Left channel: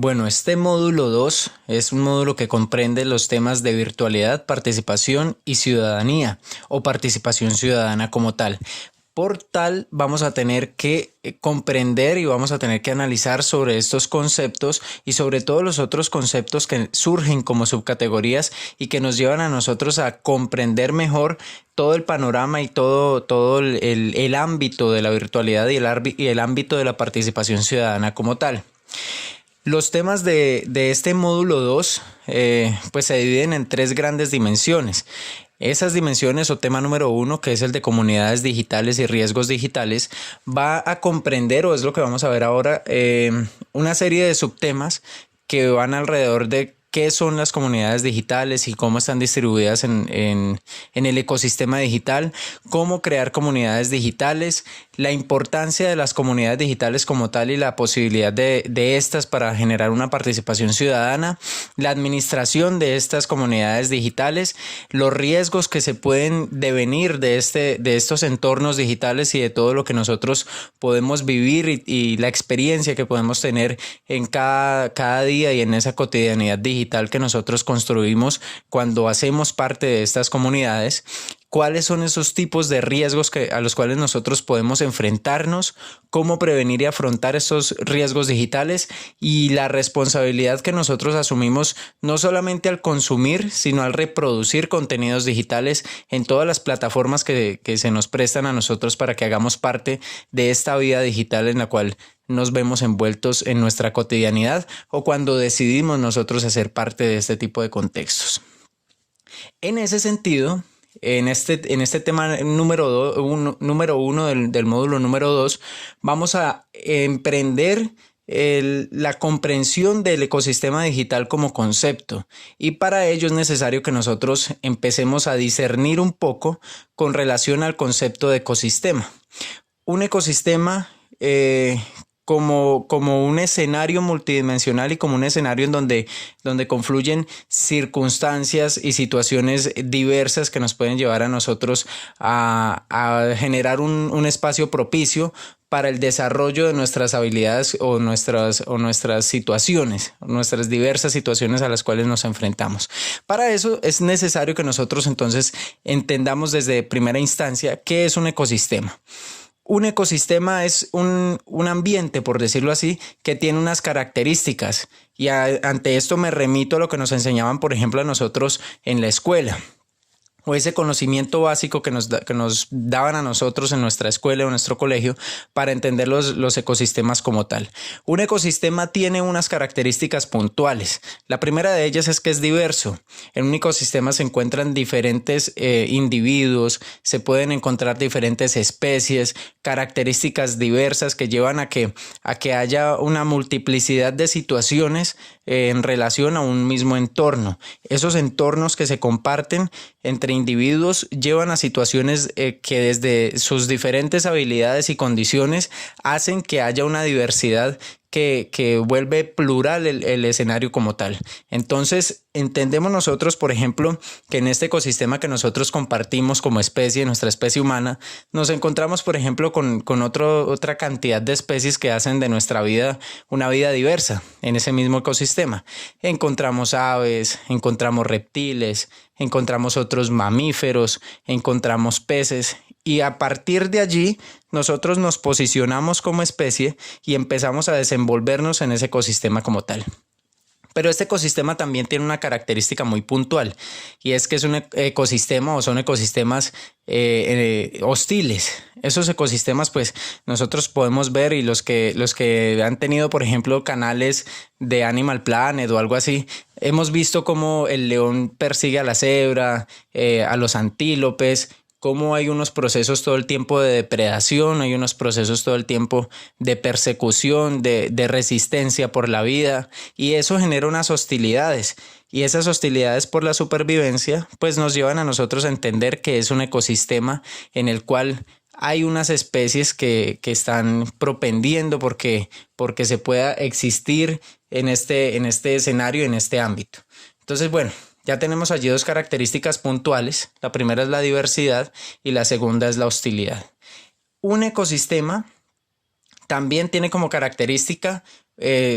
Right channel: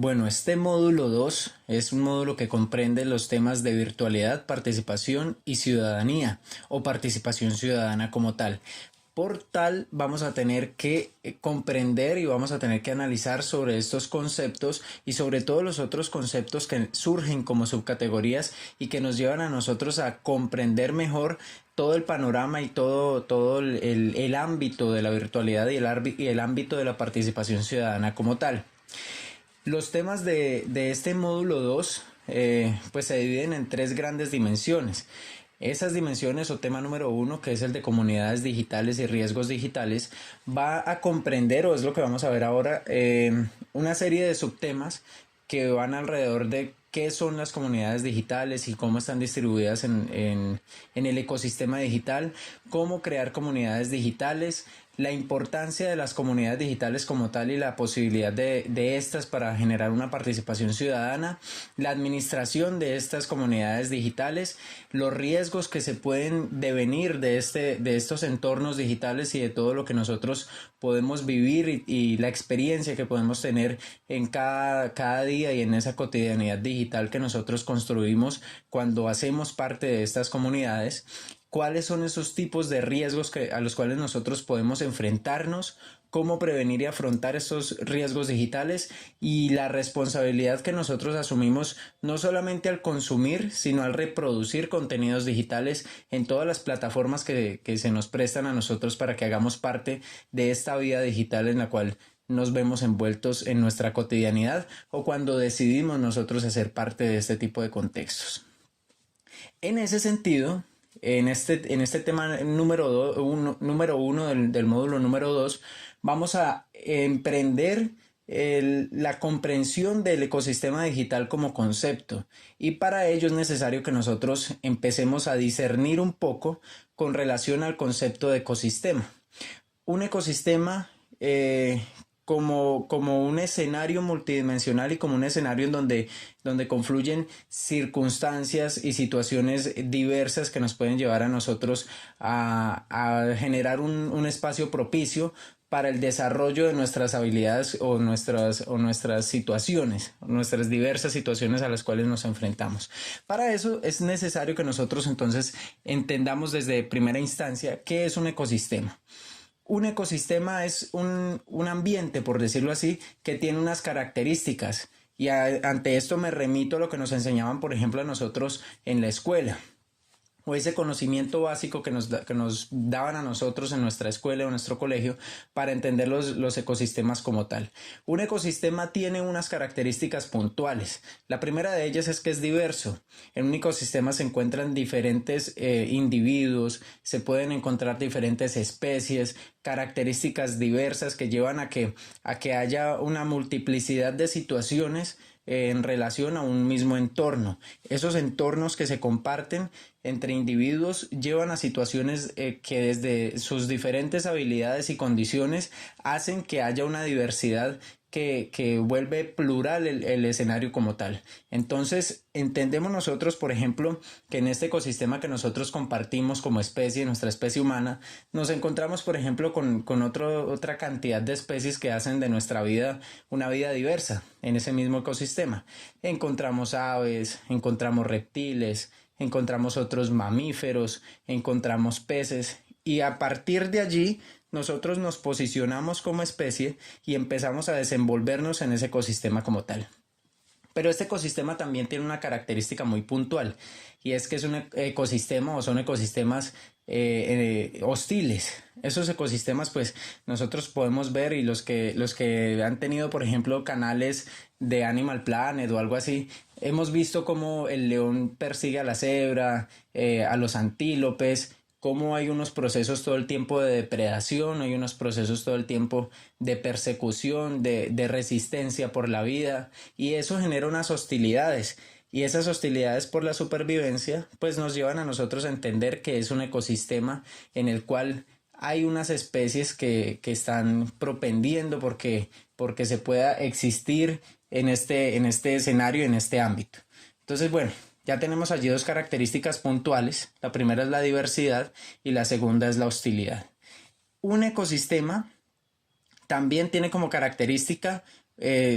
Bueno, este módulo 2 es un módulo que comprende los temas de virtualidad, participación y ciudadanía o participación ciudadana como tal. Por tal, vamos a tener que comprender y vamos a tener que analizar sobre estos conceptos y sobre todos los otros conceptos que surgen como subcategorías y que nos llevan a nosotros a comprender mejor todo el panorama y todo el ámbito de la virtualidad y el ámbito de la participación ciudadana como tal. Los temas de este módulo 2 pues se dividen en tres grandes dimensiones. Esas dimensiones o tema número 1, que es el de comunidades digitales y riesgos digitales, va a comprender, o es lo que vamos a ver ahora, una serie de subtemas que van alrededor de qué son las comunidades digitales y cómo están distribuidas en el ecosistema digital, cómo crear comunidades digitales, la importancia de las comunidades digitales como tal y la posibilidad de estas para generar una participación ciudadana, la administración de estas comunidades digitales, los riesgos que se pueden devenir de estos entornos digitales y de todo lo que nosotros podemos vivir y la experiencia que podemos tener en cada día y en esa cotidianidad digital que nosotros construimos cuando hacemos parte de estas comunidades. ¿Cuáles son esos tipos de riesgos a los cuales nosotros podemos enfrentarnos? ¿Cómo prevenir y afrontar esos riesgos digitales? Y la responsabilidad que nosotros asumimos no solamente al consumir, sino al reproducir contenidos digitales en todas las plataformas que se nos prestan a nosotros para que hagamos parte de esta vida digital en la cual nos vemos envueltos en nuestra cotidianidad o cuando decidimos nosotros hacer parte de este tipo de contextos. En ese sentido, en este tema número uno del módulo número 2, vamos a emprender la comprensión del ecosistema digital como concepto, y para ello es necesario que nosotros empecemos a discernir un poco con relación al concepto de ecosistema. Un ecosistema como un escenario multidimensional y como un escenario en donde confluyen circunstancias y situaciones diversas que nos pueden llevar a nosotros a generar un espacio propicio para el desarrollo de nuestras habilidades o nuestras situaciones, nuestras diversas situaciones a las cuales nos enfrentamos. Para eso es necesario que nosotros entonces entendamos desde primera instancia qué es un ecosistema. Un ecosistema es un ambiente, por decirlo así, que tiene unas características y ante esto me remito a lo que nos enseñaban, por ejemplo, a nosotros en la escuela, o ese conocimiento básico que nos daban a nosotros en nuestra escuela o en nuestro colegio para entender los ecosistemas como tal. Un ecosistema tiene unas características puntuales. La primera de ellas es que es diverso. En un ecosistema se encuentran diferentes individuos, se pueden encontrar diferentes especies, características diversas que llevan a que haya una multiplicidad de situaciones en relación a un mismo entorno. Esos entornos que se comparten entre individuos llevan a situaciones que desde sus diferentes habilidades y condiciones hacen que haya una diversidad que vuelve plural el escenario como tal. Entonces, entendemos nosotros, por ejemplo, que en este ecosistema que nosotros compartimos como especie, nuestra especie humana, nos encontramos, por ejemplo, con otra cantidad de especies que hacen de nuestra vida una vida diversa en ese mismo ecosistema. Encontramos aves, encontramos reptiles, encontramos otros mamíferos, encontramos peces, y a partir de allí nosotros nos posicionamos como especie y empezamos a desenvolvernos en ese ecosistema como tal. Pero este ecosistema también tiene una característica muy puntual, y es que es un ecosistema o son ecosistemas hostiles. Esos ecosistemas, pues nosotros podemos ver, y los que han tenido, por ejemplo, canales de Animal Planet o algo así, hemos visto cómo el león persigue a la cebra, a los antílopes, cómo hay unos procesos todo el tiempo de depredación, hay unos procesos todo el tiempo de persecución, de resistencia por la vida, y eso genera unas hostilidades. Y esas hostilidades por la supervivencia pues nos llevan a nosotros a entender que es un ecosistema en el cual hay unas especies que están propendiendo porque se pueda existir en este escenario, en este ámbito. Entonces, bueno, ya tenemos allí dos características puntuales. La primera es la diversidad y la segunda es la hostilidad. Un ecosistema también tiene como característica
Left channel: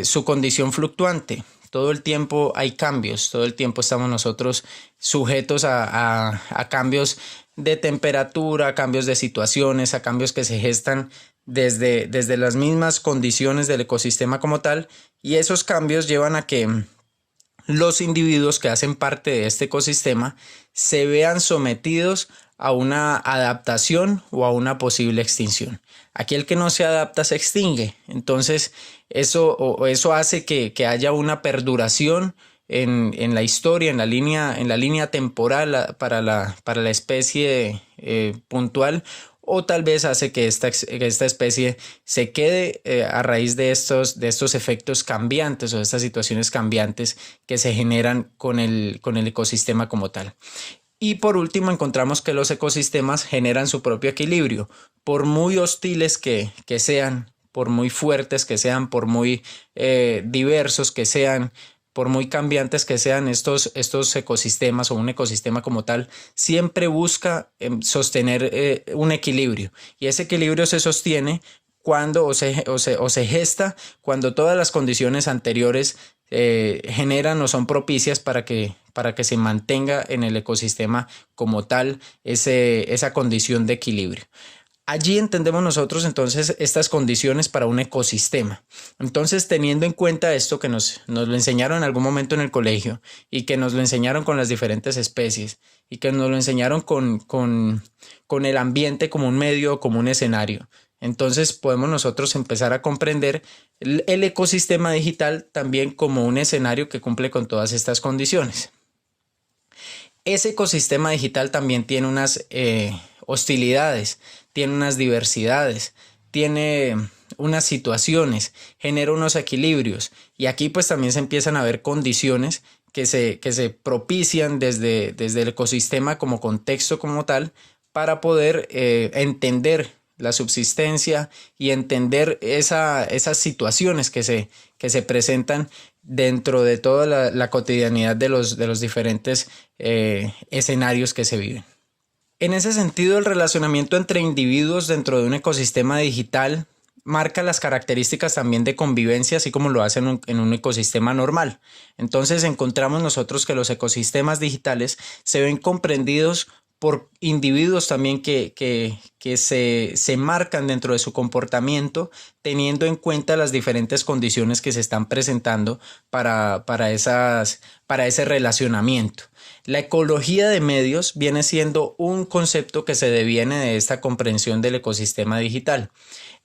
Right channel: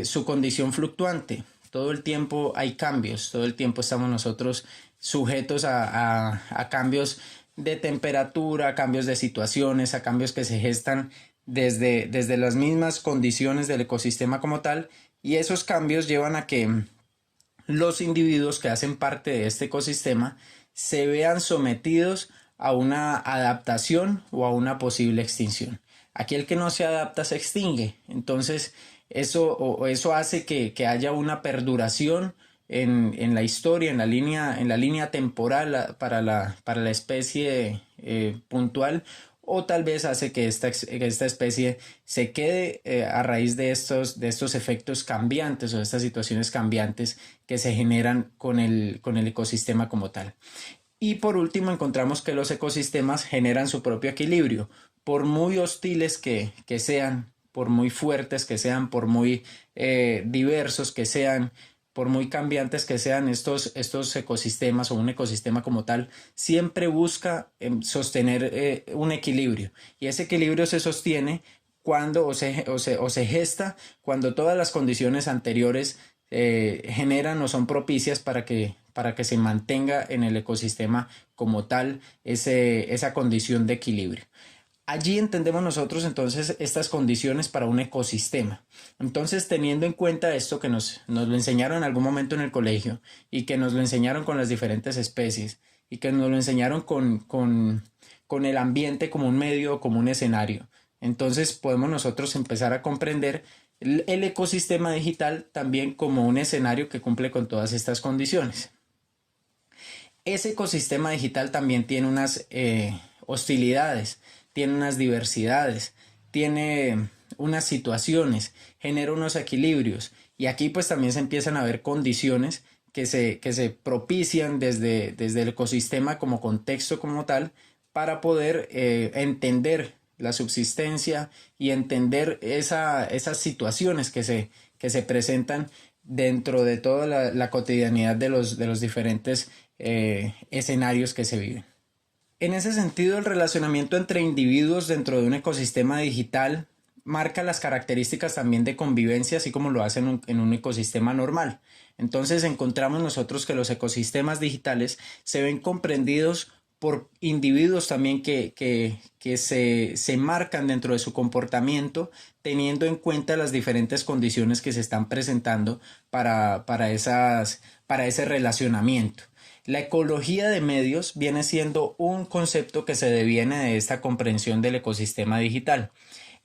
su condición fluctuante. Todo el tiempo hay cambios, todo el tiempo estamos nosotros sujetos a cambios de temperatura, a cambios de situaciones, a cambios que se gestan desde las mismas condiciones del ecosistema como tal, y esos cambios llevan a que los individuos que hacen parte de este ecosistema se vean sometidos a una adaptación o a una posible extinción. Aquel que no se adapta se extingue. Entonces, eso hace que haya una perduración en la historia, en la línea temporal para la especie puntual, o tal vez hace que esta especie se quede a raíz de estos efectos cambiantes o de estas situaciones cambiantes que se generan con el ecosistema como tal. Y por último, encontramos que los ecosistemas generan su propio equilibrio. Por muy hostiles que sean, por muy fuertes que sean, por muy diversos que sean, por muy cambiantes que sean estos ecosistemas o un ecosistema como tal, siempre busca sostener un equilibrio. Y ese equilibrio se sostiene cuando o se gesta cuando todas las condiciones anteriores generan o son propicias para que se mantenga en el ecosistema como tal esa condición de equilibrio. Allí entendemos nosotros entonces estas condiciones para un ecosistema. Entonces, teniendo en cuenta esto que nos lo enseñaron en algún momento en el colegio y que nos lo enseñaron con las diferentes especies y que nos lo enseñaron con el ambiente como un medio, como un escenario, entonces podemos nosotros empezar a comprender el ecosistema digital también como un escenario que cumple con todas estas condiciones. Ese ecosistema digital también tiene unas hostilidades, tiene unas diversidades, tiene unas situaciones, genera unos equilibrios, y aquí pues también se empiezan a ver condiciones que se propician desde el ecosistema como contexto como tal para poder entender la subsistencia y entender esas situaciones que se presentan dentro de toda la cotidianidad de los diferentes escenarios que se viven. En ese sentido, el relacionamiento entre individuos dentro de un ecosistema digital marca las características también de convivencia, así como lo hacen en un ecosistema normal. Entonces encontramos nosotros que los ecosistemas digitales se ven comprendidos por individuos también que se marcan dentro de su comportamiento, teniendo en cuenta las diferentes condiciones que se están presentando para ese relacionamiento. La ecología de medios viene siendo un concepto que se deviene de esta comprensión del ecosistema digital.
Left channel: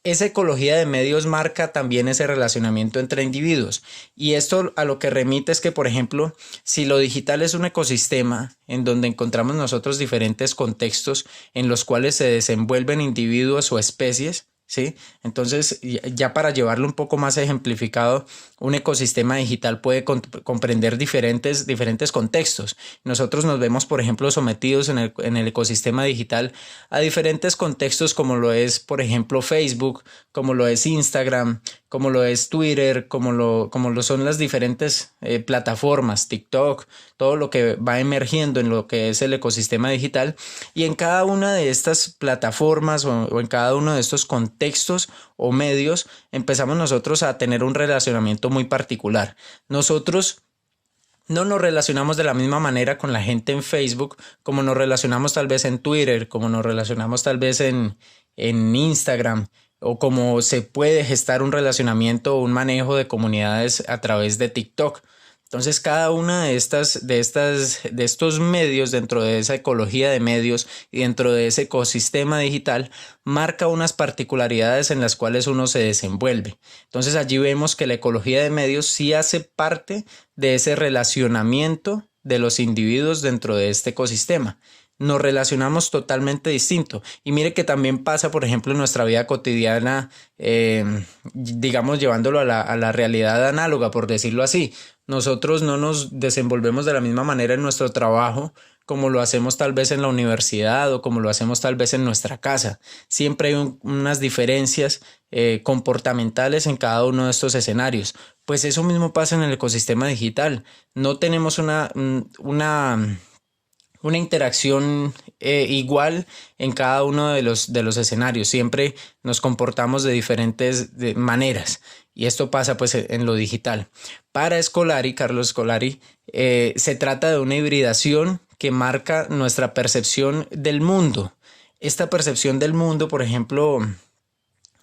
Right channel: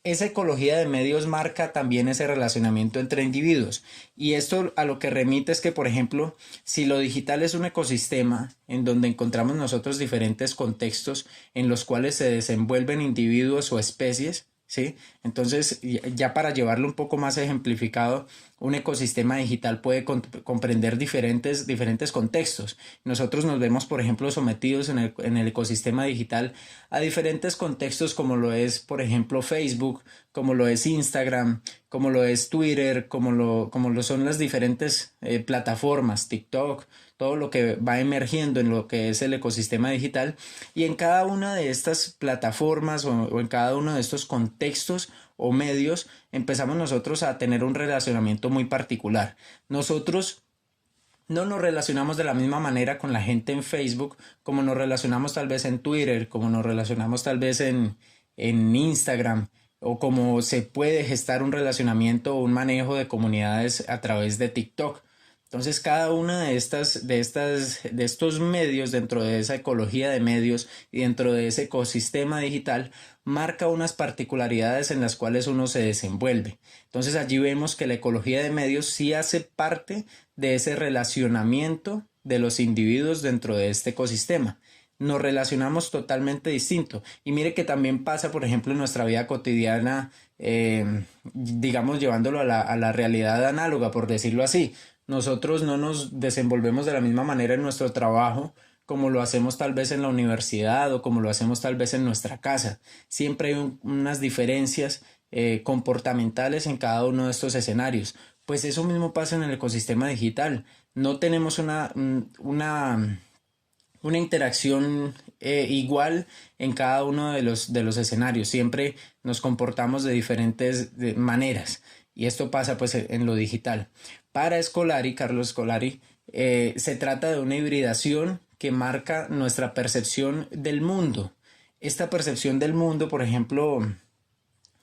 Esa ecología de medios marca también ese relacionamiento entre individuos, y esto a lo que remite es que, por ejemplo, si lo digital es un ecosistema en donde encontramos nosotros diferentes contextos en los cuales se desenvuelven individuos o especies, ¿sí? Entonces, ya para llevarlo un poco más ejemplificado, un ecosistema digital puede comprender diferentes contextos. Nosotros nos vemos, por ejemplo, sometidos en el ecosistema digital a diferentes contextos, como lo es, por ejemplo, Facebook, como lo es Instagram, como lo es Twitter, como lo son las diferentes plataformas, TikTok, todo lo que va emergiendo en lo que es el ecosistema digital. Y en cada una de estas plataformas o en cada uno de estos contextos o medios empezamos nosotros a tener un relacionamiento muy particular. Nosotros no nos relacionamos de la misma manera con la gente en Facebook como nos relacionamos tal vez en Twitter, como nos relacionamos tal vez en Instagram, o como se puede gestar un relacionamiento o un manejo de comunidades a través de TikTok. Entonces, cada una de estos medios dentro de esa ecología de medios y dentro de ese ecosistema digital marca unas particularidades en las cuales uno se desenvuelve. Entonces, allí vemos que la ecología de medios sí hace parte de ese relacionamiento de los individuos dentro de este ecosistema. Nos relacionamos totalmente distinto. Y mire que también pasa, por ejemplo, en nuestra vida cotidiana, digamos, llevándolo a la realidad análoga, por decirlo así. Nosotros no nos desenvolvemos de la misma manera en nuestro trabajo como lo hacemos tal vez en la universidad o como lo hacemos tal vez en nuestra casa. Siempre hay unas diferencias comportamentales en cada uno de estos escenarios. Pues eso mismo pasa en el ecosistema digital. No tenemos una interacción igual en cada uno de los escenarios. Siempre nos comportamos de diferentes maneras y esto pasa pues en lo digital. Para Scolari, Carlos Scolari, se trata de una hibridación que marca nuestra percepción del mundo. Esta percepción del mundo, por ejemplo,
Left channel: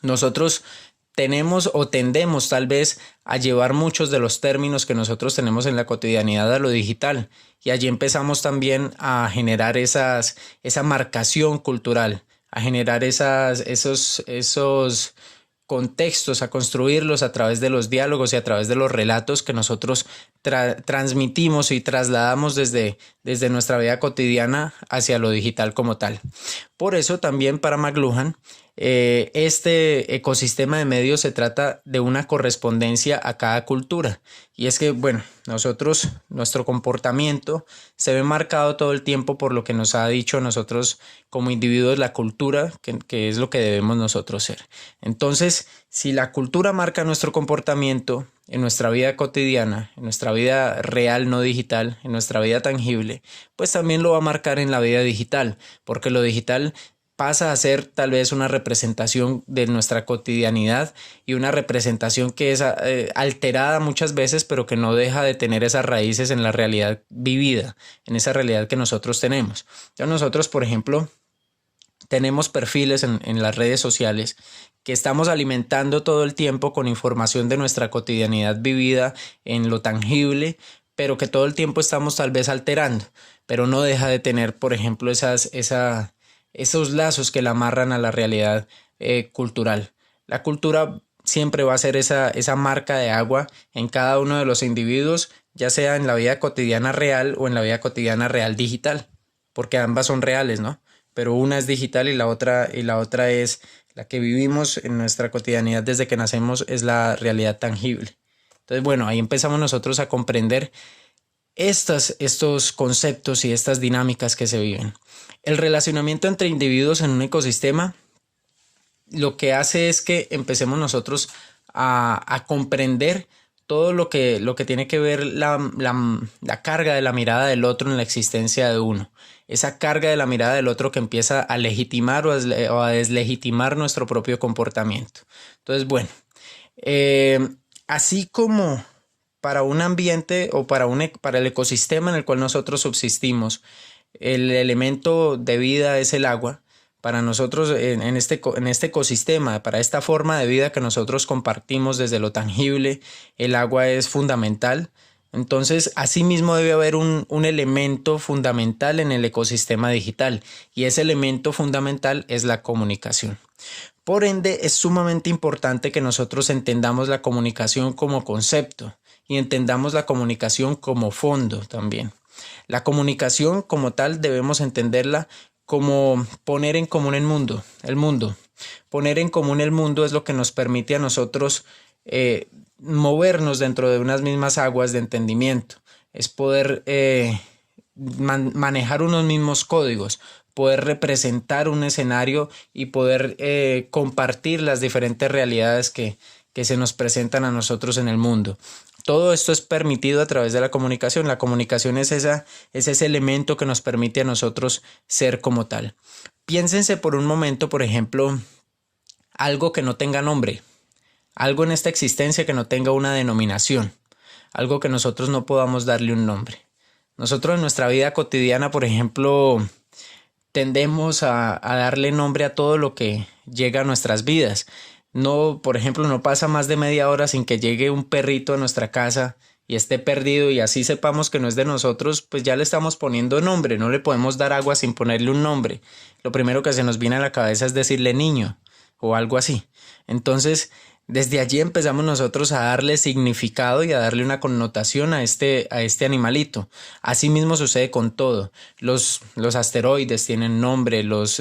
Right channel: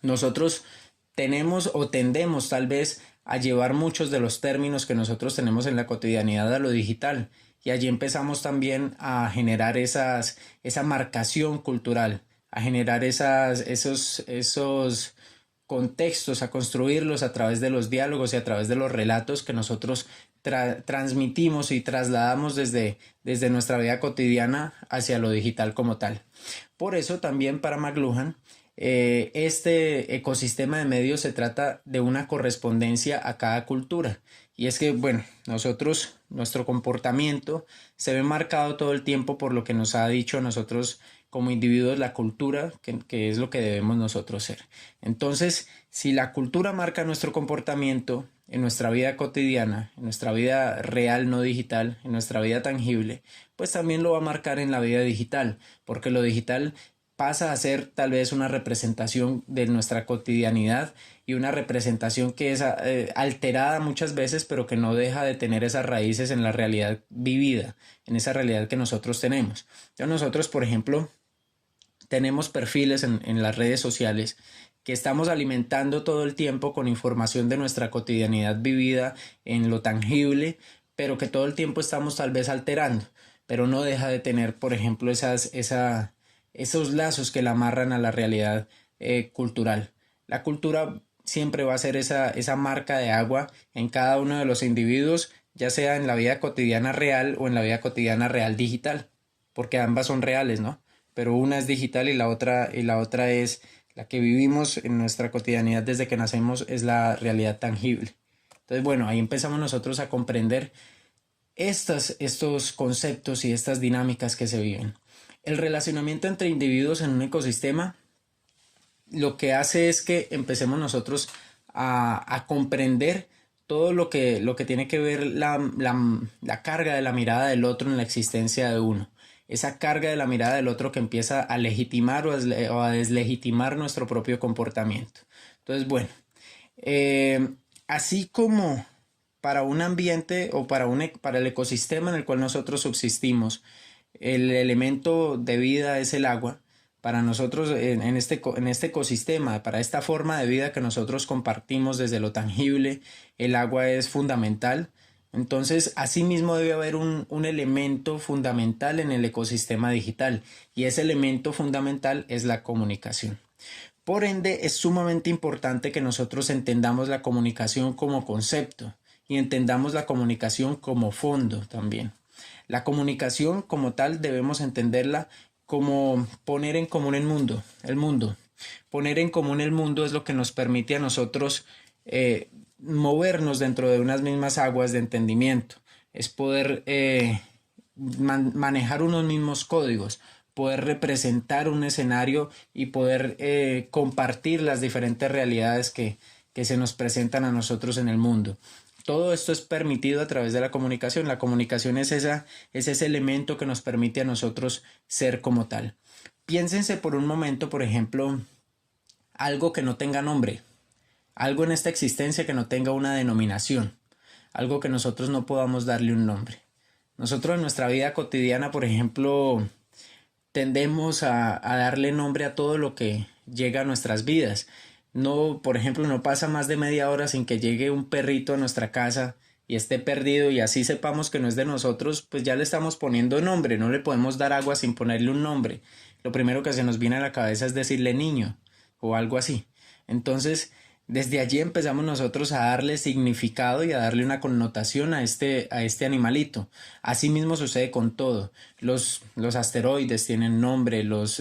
nosotros tenemos o tendemos tal vez a llevar muchos de los términos que nosotros tenemos en la cotidianidad a lo digital y allí empezamos también a generar esa marcación cultural, a generar esos contextos, a construirlos a través de los diálogos y a través de los relatos que nosotros transmitimos y trasladamos desde nuestra vida cotidiana hacia lo digital como tal. Por eso también para McLuhan, este ecosistema de medios se trata de una correspondencia a cada cultura. Y es que, bueno, nuestro comportamiento se ve marcado todo el tiempo por lo que nos ha dicho a nosotros como individuos la cultura, que es lo que debemos nosotros ser. Entonces, si la cultura marca nuestro comportamiento en nuestra vida cotidiana, en nuestra vida real, no digital, en nuestra vida tangible, pues también lo va a marcar en la vida digital, porque lo digital pasa a ser tal vez una representación de nuestra cotidianidad y una representación que es alterada muchas veces, pero que no deja de tener esas raíces en la realidad vivida, en esa realidad que nosotros tenemos. Ya nosotros, por ejemplo, tenemos perfiles en las redes sociales que estamos alimentando todo el tiempo con información de nuestra cotidianidad vivida en lo tangible, pero que todo el tiempo estamos tal vez alterando, pero no deja de tener, por ejemplo, esos lazos que la amarran a la realidad cultural. La cultura siempre va a ser esa marca de agua en cada uno de los individuos, ya sea en la vida cotidiana real o en la vida cotidiana real digital, porque ambas son reales, ¿no? Pero una es digital y la otra es la que vivimos en nuestra cotidianidad desde que nacemos, es la realidad tangible. Entonces, bueno, ahí empezamos nosotros a comprender estos conceptos y estas dinámicas que se viven. El relacionamiento entre individuos en un ecosistema lo que hace es que empecemos nosotros a comprender todo lo que tiene que ver la carga de la mirada del otro en la existencia de uno. Esa carga de la mirada del otro que empieza a legitimar o a deslegitimar nuestro propio comportamiento. Entonces, bueno, así como para un ambiente o para el ecosistema en el cual nosotros subsistimos, el elemento de vida es el agua. Para nosotros en este ecosistema, para esta forma de vida que nosotros compartimos desde lo tangible, el agua es fundamental. Entonces, asimismo debe haber un elemento fundamental en el ecosistema digital y ese elemento fundamental es la comunicación. Por ende, es sumamente importante que nosotros entendamos la comunicación como concepto y entendamos la comunicación como fondo también. La comunicación como tal debemos entenderla como poner en común el mundo. Poner en común el mundo es lo que nos permite a nosotros movernos dentro de unas mismas aguas de entendimiento. Es poder manejar unos mismos códigos, poder representar un escenario y poder compartir las diferentes realidades que se nos presentan a nosotros en el mundo. Todo esto es permitido a través de la comunicación. La comunicación es ese elemento que nos permite a nosotros ser como tal. Piénsense por un momento, por ejemplo, algo que no tenga nombre, algo en esta existencia que no tenga una denominación, algo que nosotros no podamos darle un nombre. Nosotros en nuestra vida cotidiana, por ejemplo, tendemos a darle nombre a todo lo que llega a nuestras vidas. No, por ejemplo, no pasa más de media hora sin que llegue un perrito a nuestra casa y esté perdido y así sepamos que no es de nosotros, pues ya le estamos poniendo nombre, no le podemos dar agua sin ponerle un nombre. Lo primero que se nos viene a la cabeza es decirle niño o algo así. Entonces, desde allí empezamos nosotros a darle significado y a darle una connotación a este animalito. Así mismo sucede con todo. Los asteroides tienen nombre, los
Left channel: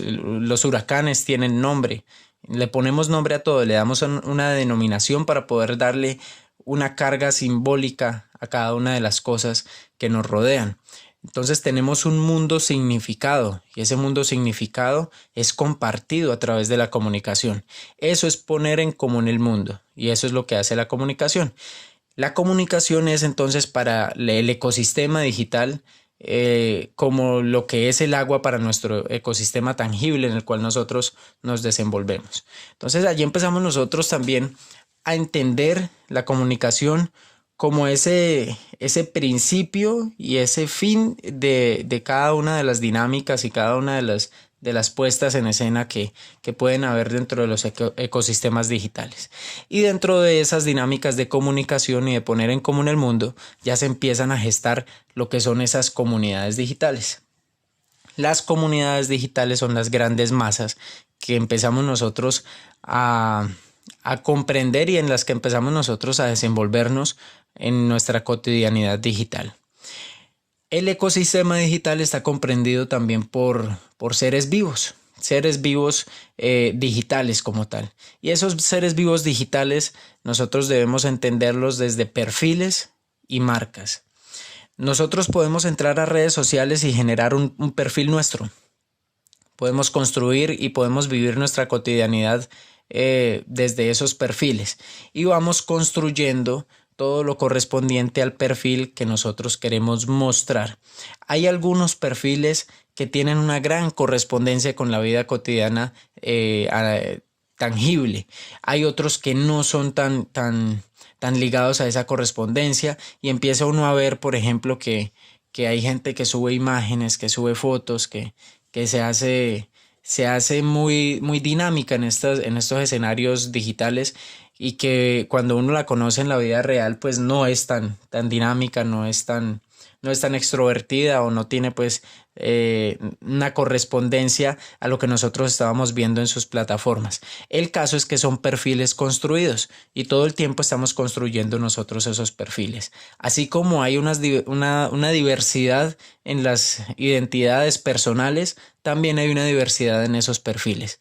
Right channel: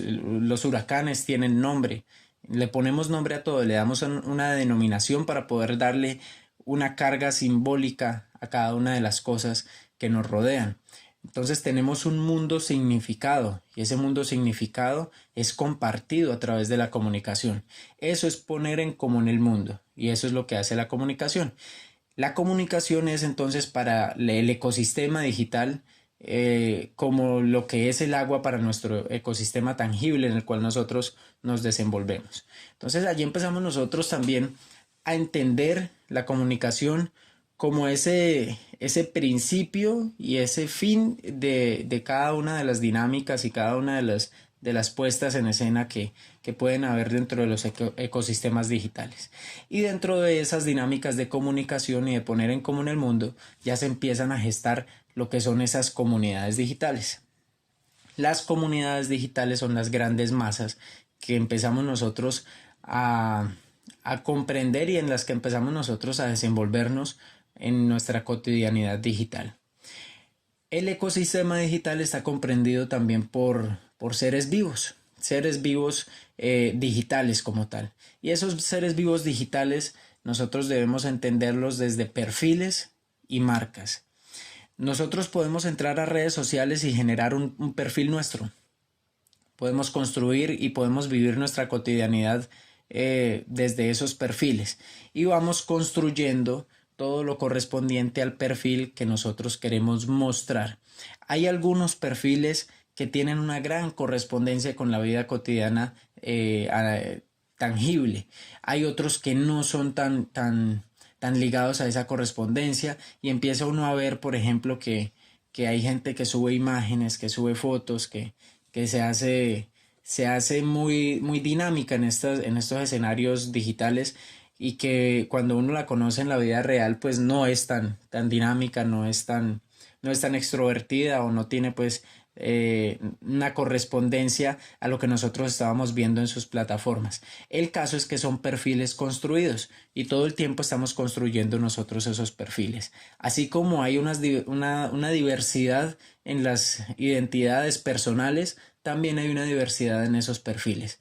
huracanes tienen nombre. Le ponemos nombre a todo, le damos una denominación para poder darle una carga simbólica a cada una de las cosas que nos rodean. Entonces tenemos un mundo significado y ese mundo significado es compartido a través de la comunicación. Eso es poner en común el mundo y eso es lo que hace la comunicación. La comunicación es entonces para el ecosistema digital como lo que es el agua para nuestro ecosistema tangible en el cual nosotros nos desenvolvemos. Entonces allí empezamos nosotros también a entender la comunicación como ese principio y ese fin de cada una de las dinámicas y cada una de las puestas en escena que pueden haber dentro de los ecosistemas digitales. Y dentro de esas dinámicas de comunicación y de poner en común el mundo, ya se empiezan a gestar lo que son esas comunidades digitales. Las comunidades digitales son las grandes masas que empezamos nosotros a comprender y en las que empezamos nosotros a desenvolvernos en nuestra cotidianidad digital. El ecosistema digital está comprendido también por seres vivos digitales como tal. Y esos seres vivos digitales nosotros debemos entenderlos desde perfiles y marcas. Nosotros podemos entrar a redes sociales y generar un perfil nuestro. Podemos construir y podemos vivir nuestra cotidianidad desde esos perfiles y vamos construyendo todo lo correspondiente al perfil que nosotros queremos mostrar. Hay algunos perfiles que tienen una gran correspondencia con la vida cotidiana tangible. Hay otros que no son tan ligados a esa correspondencia y empieza uno a ver, por ejemplo, que hay gente que sube imágenes, que sube fotos, que se hace muy dinámica en estos escenarios digitales y que cuando uno la conoce en la vida real pues no es tan dinámica, no es tan extrovertida o no tiene pues una correspondencia a lo que nosotros estábamos viendo en sus plataformas. El caso es que son perfiles construidos y todo el tiempo estamos construyendo nosotros esos perfiles. Así como hay una diversidad en las identidades personales, también hay una diversidad en esos perfiles.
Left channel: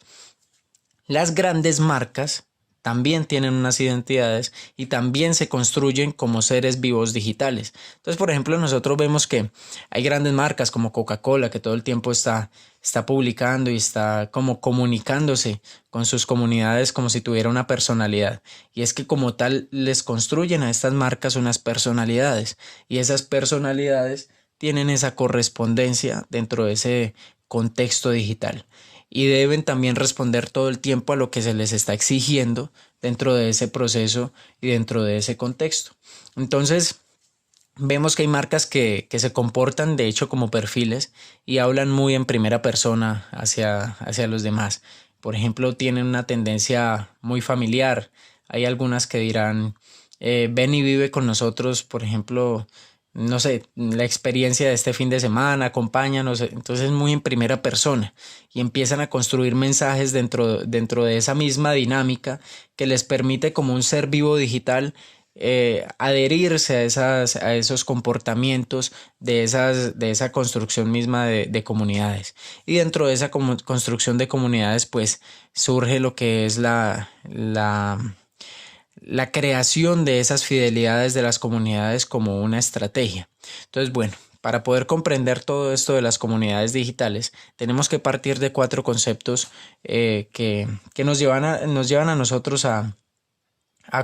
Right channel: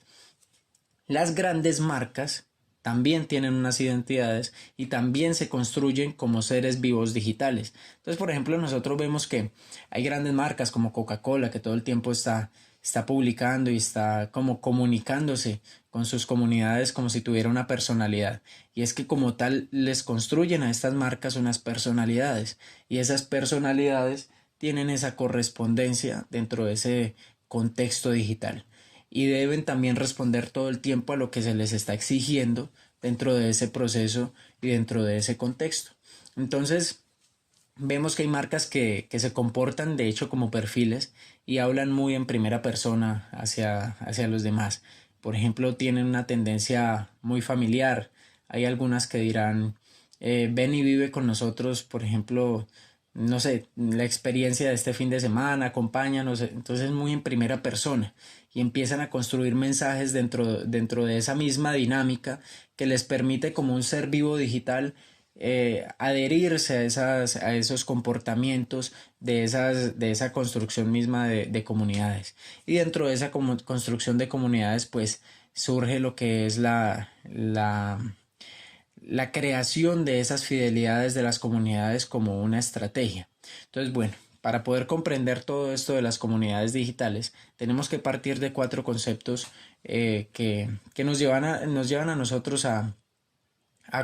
Las grandes marcas también tienen unas identidades y también se construyen como seres vivos digitales. Entonces, por ejemplo, nosotros vemos que hay grandes marcas como Coca-Cola que todo el tiempo está publicando y está como comunicándose con sus comunidades como si tuviera una personalidad. Y es que como tal les construyen a estas marcas unas personalidades y esas personalidades tienen esa correspondencia dentro de ese contexto digital. Y deben también responder todo el tiempo a lo que se les está exigiendo dentro de ese proceso y dentro de ese contexto. Entonces, vemos que hay marcas que se comportan de hecho como perfiles y hablan muy en primera persona hacia los demás. Por ejemplo, tienen una tendencia muy familiar. Hay algunas que dirán, ven y vive con nosotros, por ejemplo, no sé, la experiencia de este fin de semana, acompáñanos, entonces muy en primera persona y empiezan a construir mensajes dentro de esa misma dinámica que les permite como un ser vivo digital adherirse a esos comportamientos de esa construcción misma de comunidades. Y dentro de esa construcción de comunidades pues surge lo que es la creación de esas fidelidades de las comunidades como una estrategia. Entonces, bueno, para poder comprender todo esto de las comunidades digitales, tenemos que partir de 4 conceptos que nos llevan a nosotros a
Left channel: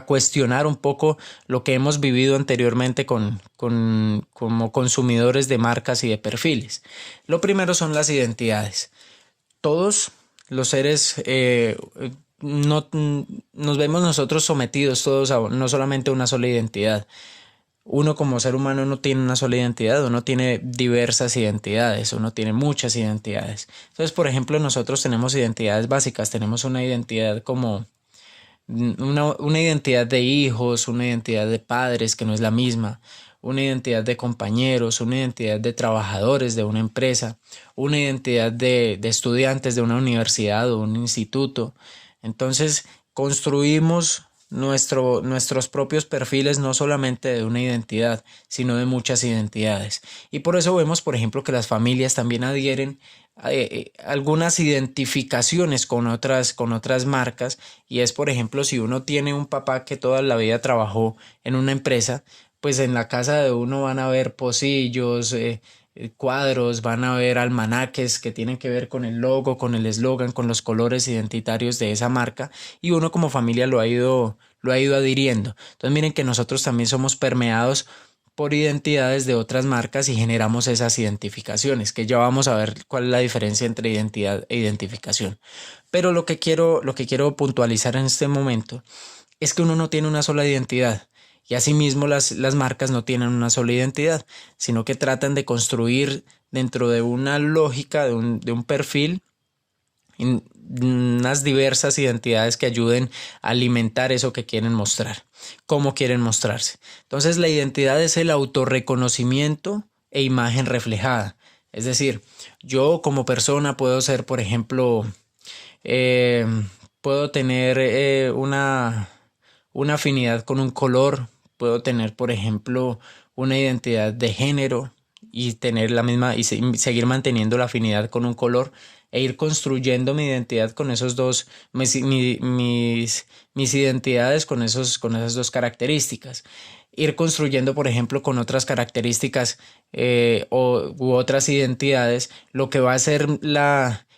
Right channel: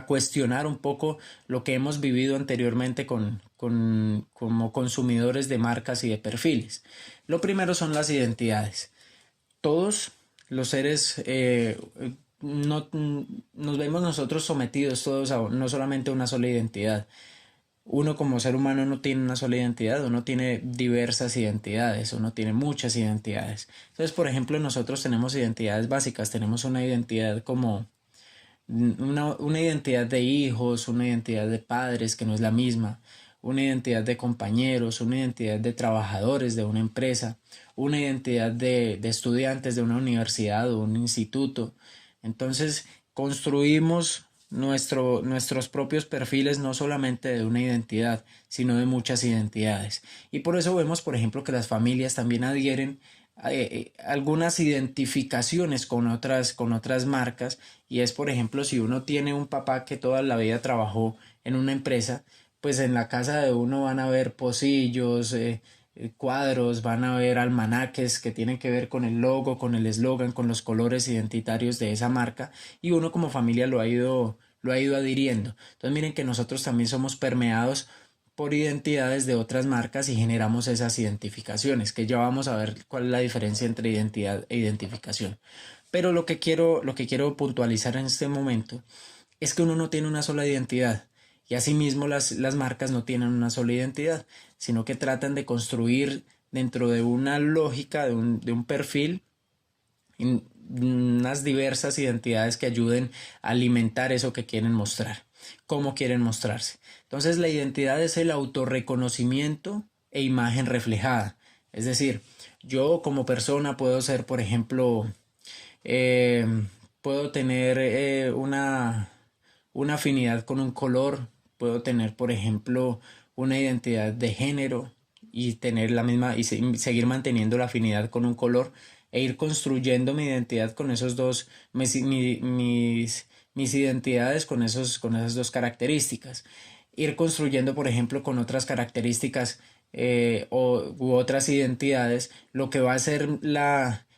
cuestionar un poco lo que hemos vivido anteriormente como consumidores de marcas y de perfiles. Lo primero son las identidades. Todos los seres no nos vemos nosotros sometidos todos a no solamente una sola identidad. Uno como ser humano no tiene una sola identidad, uno tiene diversas identidades, uno tiene muchas identidades. Entonces, por ejemplo, nosotros tenemos identidades básicas, tenemos una identidad como una identidad de hijos, una identidad de padres que no es la misma, una identidad de compañeros, una identidad de trabajadores de una empresa, una identidad de estudiantes de una universidad o un instituto. Entonces construimos nuestros propios perfiles no solamente de una identidad, sino de muchas identidades. Y por eso vemos, por ejemplo, que las familias también adhieren algunas identificaciones con otras marcas y es, por ejemplo, si uno tiene un papá que toda la vida trabajó en una empresa, pues en la casa de uno van a ver pocillos, cuadros, van a ver almanaques que tienen que ver con el logo, con el eslogan, con los colores identitarios de esa marca y uno como familia lo ha ido adhiriendo. Entonces miren que nosotros también somos permeados por identidades de otras marcas y generamos esas identificaciones, que ya vamos a ver cuál es la diferencia entre identidad e identificación. Pero lo que quiero puntualizar en este momento es que uno no tiene una sola identidad y asimismo las marcas no tienen una sola identidad, sino que tratan de construir dentro de una lógica, de un perfil, unas diversas identidades que ayuden a alimentar eso que quieren mostrar, cómo quieren mostrarse. Entonces la identidad es el autorreconocimiento e imagen reflejada. Es decir, yo como persona puedo ser, por ejemplo, eh, puedo tener una afinidad con un color, puedo tener, por ejemplo, una identidad de género y tener la misma y seguir manteniendo la afinidad con un color e ir construyendo mi identidad con esos dos, mis identidades con esas dos características. Ir construyendo, por ejemplo, con otras características u otras identidades, lo que va a ser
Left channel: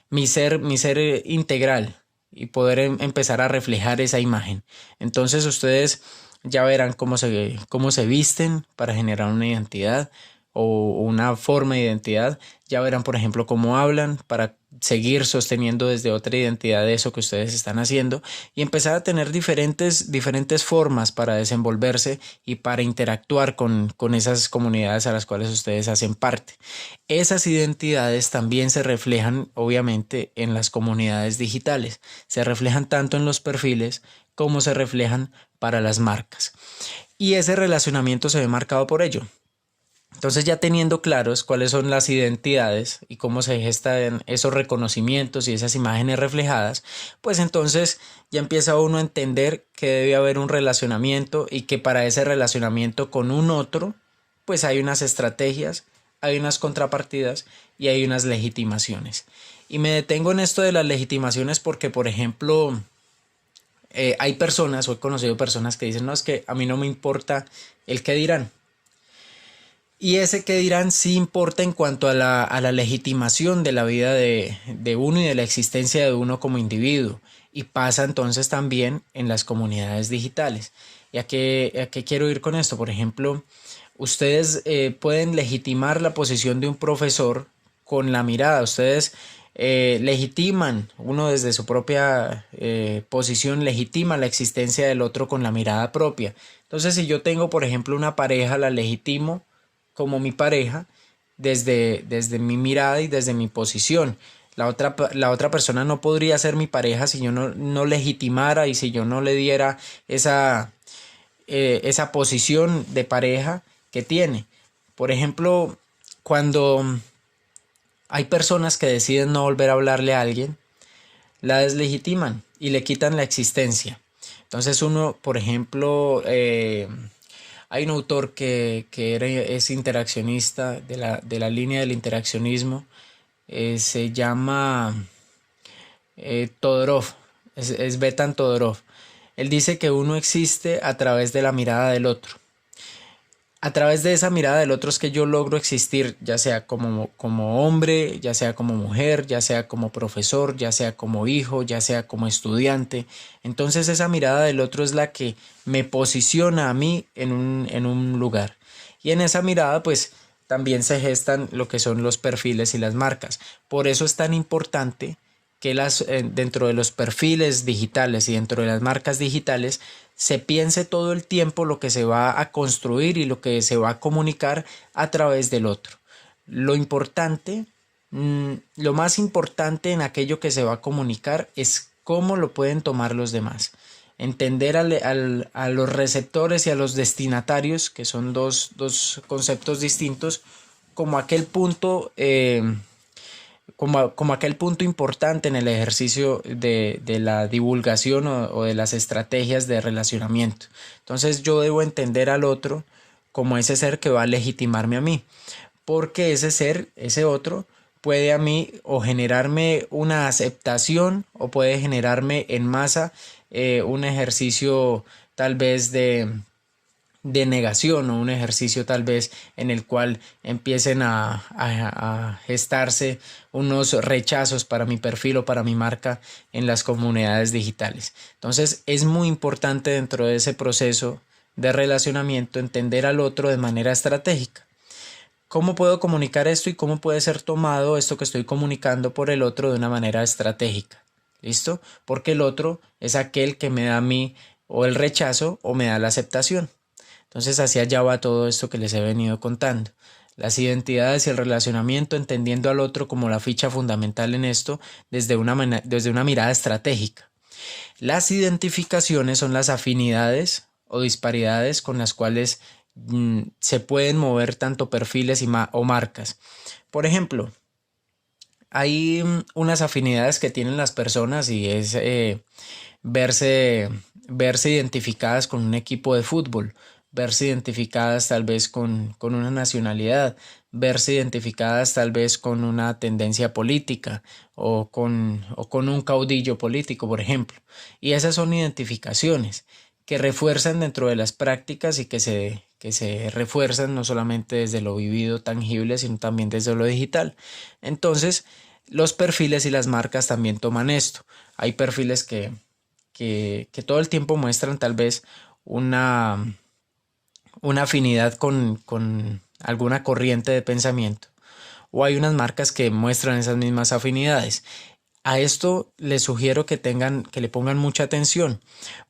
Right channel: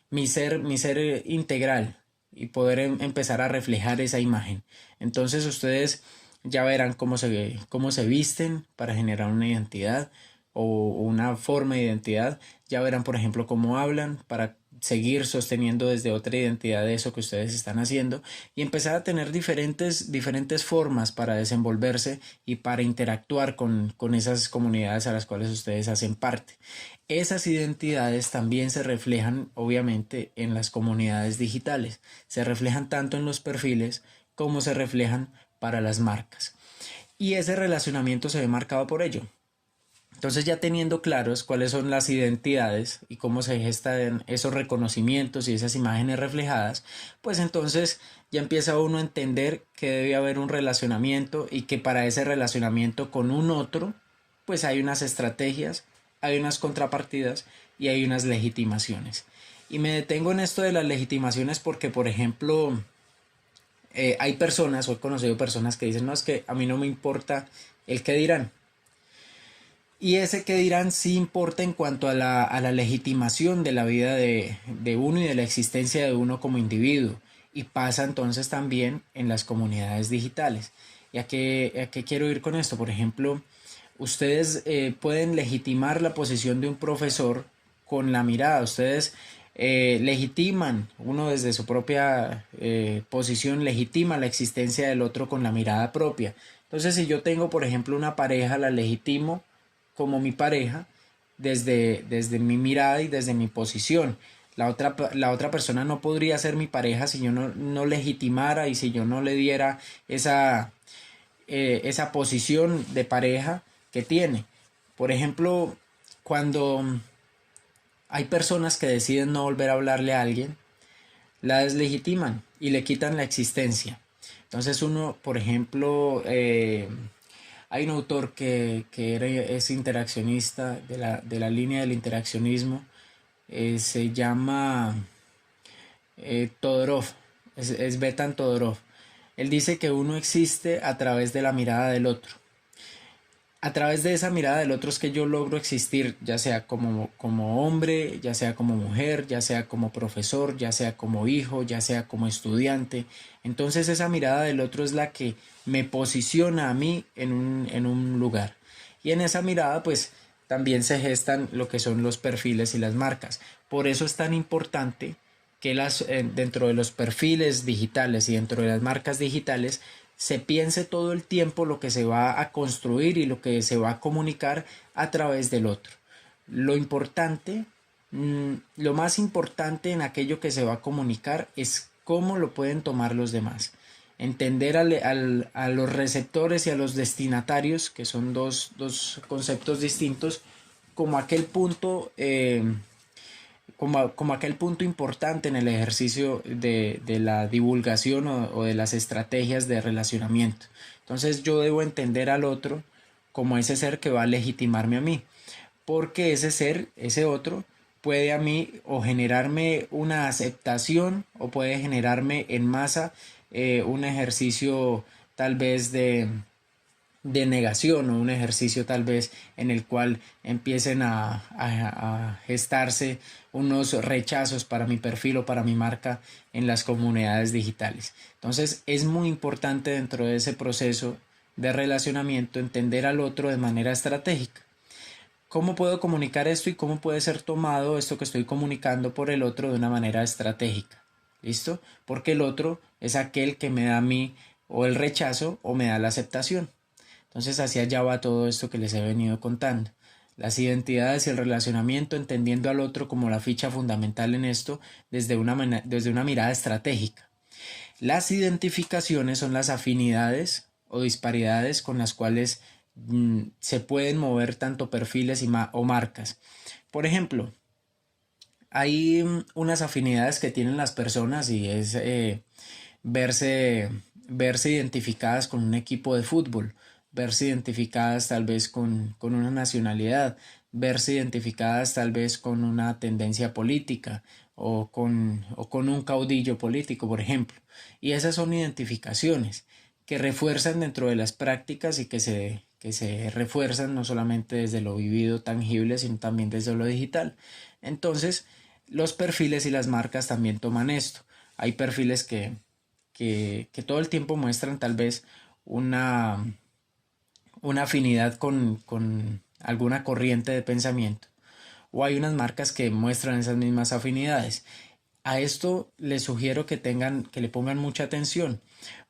mi ser integral y poder empezar a reflejar esa imagen. Entonces ustedes ya verán cómo se visten para generar una identidad o una forma de identidad. Ya verán, por ejemplo, cómo hablan para seguir sosteniendo desde otra identidad de eso que ustedes están haciendo y empezar a tener diferentes formas para desenvolverse y para interactuar con esas comunidades a las cuales ustedes hacen parte. Esas identidades también se reflejan, obviamente, en las comunidades digitales. Se reflejan tanto en los perfiles como se reflejan para las marcas. Y ese relacionamiento se ve marcado por ello. Entonces, ya teniendo claros cuáles son las identidades y cómo se gestan esos reconocimientos y esas imágenes reflejadas, pues entonces ya empieza uno a entender que debe haber un relacionamiento y que para ese relacionamiento con un otro, pues hay unas estrategias, hay unas contrapartidas y hay unas legitimaciones. Y me detengo en esto de las legitimaciones porque, por ejemplo, hay personas, o he conocido personas que dicen, no, es que a mí no me importa el qué dirán. Y ese que dirán sí importa en cuanto a la legitimación de la vida de uno y de la existencia de uno como individuo. Y pasa entonces también en las comunidades digitales. ¿Y a qué quiero ir con esto? Por ejemplo, ustedes pueden legitimar la posición de un profesor con la mirada. Ustedes legitiman, uno desde su propia posición, legitima la existencia del otro con la mirada propia. Entonces, si yo tengo, por ejemplo, una pareja, la legitimo como mi pareja desde mi mirada y desde mi posición. La otra persona no podría ser mi pareja si yo no legitimara y si yo no le diera esa posición de pareja que tiene. Por ejemplo, cuando hay personas que deciden no volver a hablarle a alguien, la deslegitiman y le quitan la existencia. Entonces uno, por ejemplo, hay un autor que es interaccionista de la línea del interaccionismo, se llama Todorov, es Betan Todorov. Él dice que uno existe a través de la mirada del otro. A través de esa mirada del otro es que yo logro existir, ya sea como hombre, ya sea como mujer, ya sea como profesor, ya sea como hijo, ya sea como estudiante. Entonces esa mirada del otro es la que me posiciona a mí en un lugar. Y en esa mirada pues también se gestan lo que son los perfiles y las marcas. Por eso es tan importante que dentro de los perfiles digitales y dentro de las marcas digitales se piense todo el tiempo lo que se va a construir y lo que se va a comunicar a través del otro. Lo importante, lo más importante en aquello que se va a comunicar es cómo lo pueden tomar los demás. Entender a los receptores y a los destinatarios, que son dos conceptos distintos, como aquel punto como aquel punto importante en el ejercicio de la divulgación o de las estrategias de relacionamiento. Entonces yo debo entender al otro como ese ser que va a legitimarme a mí, porque ese ser, ese otro, puede a mí o generarme una aceptación o puede generarme en masa un ejercicio tal vez de negación o un ejercicio tal vez en el cual empiecen a gestarse unos rechazos para mi perfil o para mi marca en las comunidades digitales. Entonces es muy importante dentro de ese proceso de relacionamiento, entender al otro de manera estratégica. ¿Cómo puedo comunicar esto y cómo puede ser tomado esto que estoy comunicando por el otro de una manera estratégica? ¿Listo? Porque el otro es aquel que me da a mí o el rechazo o me da la aceptación. Entonces hacia allá va todo esto que les he venido contando. Las identidades y el relacionamiento, entendiendo al otro como la ficha fundamental en esto desde una mirada estratégica. Las identificaciones son las afinidades o disparidades con las cuales se pueden mover tanto perfiles o marcas. Por ejemplo, hay unas afinidades que tienen las personas y es verse, verse identificadas con un equipo de fútbol, verse identificadas tal vez con una nacionalidad, verse identificadas tal vez con una tendencia política o con un caudillo político, por ejemplo. Y esas son identificaciones que refuerzan dentro de las prácticas y que se refuerzan no solamente desde lo vivido tangible, sino también desde lo digital. Entonces, los perfiles y las marcas también toman esto. Hay perfiles que todo el tiempo muestran tal vez una afinidad con alguna corriente de pensamiento, o hay unas marcas que muestran esas mismas afinidades. A esto les sugiero que le pongan mucha atención,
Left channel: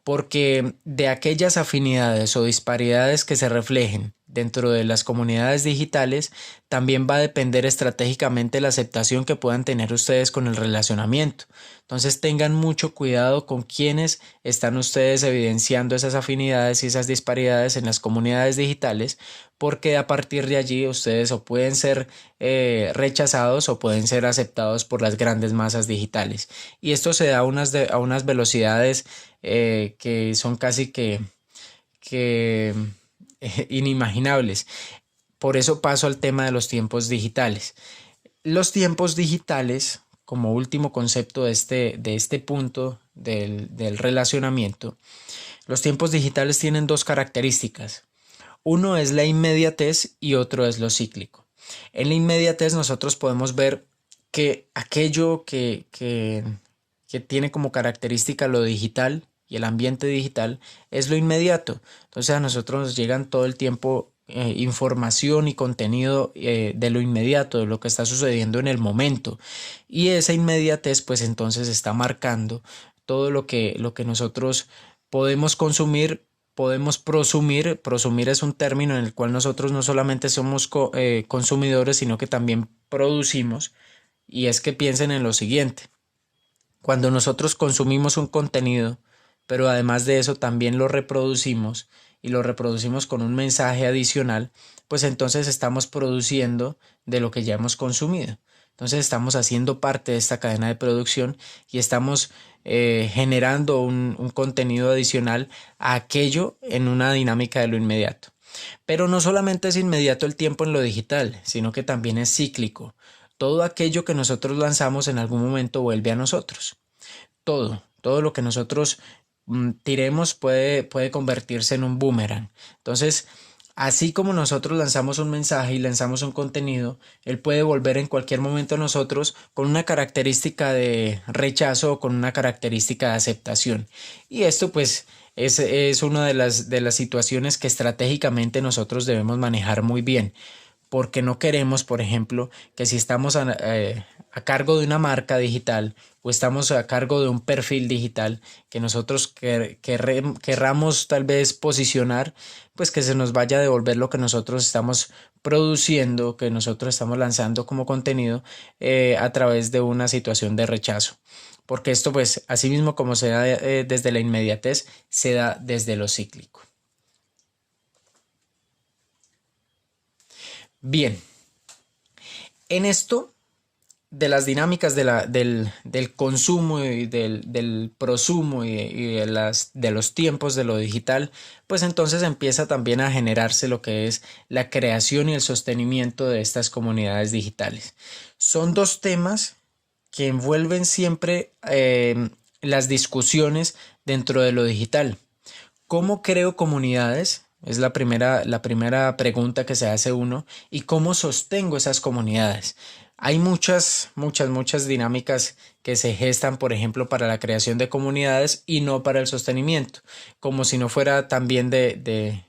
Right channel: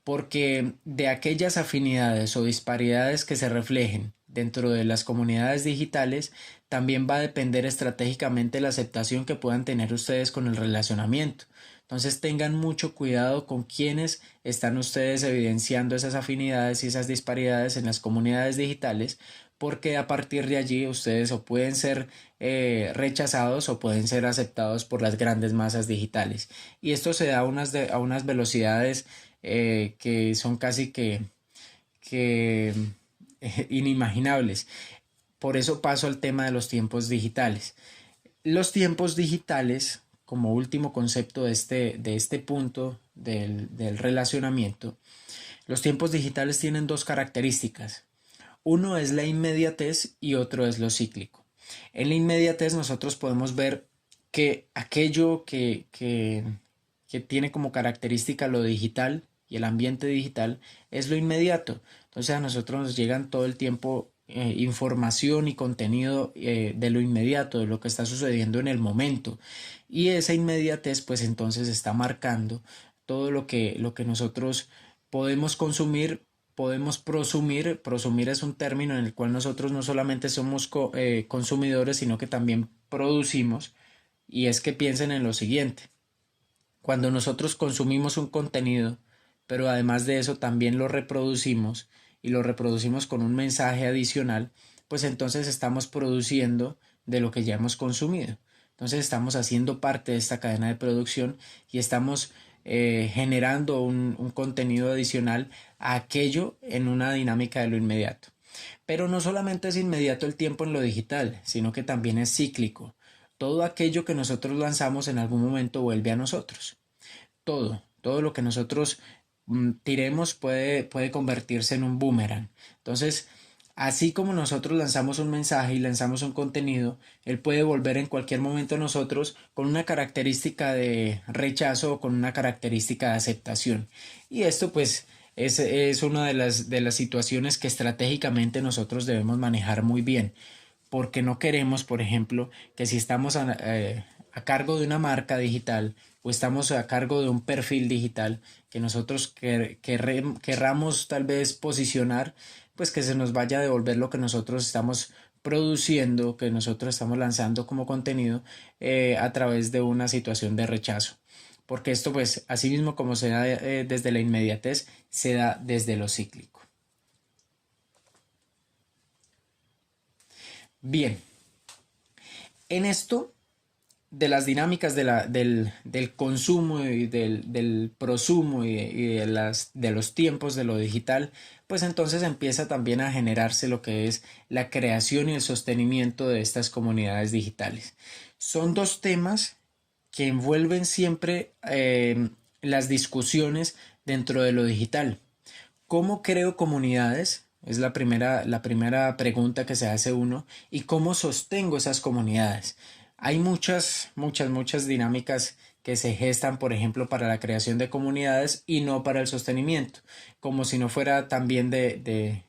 porque de aquellas afinidades o disparidades que se reflejen dentro de las comunidades digitales, también va a depender estratégicamente la aceptación que puedan tener ustedes con el relacionamiento. Entonces tengan mucho cuidado con quienes están ustedes evidenciando esas afinidades y esas disparidades en las comunidades digitales, porque a partir de allí ustedes o pueden ser rechazados o pueden ser aceptados por las grandes masas digitales. Y esto se da a unas velocidades que son casi que inimaginables. Por eso paso al tema de los tiempos digitales. Los tiempos digitales, como último concepto de este punto del relacionamiento, los tiempos digitales tienen dos características. Uno es la inmediatez y otro es lo cíclico. En la inmediatez nosotros podemos ver que aquello que tiene como característica lo digital y el ambiente digital es lo inmediato. Entonces a nosotros nos llegan todo el tiempo información y contenido de lo inmediato, de lo que está sucediendo en el momento. Y esa inmediatez pues entonces está marcando todo lo que nosotros podemos consumir. Podemos prosumir. Prosumir es un término en el cual nosotros no solamente somos consumidores, sino que también producimos. Y es que piensen en lo siguiente. Cuando nosotros consumimos un contenido, pero además de eso también lo reproducimos y lo reproducimos con un mensaje adicional, pues entonces estamos produciendo de lo que ya hemos consumido. Entonces estamos haciendo parte de esta cadena de producción y estamos generando un contenido adicional a aquello en una dinámica de lo inmediato. Pero no solamente es inmediato el tiempo en lo digital, sino que también es cíclico. Todo aquello que nosotros lanzamos en algún momento vuelve a nosotros. Todo lo que nosotros tiremos puede convertirse en un boomerang. Entonces, así como nosotros lanzamos un mensaje y lanzamos un contenido, él puede volver en cualquier momento a nosotros con una característica de rechazo o con una característica de aceptación. Y esto pues es una de las situaciones que estratégicamente nosotros debemos manejar muy bien, porque no queremos, por ejemplo, que si estamos a cargo de una marca digital o estamos a cargo de un perfil digital que nosotros querramos tal vez posicionar, pues que se nos vaya a devolver lo que nosotros estamos produciendo, que nosotros estamos lanzando como contenido a través de una situación de rechazo. Porque esto pues así mismo como se da desde la inmediatez, se da desde lo cíclico. Bien, en esto de las dinámicas del consumo y del prosumo y de los tiempos de lo digital, pues entonces empieza también a generarse lo que es la creación y el sostenimiento de estas comunidades digitales. Son dos temas que envuelven siempre las discusiones dentro de lo digital. ¿Cómo creo comunidades? Es la primera pregunta que se hace uno. ¿Y cómo sostengo esas comunidades? Hay muchas dinámicas que se gestan, por ejemplo, para la creación de comunidades y no para el sostenimiento, como si no fuera también de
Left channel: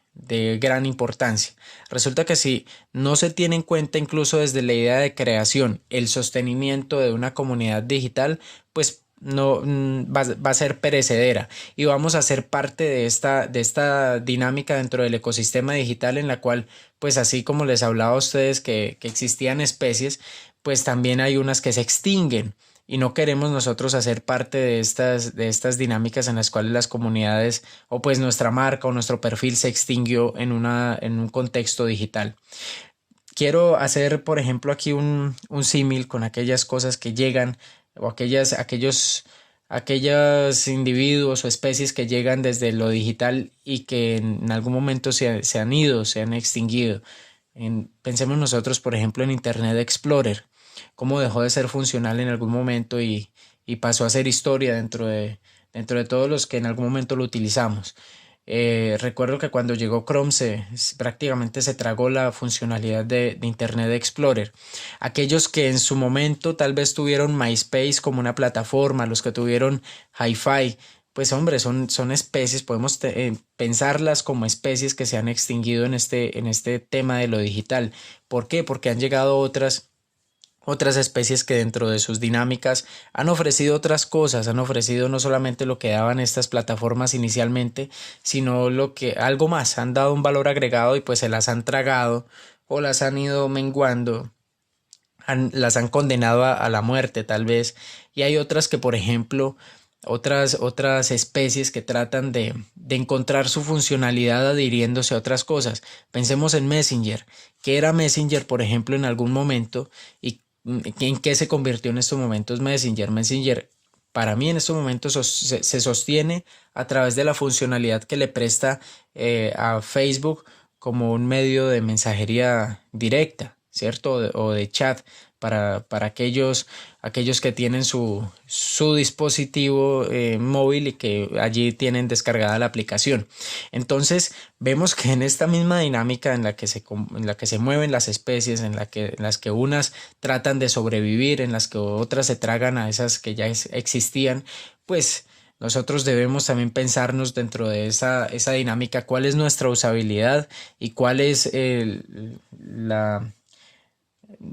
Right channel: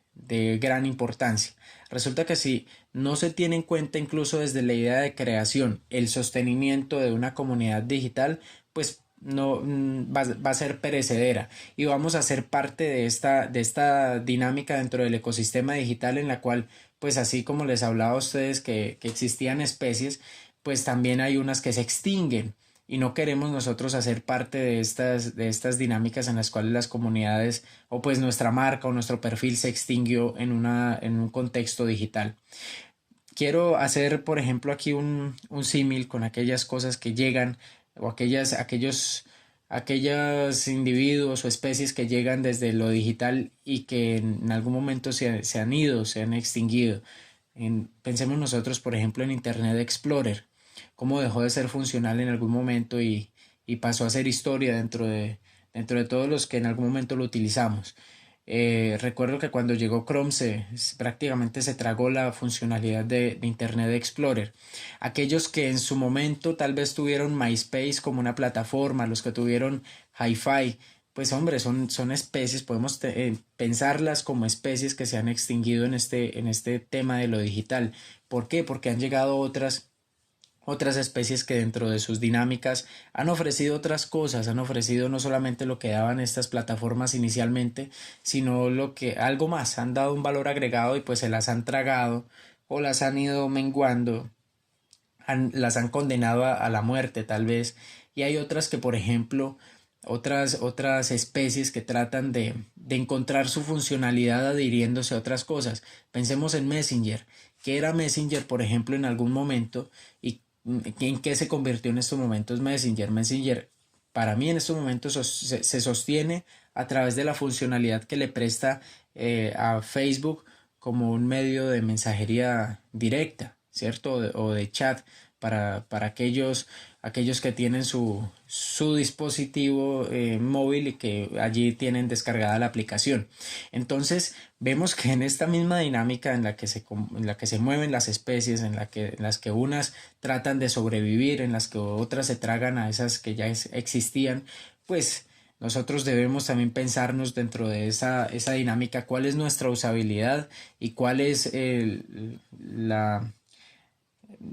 gran importancia. Resulta que si no se tiene en cuenta incluso desde la idea de creación el sostenimiento de una comunidad digital, pues no va a ser perecedera y vamos a ser parte de esta dinámica dentro del ecosistema digital en la cual, pues así como les hablaba a ustedes que existían especies, pues también hay unas que se extinguen y no queremos nosotros hacer parte de estas dinámicas en las cuales las comunidades o pues nuestra marca o nuestro perfil se extinguió en un contexto digital. Quiero hacer, por ejemplo, aquí un símil con aquellas cosas que llegan o aquellos individuos o especies que llegan desde lo digital y que en algún momento se han ido, se han extinguido. Pensemos nosotros, por ejemplo, en Internet Explorer, cómo dejó de ser funcional en algún momento y pasó a ser historia dentro de todos los que en algún momento lo utilizamos. Recuerdo que cuando llegó Chrome prácticamente se tragó la funcionalidad de Internet Explorer. Aquellos que en su momento tal vez tuvieron MySpace como una plataforma, los que tuvieron Hi-Fi, pues hombre, son especies, podemos pensarlas como especies que se han extinguido en este tema de lo digital. ¿Por qué? Porque han llegado otras especies que dentro de sus dinámicas han ofrecido otras cosas, han ofrecido no solamente lo que daban estas plataformas inicialmente, sino algo más, han dado un valor agregado y pues se las han tragado o las han ido menguando, las han condenado a la muerte tal vez, y hay otras que por ejemplo otras especies que tratan de encontrar su funcionalidad adhiriéndose a otras cosas. Pensemos en Messenger, que era Messenger, por ejemplo, en algún momento, y en qué se convirtió en estos momentos Messenger. Messenger, para mí en estos momentos se sostiene a través de la funcionalidad que le presta a Facebook como un medio de mensajería directa, ¿cierto? O de chat para aquellos que tienen su dispositivo móvil y que allí tienen descargada la aplicación. Entonces vemos que en esta misma dinámica en la que se mueven las especies, en las que unas tratan de sobrevivir, en las que otras se tragan a esas que ya existían, pues nosotros debemos también pensarnos dentro de esa dinámica cuál es nuestra usabilidad y cuál es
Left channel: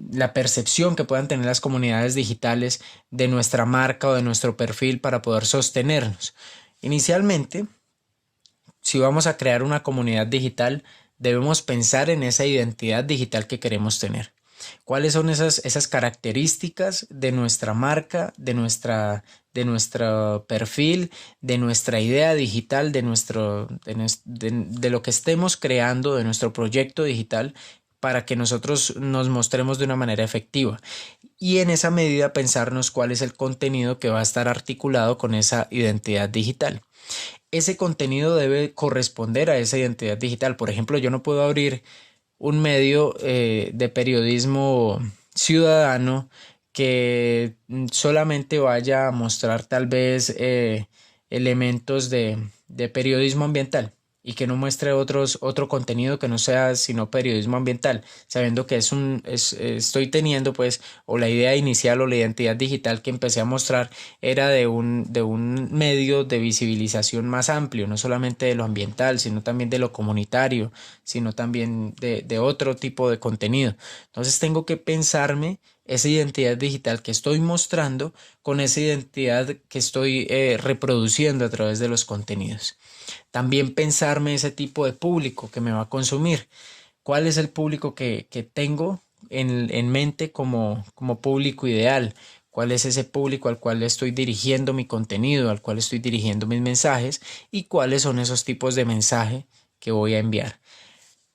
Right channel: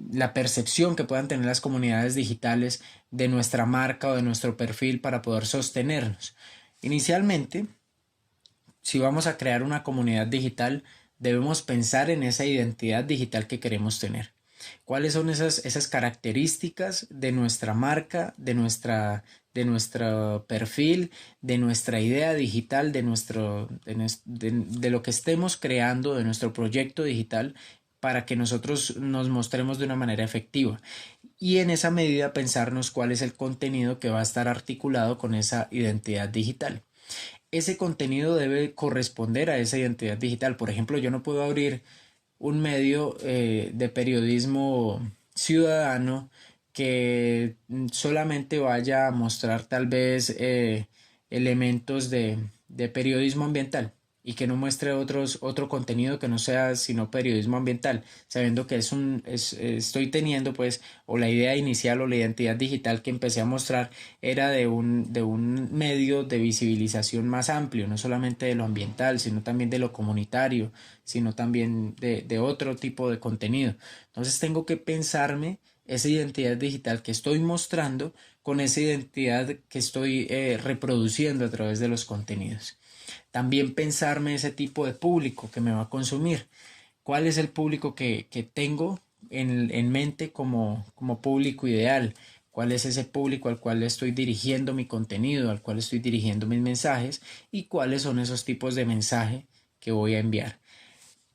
la percepción que puedan tener las comunidades digitales de nuestra marca o de nuestro perfil para poder sostenernos. Inicialmente, si vamos a crear una comunidad digital, debemos pensar en esa identidad digital que queremos tener. ¿Cuáles son esas características de nuestra marca, de nuestro perfil, de nuestra idea digital, de lo que estemos creando, de nuestro proyecto digital, para que nosotros nos mostremos de una manera efectiva? Y en esa medida pensarnos cuál es el contenido que va a estar articulado con esa identidad digital. Ese contenido debe corresponder a esa identidad digital. Por ejemplo, yo no puedo abrir un medio de periodismo ciudadano que solamente vaya a mostrar tal vez elementos de periodismo ambiental y que no muestre otro contenido que no sea sino periodismo ambiental, sabiendo que estoy teniendo pues, o la idea inicial o la identidad digital que empecé a mostrar era de un medio de visibilización más amplio, no solamente de lo ambiental, sino también de lo comunitario, sino también de otro tipo de contenido. Entonces tengo que pensarme esa identidad digital que estoy mostrando con esa identidad que estoy reproduciendo a través de los contenidos. También pensarme ese tipo de público que me va a consumir. ¿Cuál es el público que tengo en mente como público ideal? ¿Cuál es ese público al cual estoy dirigiendo mi contenido, al cual estoy dirigiendo mis mensajes? ¿Y cuáles son esos tipos de mensaje que voy a enviar?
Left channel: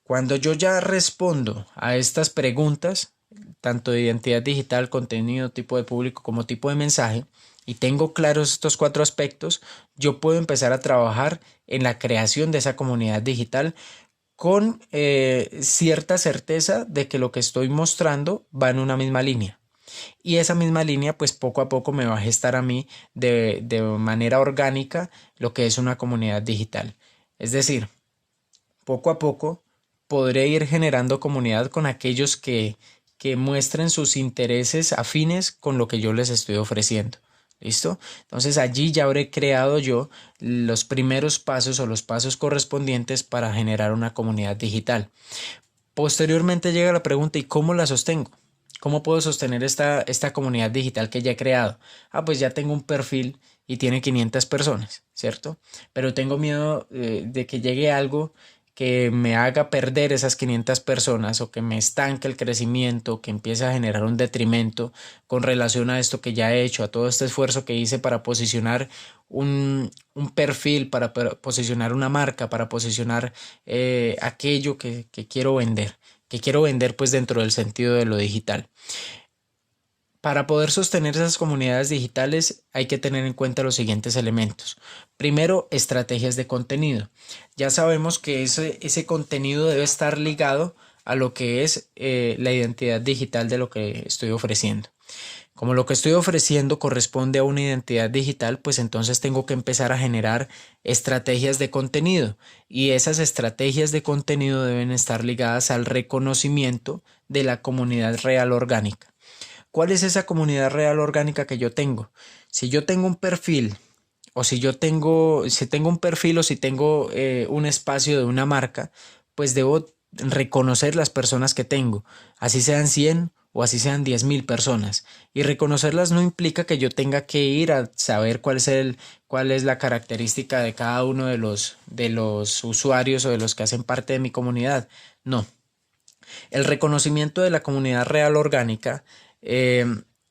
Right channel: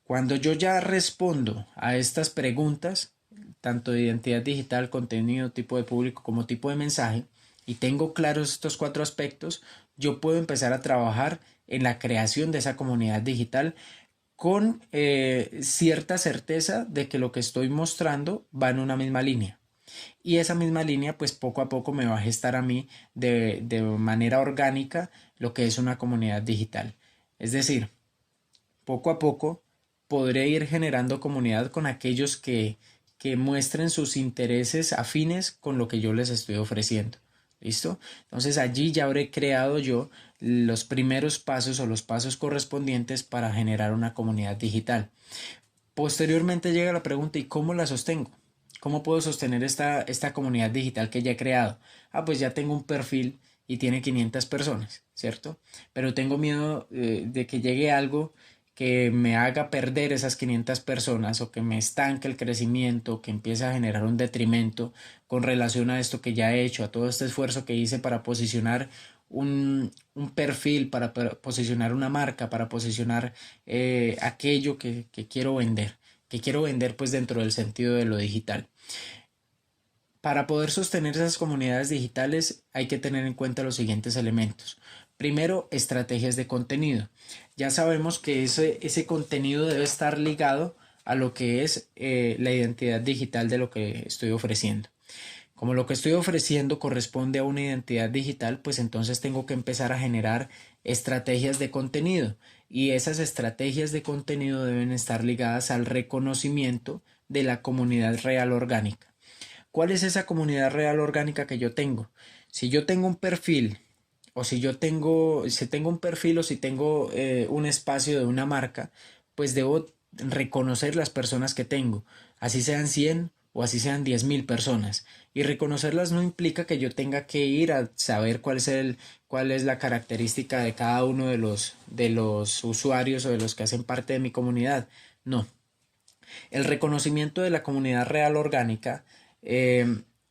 Cuando yo ya respondo a estas preguntas, tanto de identidad digital, contenido, tipo de público como tipo de mensaje, y tengo claros estos 4 aspectos, yo puedo empezar a trabajar en la creación de esa comunidad digital con cierta certeza de que lo que estoy mostrando va en una misma línea. Y esa misma línea, pues poco a poco me va a gestar a mí de manera orgánica lo que es una comunidad digital. Es decir, poco a poco podré ir generando comunidad con aquellos que muestren sus intereses afines con lo que yo les estoy ofreciendo. ¿Listo? Entonces allí ya habré creado yo los primeros pasos o los pasos correspondientes para generar una comunidad digital. Posteriormente llega la pregunta, ¿y cómo la sostengo? ¿Cómo puedo sostener esta comunidad digital que ya he creado? Ah, pues ya tengo un perfil y tiene 500 personas, ¿cierto? Pero tengo miedo de que llegue algo que me haga perder esas 500 personas o que me estanque el crecimiento, que empiece a generar un detrimento con relación a esto que ya he hecho, a todo este esfuerzo que hice para posicionar un perfil, para posicionar una marca, para posicionar aquello que quiero vender, pues dentro del sentido de lo digital. Para poder sostener esas comunidades digitales hay que tener en cuenta los siguientes elementos. Primero, estrategias de contenido. Ya sabemos que ese contenido debe estar ligado a lo que es la identidad digital de lo que estoy ofreciendo. Como lo que estoy ofreciendo corresponde a una identidad digital, pues entonces tengo que empezar a generar estrategias de contenido y esas estrategias de contenido deben estar ligadas al reconocimiento de la comunidad real orgánica. ¿Cuál es esa comunidad real orgánica que yo tengo? Si yo tengo un perfil o si tengo un perfil o si tengo un espacio de una marca, pues debo reconocer las personas que tengo, así sean 100 o así sean 10.000 personas. Y reconocerlas no implica que yo tenga que ir a saber cuál es la característica de cada uno de los usuarios o de los que hacen parte de mi comunidad. No. El reconocimiento de la comunidad real orgánica eh,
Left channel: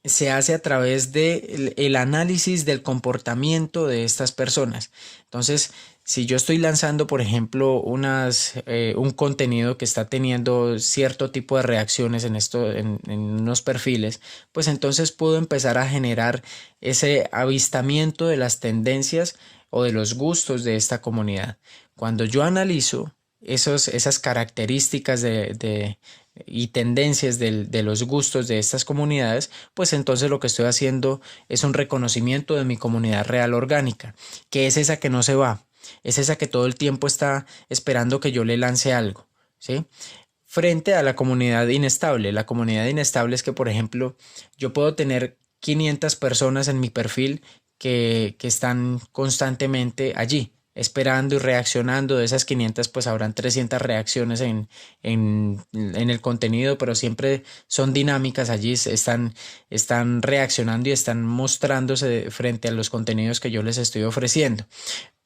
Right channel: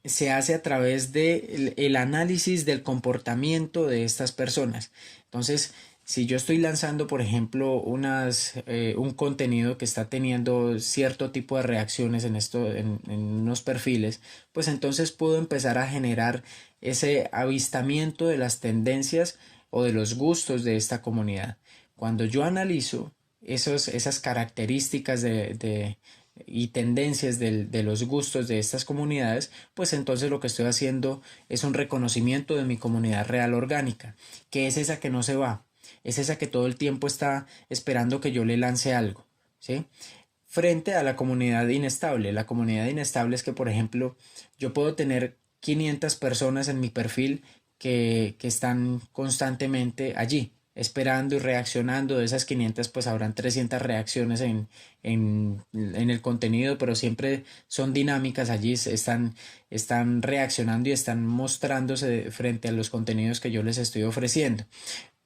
se hace a través del el análisis del comportamiento de estas personas. Entonces, si yo estoy lanzando, por ejemplo, un contenido que está teniendo cierto tipo de reacciones en unos perfiles, pues entonces puedo empezar a generar ese avistamiento de las tendencias o de los gustos de esta comunidad. Cuando yo analizo esas características y tendencias de los gustos de estas comunidades, pues entonces lo que estoy haciendo es un reconocimiento de mi comunidad real orgánica, que es esa que no se va, es esa que todo el tiempo está esperando que yo le lance algo, ¿sí? Frente a la comunidad inestable. La comunidad inestable es que, por ejemplo, yo puedo tener 500 personas en mi perfil que están constantemente allí, esperando y reaccionando. De esas 500 pues habrán 300 reacciones en el contenido, pero siempre son dinámicas allí, están reaccionando y están mostrándose frente a los contenidos que yo les estoy ofreciendo.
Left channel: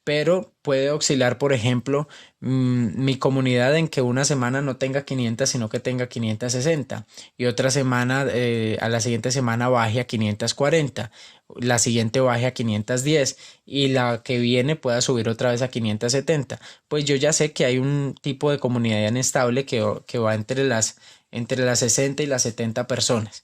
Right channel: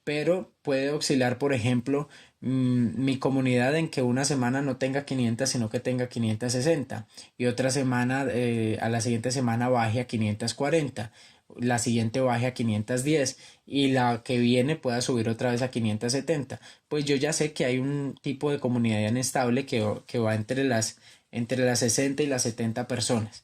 Pero puede oscilar, por ejemplo, mi comunidad en que una semana no tenga 500, sino que tenga 560 y otra semana, a la siguiente semana baje a 540, la siguiente baje a 510 y la que viene pueda subir otra vez a 570. Pues yo ya sé que hay un tipo de comunidad inestable que va entre las 60 y las 70 personas.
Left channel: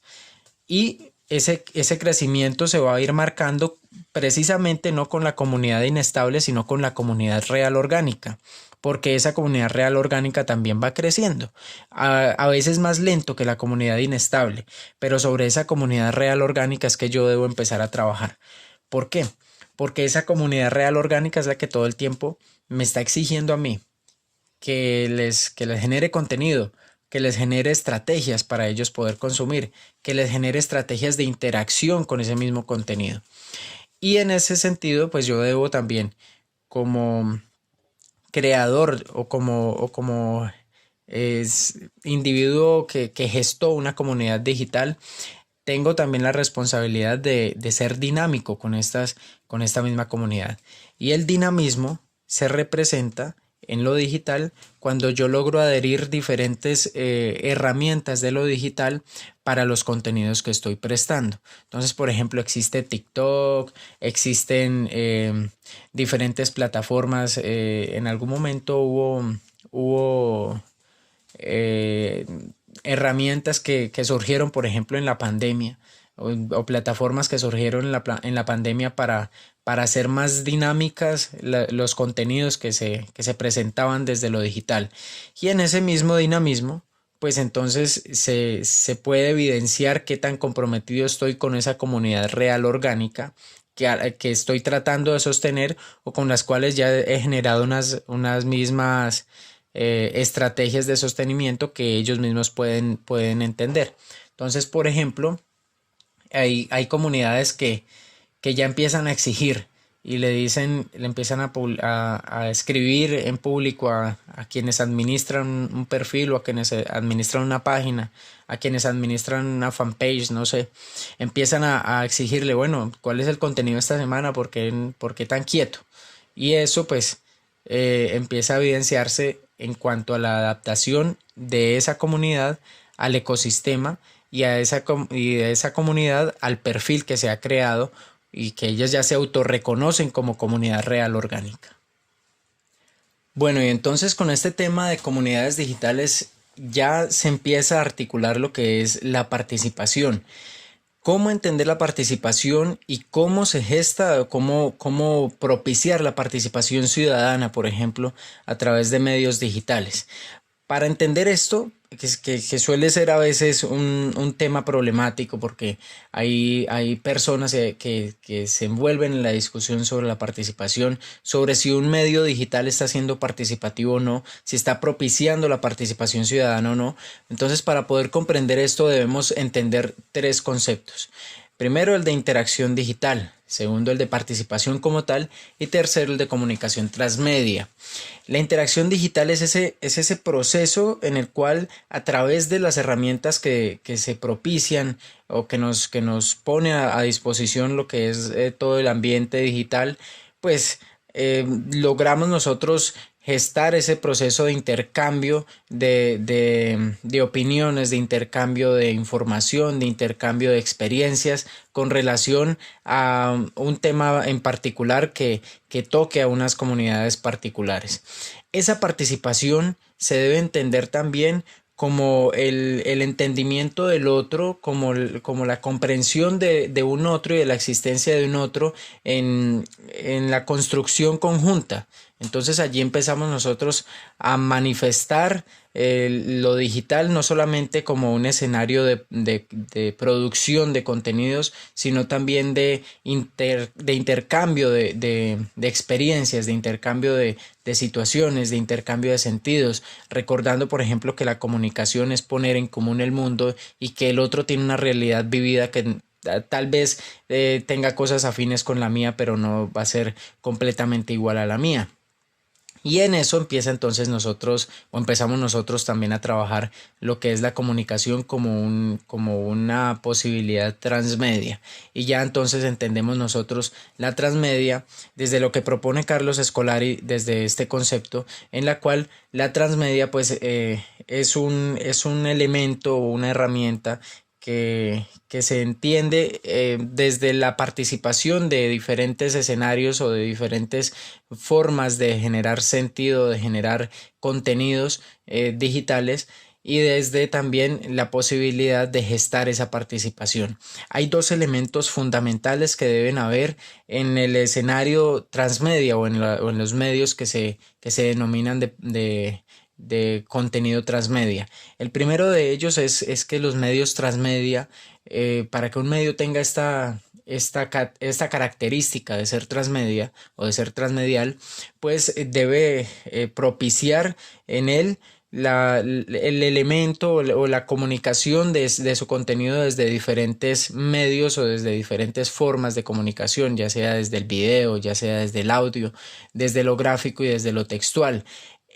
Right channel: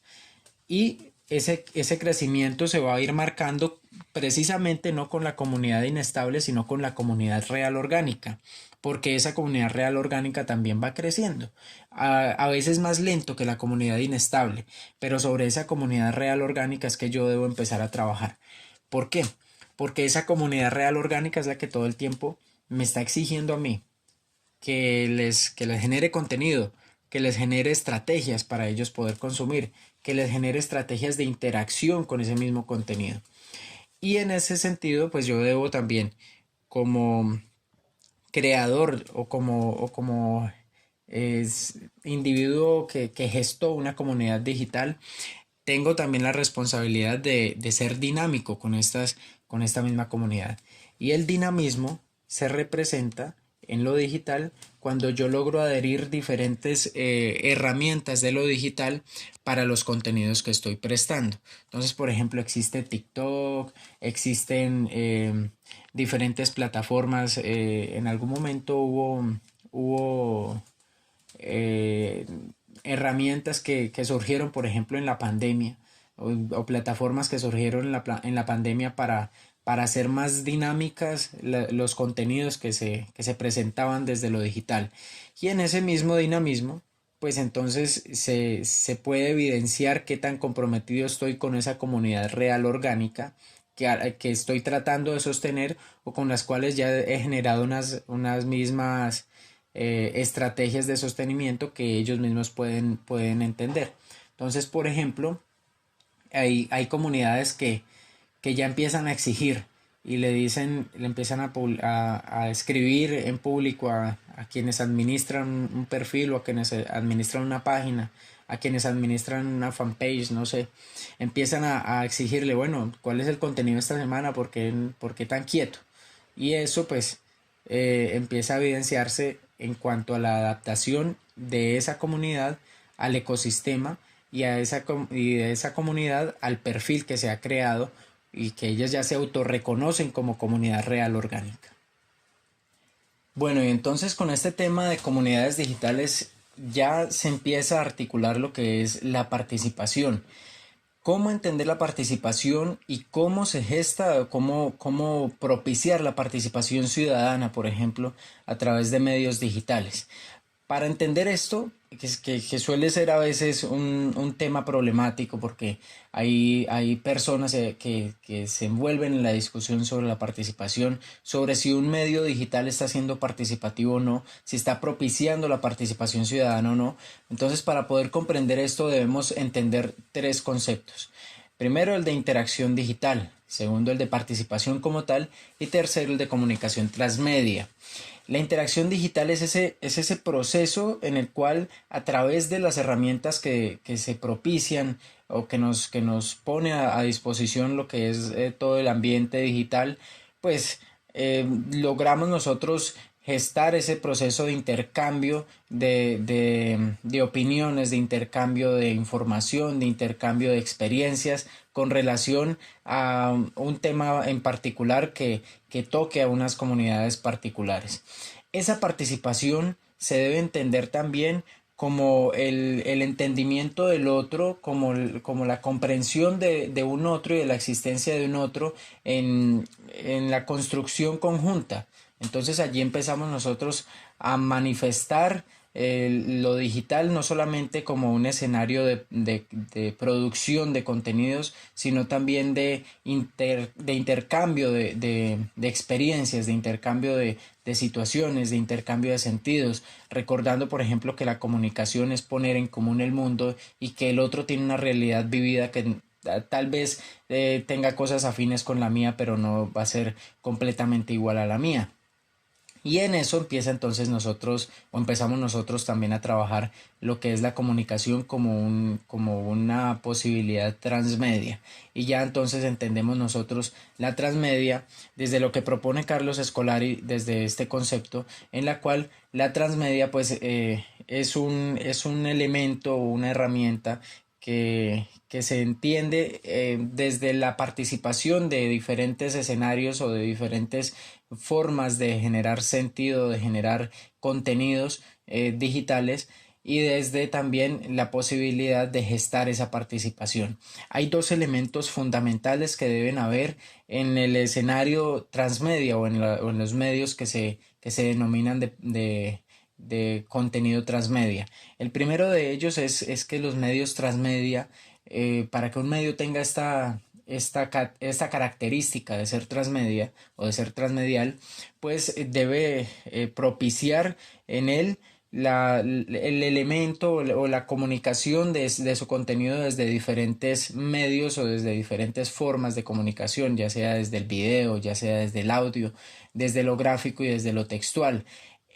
Y ese crecimiento se va a ir marcando precisamente no con la comunidad inestable, sino con la comunidad real orgánica, porque esa comunidad real orgánica también va creciendo, a veces más lento que la comunidad inestable, pero sobre esa comunidad real orgánica es que yo debo empezar a trabajar. ¿Por qué? Porque esa comunidad real orgánica es la que todo el tiempo me está exigiendo a mí que les genere contenido, que les genere estrategias para ellos poder consumir, que les genere estrategias de interacción con ese mismo contenido. Y en ese sentido, pues yo debo también, como creador o como individuo que gestó una comunidad digital, tengo también la responsabilidad de ser dinámico con esta misma comunidad. Y el dinamismo se representa en lo digital cuando yo logro adherir diferentes herramientas de lo digital para los contenidos que estoy prestando. Entonces, por ejemplo, existe TikTok, existen diferentes plataformas. En algún momento hubo eh, herramientas que surgieron, por ejemplo, en la pandemia o plataformas que surgieron en la pandemia para hacer más dinámicas los contenidos que se presentaban desde lo digital. Y en ese mismo dinamismo, pues entonces se puede evidenciar qué tan comprometido estoy con esa comunidad real orgánica que estoy tratando de sostener o con las cuales ya he generado unas mismas estrategias de sostenimiento que ellos mismos pueden entender. Entonces, por ejemplo, hay comunidades que ya empiezan a exigir y le dicen, le empiezan a escribir en público a quienes administran un perfil o a quienes administran una página, a quienes administran una fanpage, no sé, empiezan a exigirle, bueno, ¿cuál es el contenido esta semana? Por qué tan quieto? Y eso pues empieza a evidenciarse en cuanto a la adaptación de esa comunidad al ecosistema y de esa comunidad al perfil que se ha creado y que ellas ya se autorreconocen como comunidad real orgánica. Bueno, y entonces con este tema de comunidades digitales ya se empieza a articular lo que es la participación. ¿Cómo entender la participación y cómo se gesta, cómo propiciar la participación ciudadana, por ejemplo, a través de medios digitales? Para entender esto, que suele ser a veces un tema problemático porque hay personas que se envuelven en la discusión sobre la participación, sobre si un medio digital está siendo participativo o no, si está propiciando la participación ciudadana o no. Entonces, para poder comprender esto debemos entender tres conceptos. Primero, el de interacción digital. Segundo, el de participación como tal. Y tercero, el de comunicación transmedia. La interacción digital es ese proceso en el cual a través de las herramientas que se propician o que nos pone a disposición lo que es todo el ambiente digital, pues logramos nosotros gestar ese proceso de intercambio de opiniones, de intercambio de información, de intercambio de experiencias con relación a un tema en particular que toque a unas comunidades particulares. Esa participación se debe entender también como el entendimiento del otro, como la comprensión de un otro y de la existencia de un otro en la construcción conjunta. Entonces allí empezamos nosotros a manifestar lo digital no solamente como un escenario de producción de contenidos, sino también de intercambio de experiencias, de intercambio de situaciones, de intercambio de sentidos, recordando por ejemplo que la comunicación es poner en común el mundo y que el otro tiene una realidad vivida que tal vez tenga cosas afines con la mía, pero no va a ser completamente igual a la mía. Y en eso empieza entonces empezamos nosotros también a trabajar lo que es la comunicación como una posibilidad transmedia. Y ya entonces entendemos nosotros la transmedia desde lo que propone Carlos Escolari, desde este concepto, en la cual la transmedia pues es un elemento o una herramienta que se entiende desde la participación de diferentes escenarios o de diferentes formas de generar sentido, de generar contenidos digitales y desde también la posibilidad de gestar esa participación. Hay dos elementos fundamentales que deben haber en el escenario transmedia o en los medios que se denominan de contenido transmedia. El primero de ellos es que los medios transmedia, para que un medio tenga esta característica de ser transmedia o de ser transmedial, pues debe propiciar en él el elemento o la comunicación de su contenido desde diferentes medios o desde diferentes formas de comunicación, ya sea desde el video, ya sea desde el audio, desde lo gráfico y desde lo textual.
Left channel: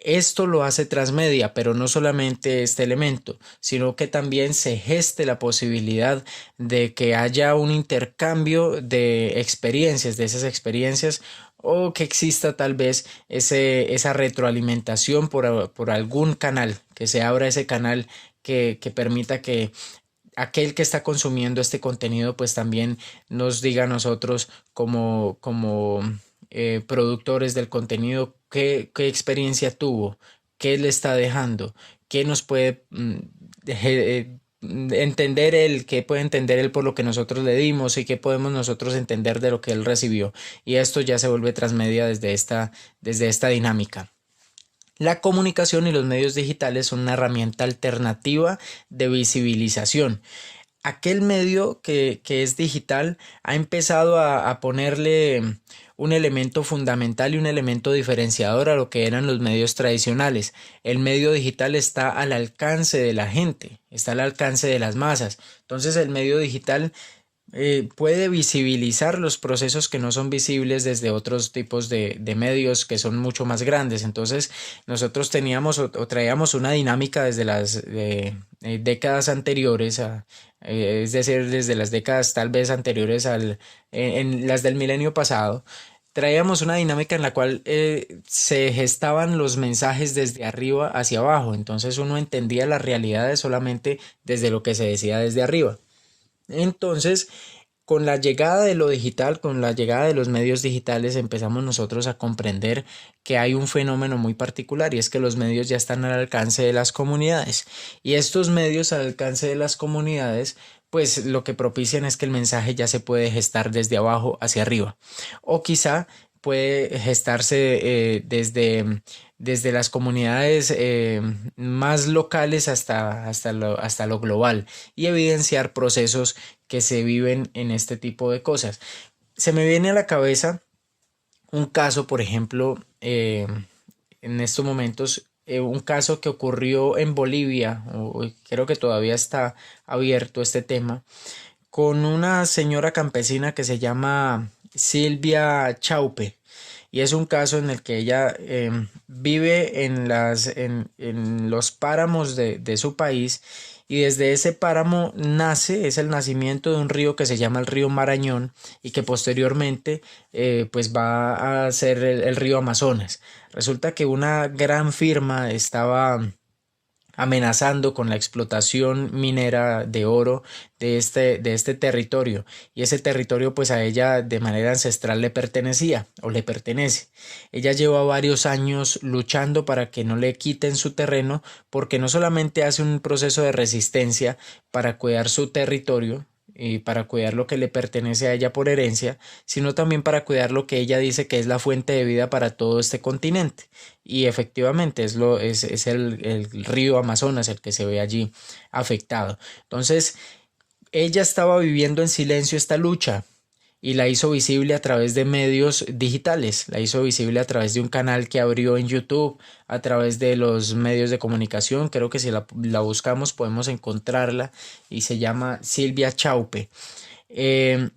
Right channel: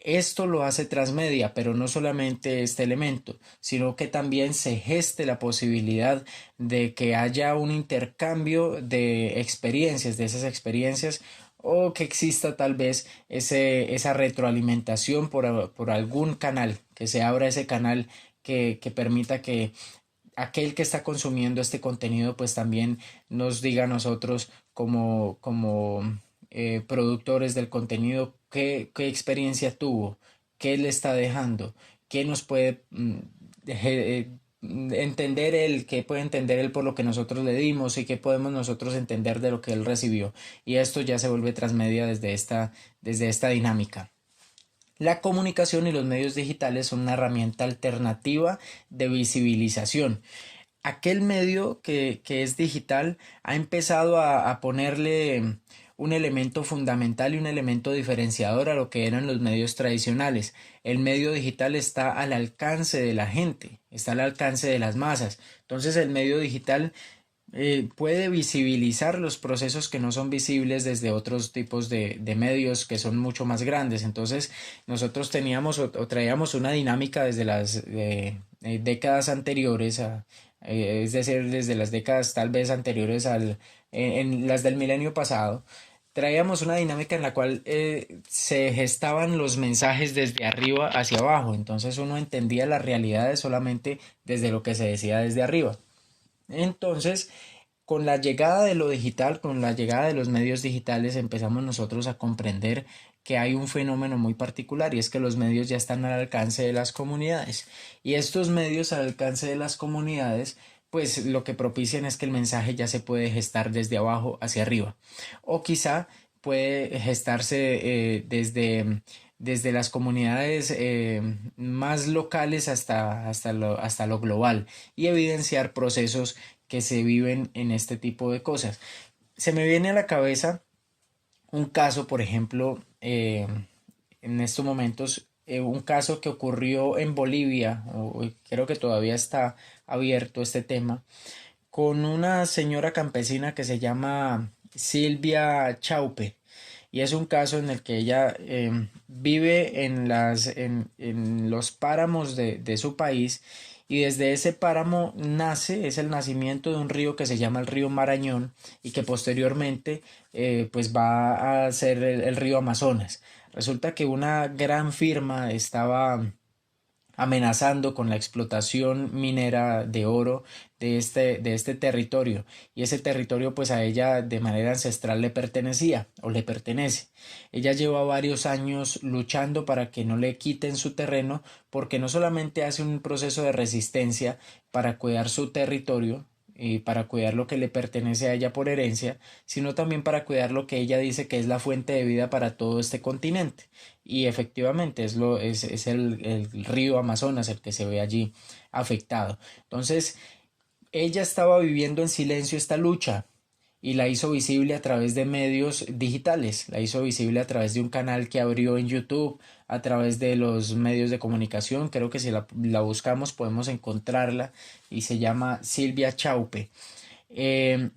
Esto lo hace transmedia, pero no solamente este elemento, sino que también se geste la posibilidad de que haya un intercambio de experiencias, de esas experiencias, o que exista tal vez esa retroalimentación por algún canal, que se abra ese canal que permita que aquel que está consumiendo este contenido pues también nos diga a nosotros como productores del contenido qué experiencia tuvo, qué le está dejando, qué nos puede entender él, qué puede entender él por lo que nosotros le dimos y qué podemos nosotros entender de lo que él recibió. Y esto ya se vuelve transmedia desde esta dinámica. La comunicación y los medios digitales son una herramienta alternativa de visibilización. Aquel medio que es digital ha empezado a ponerle un elemento fundamental y un elemento diferenciador a lo que eran los medios tradicionales. El medio digital está al alcance de la gente, está al alcance de las masas. Entonces el medio digital puede visibilizar los procesos que no son visibles desde otros tipos de medios que son mucho más grandes. Entonces, nosotros teníamos o traíamos una dinámica desde las décadas anteriores, es decir, desde las décadas tal vez anteriores en las del milenio pasado. Traíamos una dinámica en la cual se gestaban los mensajes desde arriba hacia abajo, entonces uno entendía las realidades solamente desde lo que se decía desde arriba. Entonces, con la llegada de lo digital, con la llegada de los medios digitales, empezamos nosotros a comprender que hay un fenómeno muy particular y es que los medios ya están al alcance de las comunidades. Y estos medios al alcance de las comunidades, pues lo que propician es que el mensaje ya se puede gestar desde abajo hacia arriba. O quizá puede gestarse desde las comunidades más locales hasta lo global y evidenciar procesos que se viven en este tipo de cosas. Se me viene a la cabeza un caso, por ejemplo, en estos momentos, un caso que ocurrió en Bolivia, o creo que todavía está abierto este tema, con una señora campesina que se llama Silvia Chaupe. Y es un caso en el que ella vive en los páramos de su país y desde ese páramo nace, es el nacimiento de un río que se llama el río Marañón y que posteriormente pues va a ser el río Amazonas. Resulta que una gran firma estaba amenazando con la explotación minera de oro de este territorio y ese territorio pues a ella de manera ancestral le pertenecía o le pertenece. Ella lleva varios años luchando para que no le quiten su terreno porque no solamente hace un proceso de resistencia para cuidar su territorio y para cuidar lo que le pertenece a ella por herencia, sino también para cuidar lo que ella dice que es la fuente de vida para todo este continente. Y efectivamente es el río Amazonas el que se ve allí afectado. Entonces, ella estaba viviendo en silencio esta lucha y la hizo visible a través de medios digitales, la hizo visible a través de un canal que abrió en YouTube, a través de los medios de comunicación. Creo que si la buscamos podemos encontrarla y se llama Silvia Chaupe. Eh,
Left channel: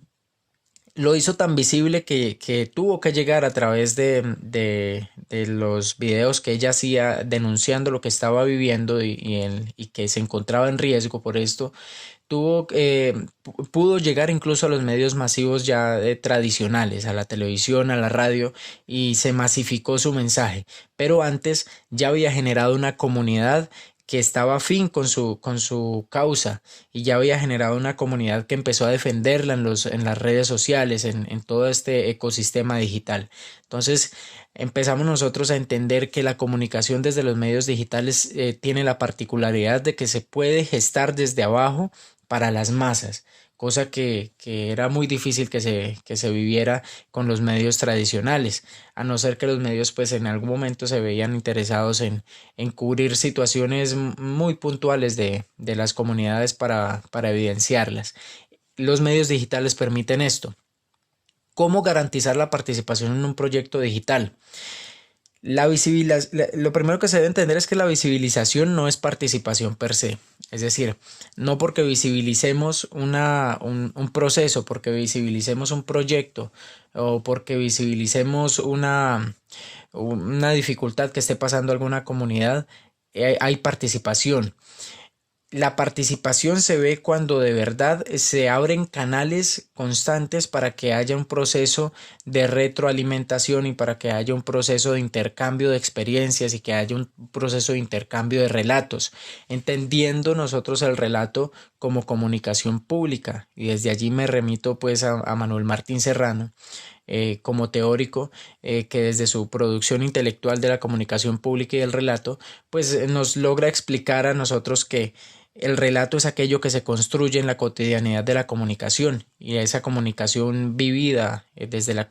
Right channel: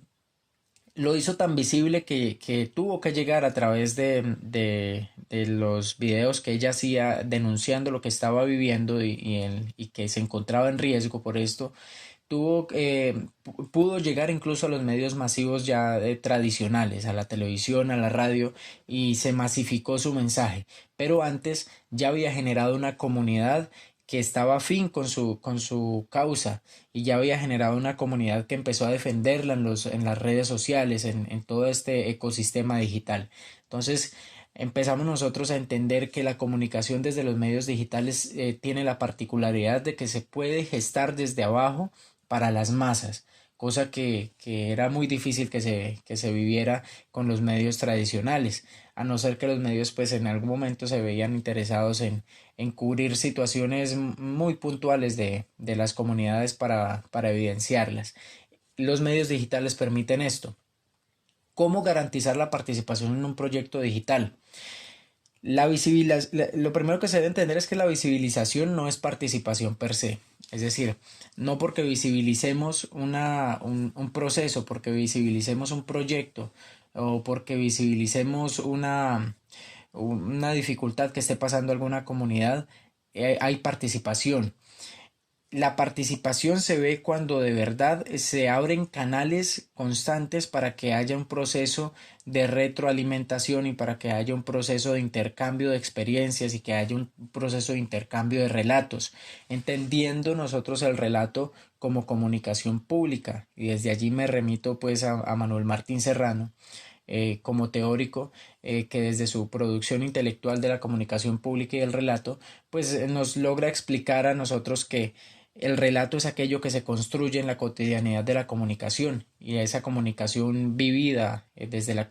lo hizo tan visible que tuvo que llegar a través de los videos que ella hacía denunciando lo que estaba viviendo y que se encontraba en riesgo por esto. Pudo llegar incluso a los medios masivos ya tradicionales, a la televisión, a la radio, y se masificó su mensaje. Pero antes ya había generado una comunidad que estaba afín con su causa y ya había generado una comunidad que empezó a defenderla en las redes sociales, en todo este ecosistema digital. Entonces, empezamos nosotros a entender que la comunicación desde los medios digitales tiene la particularidad de que se puede gestar desde abajo para las masas, cosa que era muy difícil que se viviera con los medios tradicionales, a no ser que los medios pues en algún momento se veían interesados en cubrir situaciones muy puntuales de las comunidades para evidenciarlas. Los medios digitales permiten esto. ¿Cómo garantizar la participación en un proyecto digital? Lo primero que se debe entender es que la visibilización no es participación per se. Es decir, no porque visibilicemos un proceso, porque visibilicemos un proyecto o porque visibilicemos una dificultad que esté pasando alguna comunidad, hay participación. La participación se ve cuando de verdad se abren canales constantes para que haya un proceso de retroalimentación y para que haya un proceso de intercambio de experiencias y que haya un proceso de intercambio de relatos, entendiendo nosotros el relato como comunicación pública. Y desde allí me remito pues a Manuel Martín Serrano. Como teórico que desde su producción intelectual de la comunicación pública y el relato, pues nos logra explicar a nosotros que el relato es aquello que se construye en la cotidianidad de la comunicación y esa comunicación vivida desde la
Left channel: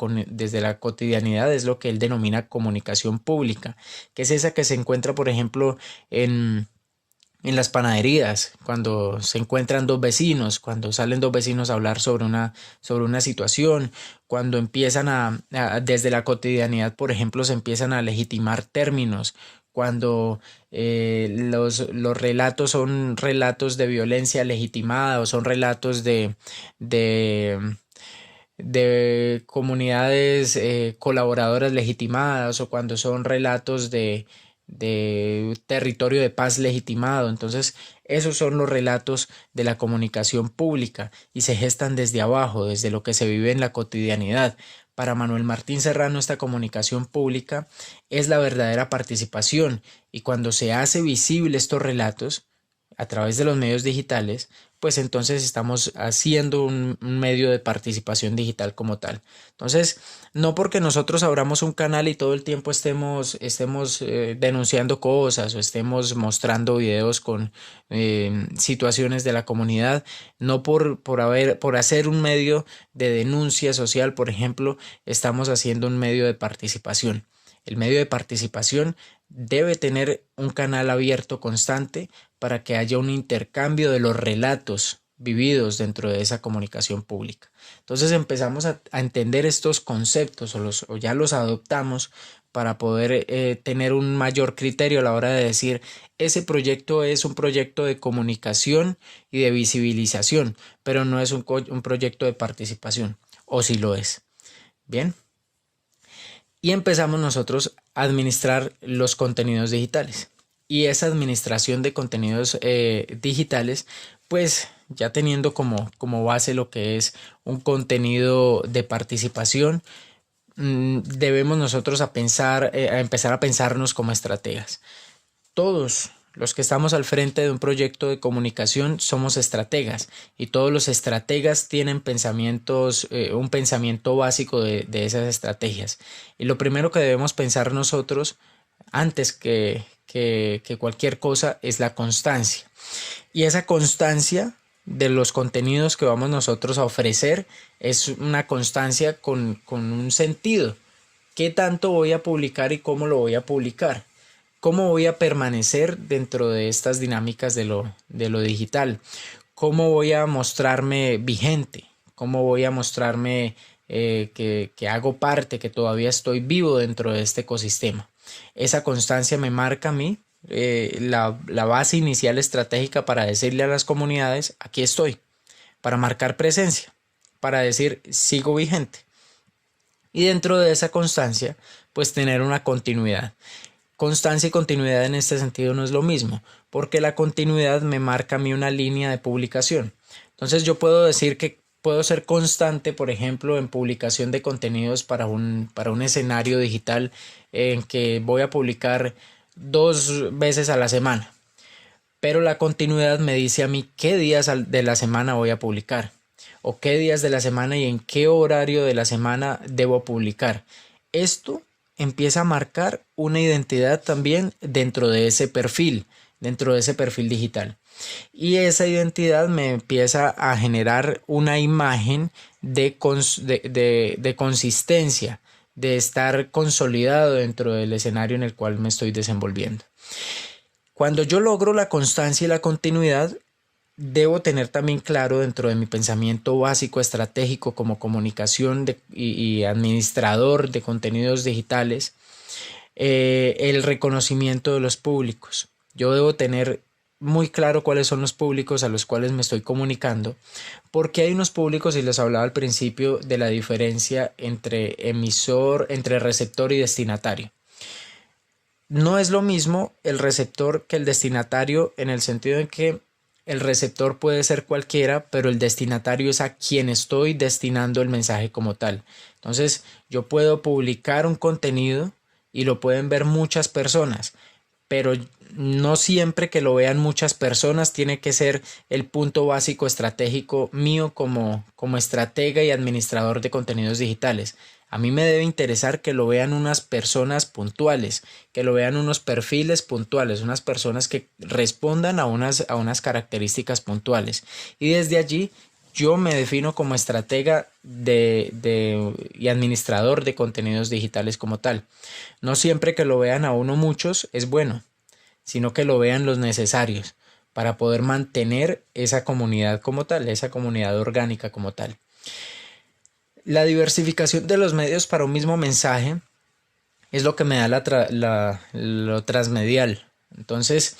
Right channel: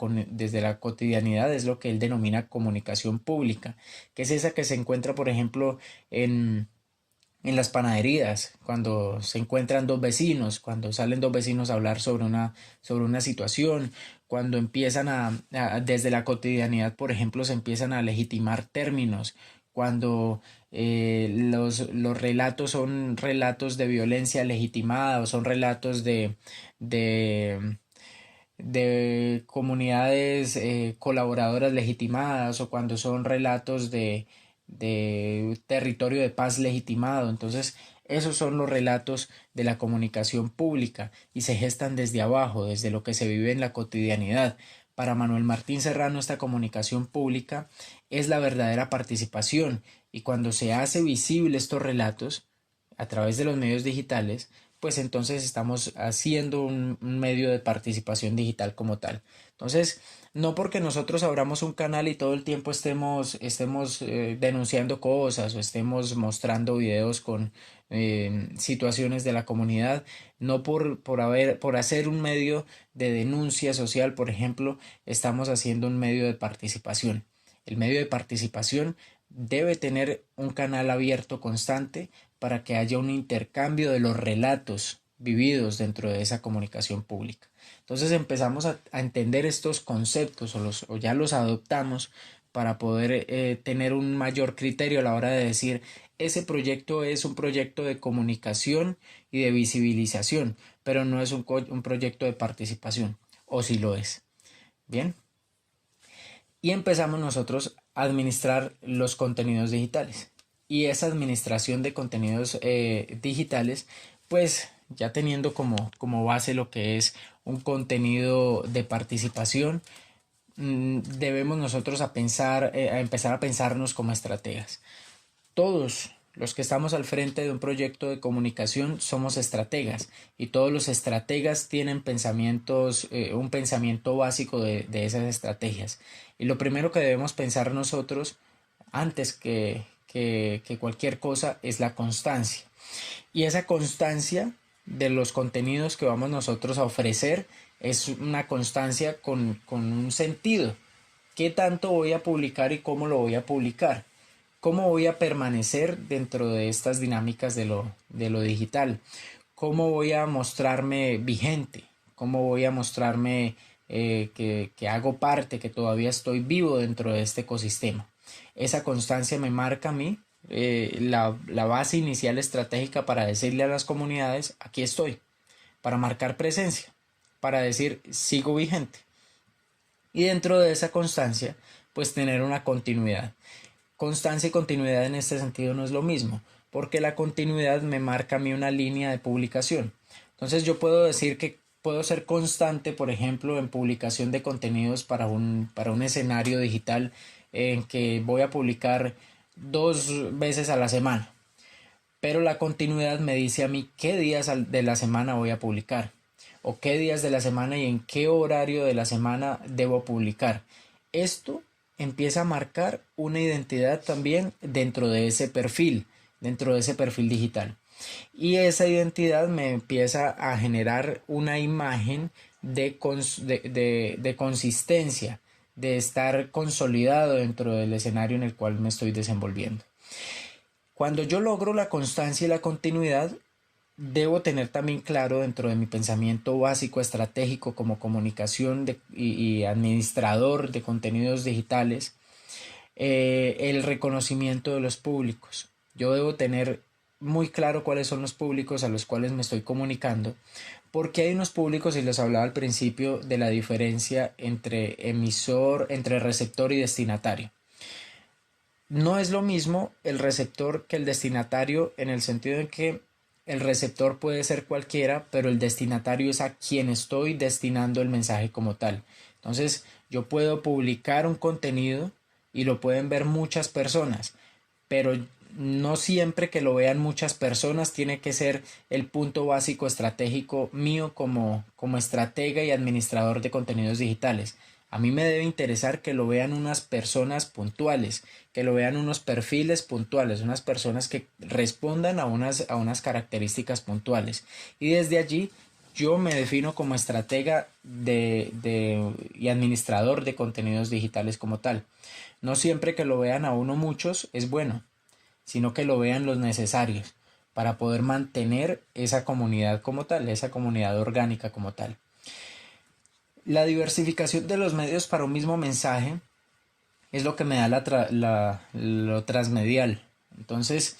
cotidianidad es lo que él denomina comunicación pública, que es esa que se encuentra, por ejemplo, en las panaderías, cuando se encuentran dos vecinos, cuando salen dos vecinos a hablar sobre una situación, cuando empiezan desde la cotidianidad, por ejemplo, se empiezan a legitimar términos cuando los relatos son relatos de violencia legitimada o son relatos de, de comunidades colaboradoras legitimadas o cuando son relatos de territorio de paz legitimado. Entonces, esos son los relatos de la comunicación pública y se gestan desde abajo, desde lo que se vive en la cotidianidad. Para Manuel Martín Serrano, esta comunicación pública es la verdadera participación y cuando se hace visible estos relatos a través de los medios digitales, pues entonces estamos haciendo un medio de participación digital como tal. Entonces, no porque nosotros abramos un canal y todo el tiempo estemos denunciando cosas o estemos mostrando videos con situaciones de la comunidad, no por hacer un medio de denuncia social, por ejemplo, estamos haciendo un medio de participación. El medio de participación debe tener un canal abierto constante para que haya un intercambio de los relatos vividos dentro de esa comunicación pública. Entonces empezamos a entender estos conceptos o ya los adoptamos para poder tener un mayor criterio a la hora de decir ese proyecto es un proyecto de comunicación y de visibilización, pero no es un proyecto de participación, o si lo es. Bien. Y empezamos nosotros a administrar los contenidos digitales. Y esa administración de contenidos digitales, pues ya teniendo como base lo que es un contenido de participación, debemos nosotros a empezar a pensarnos como estrategas. Todos los que estamos al frente de un proyecto de comunicación somos estrategas y todos los estrategas tienen un pensamiento básico de esas estrategias. Y lo primero que debemos pensar nosotros antes que cualquier cosa es la constancia. Y esa constancia de los contenidos que vamos nosotros a ofrecer es una constancia con un sentido. ¿Qué tanto voy a publicar y cómo lo voy a publicar? ¿Cómo voy a permanecer dentro de estas dinámicas de lo digital? ¿Cómo voy a mostrarme vigente? ¿Cómo voy a mostrarme que hago parte, que todavía estoy vivo dentro de este ecosistema? Esa constancia me marca a mí la base inicial estratégica para decirle a las comunidades, aquí estoy, para marcar presencia, para decir, sigo vigente. Y dentro de esa constancia, pues tener una continuidad. Constancia y continuidad en este sentido no es lo mismo, porque la continuidad me marca a mí una línea de publicación. Entonces yo puedo decir que puedo ser constante, por ejemplo, en publicación de contenidos para un escenario digital en que voy a publicar 2 veces a la semana. Pero la continuidad me dice a mí qué días de la semana voy a publicar o qué días de la semana y en qué horario de la semana debo publicar. Esto empieza a marcar una identidad también dentro de ese perfil digital. Y esa identidad me empieza a generar una imagen de consistencia, de estar consolidado dentro del escenario en el cual me estoy desenvolviendo. Cuando yo logro la constancia y la continuidad, debo tener también claro dentro de mi pensamiento básico estratégico como comunicación y administrador de contenidos digitales, el reconocimiento de los públicos. Yo debo tener muy claro cuáles son los públicos a los cuales me estoy comunicando, porque hay unos públicos, y les hablaba al principio de la diferencia entre entre receptor y destinatario. No es lo mismo el receptor que el destinatario en el sentido en que el receptor puede ser cualquiera, pero el destinatario es a quien estoy destinando el mensaje como tal. Entonces, yo puedo publicar un contenido y lo pueden ver muchas personas, pero no siempre que lo vean muchas personas tiene que ser el punto básico estratégico mío como estratega y administrador de contenidos digitales. A mí me debe interesar que lo vean unas personas puntuales, que lo vean unos perfiles puntuales, unas personas que respondan a unas características puntuales. Y desde allí yo me defino como estratega y administrador de contenidos digitales como tal. No siempre que lo vean a uno muchos es bueno, sino que lo vean los necesarios para poder mantener esa comunidad como tal, esa comunidad orgánica como tal. La diversificación de los medios para un mismo mensaje es lo que me da lo transmedial. Entonces,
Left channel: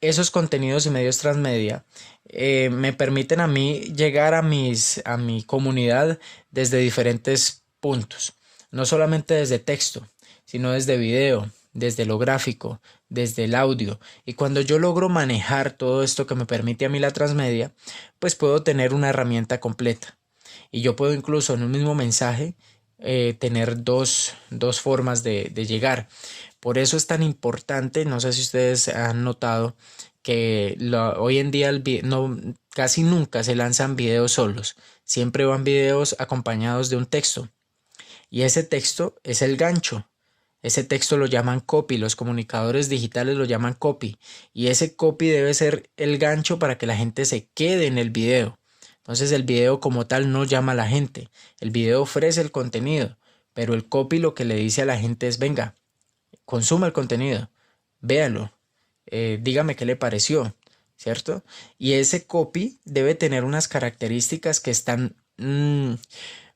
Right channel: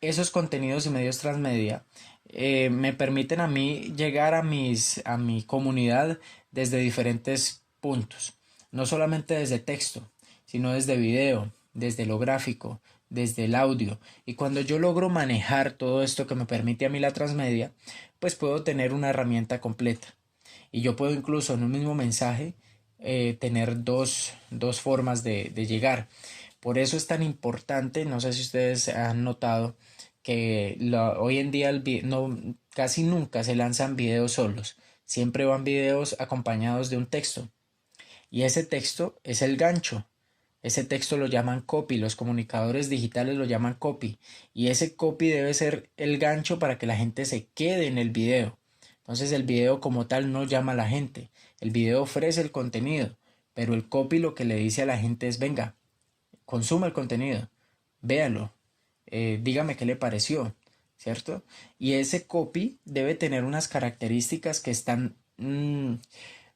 esos contenidos y medios transmedia me permiten a mí llegar a mi comunidad desde diferentes puntos, no solamente desde texto, sino desde video, desde lo gráfico, desde el audio. Y cuando yo logro manejar todo esto que me permite a mí la transmedia, pues puedo tener una herramienta completa. Y yo puedo incluso en un mismo mensaje tener dos formas de llegar. Por eso es tan importante, no sé si ustedes han notado que hoy en día no, casi nunca se lanzan videos solos, siempre van videos acompañados de un texto y ese texto es el gancho. Ese texto lo llaman copy, los comunicadores digitales lo llaman copy y ese copy debe ser el gancho para que la gente se quede en el video. Entonces el video como tal no llama a la gente, el video ofrece el contenido, pero el copy lo que le dice a la gente es venga, consuma el contenido, véalo, dígame qué le pareció, ¿cierto? Y ese copy debe tener unas características que están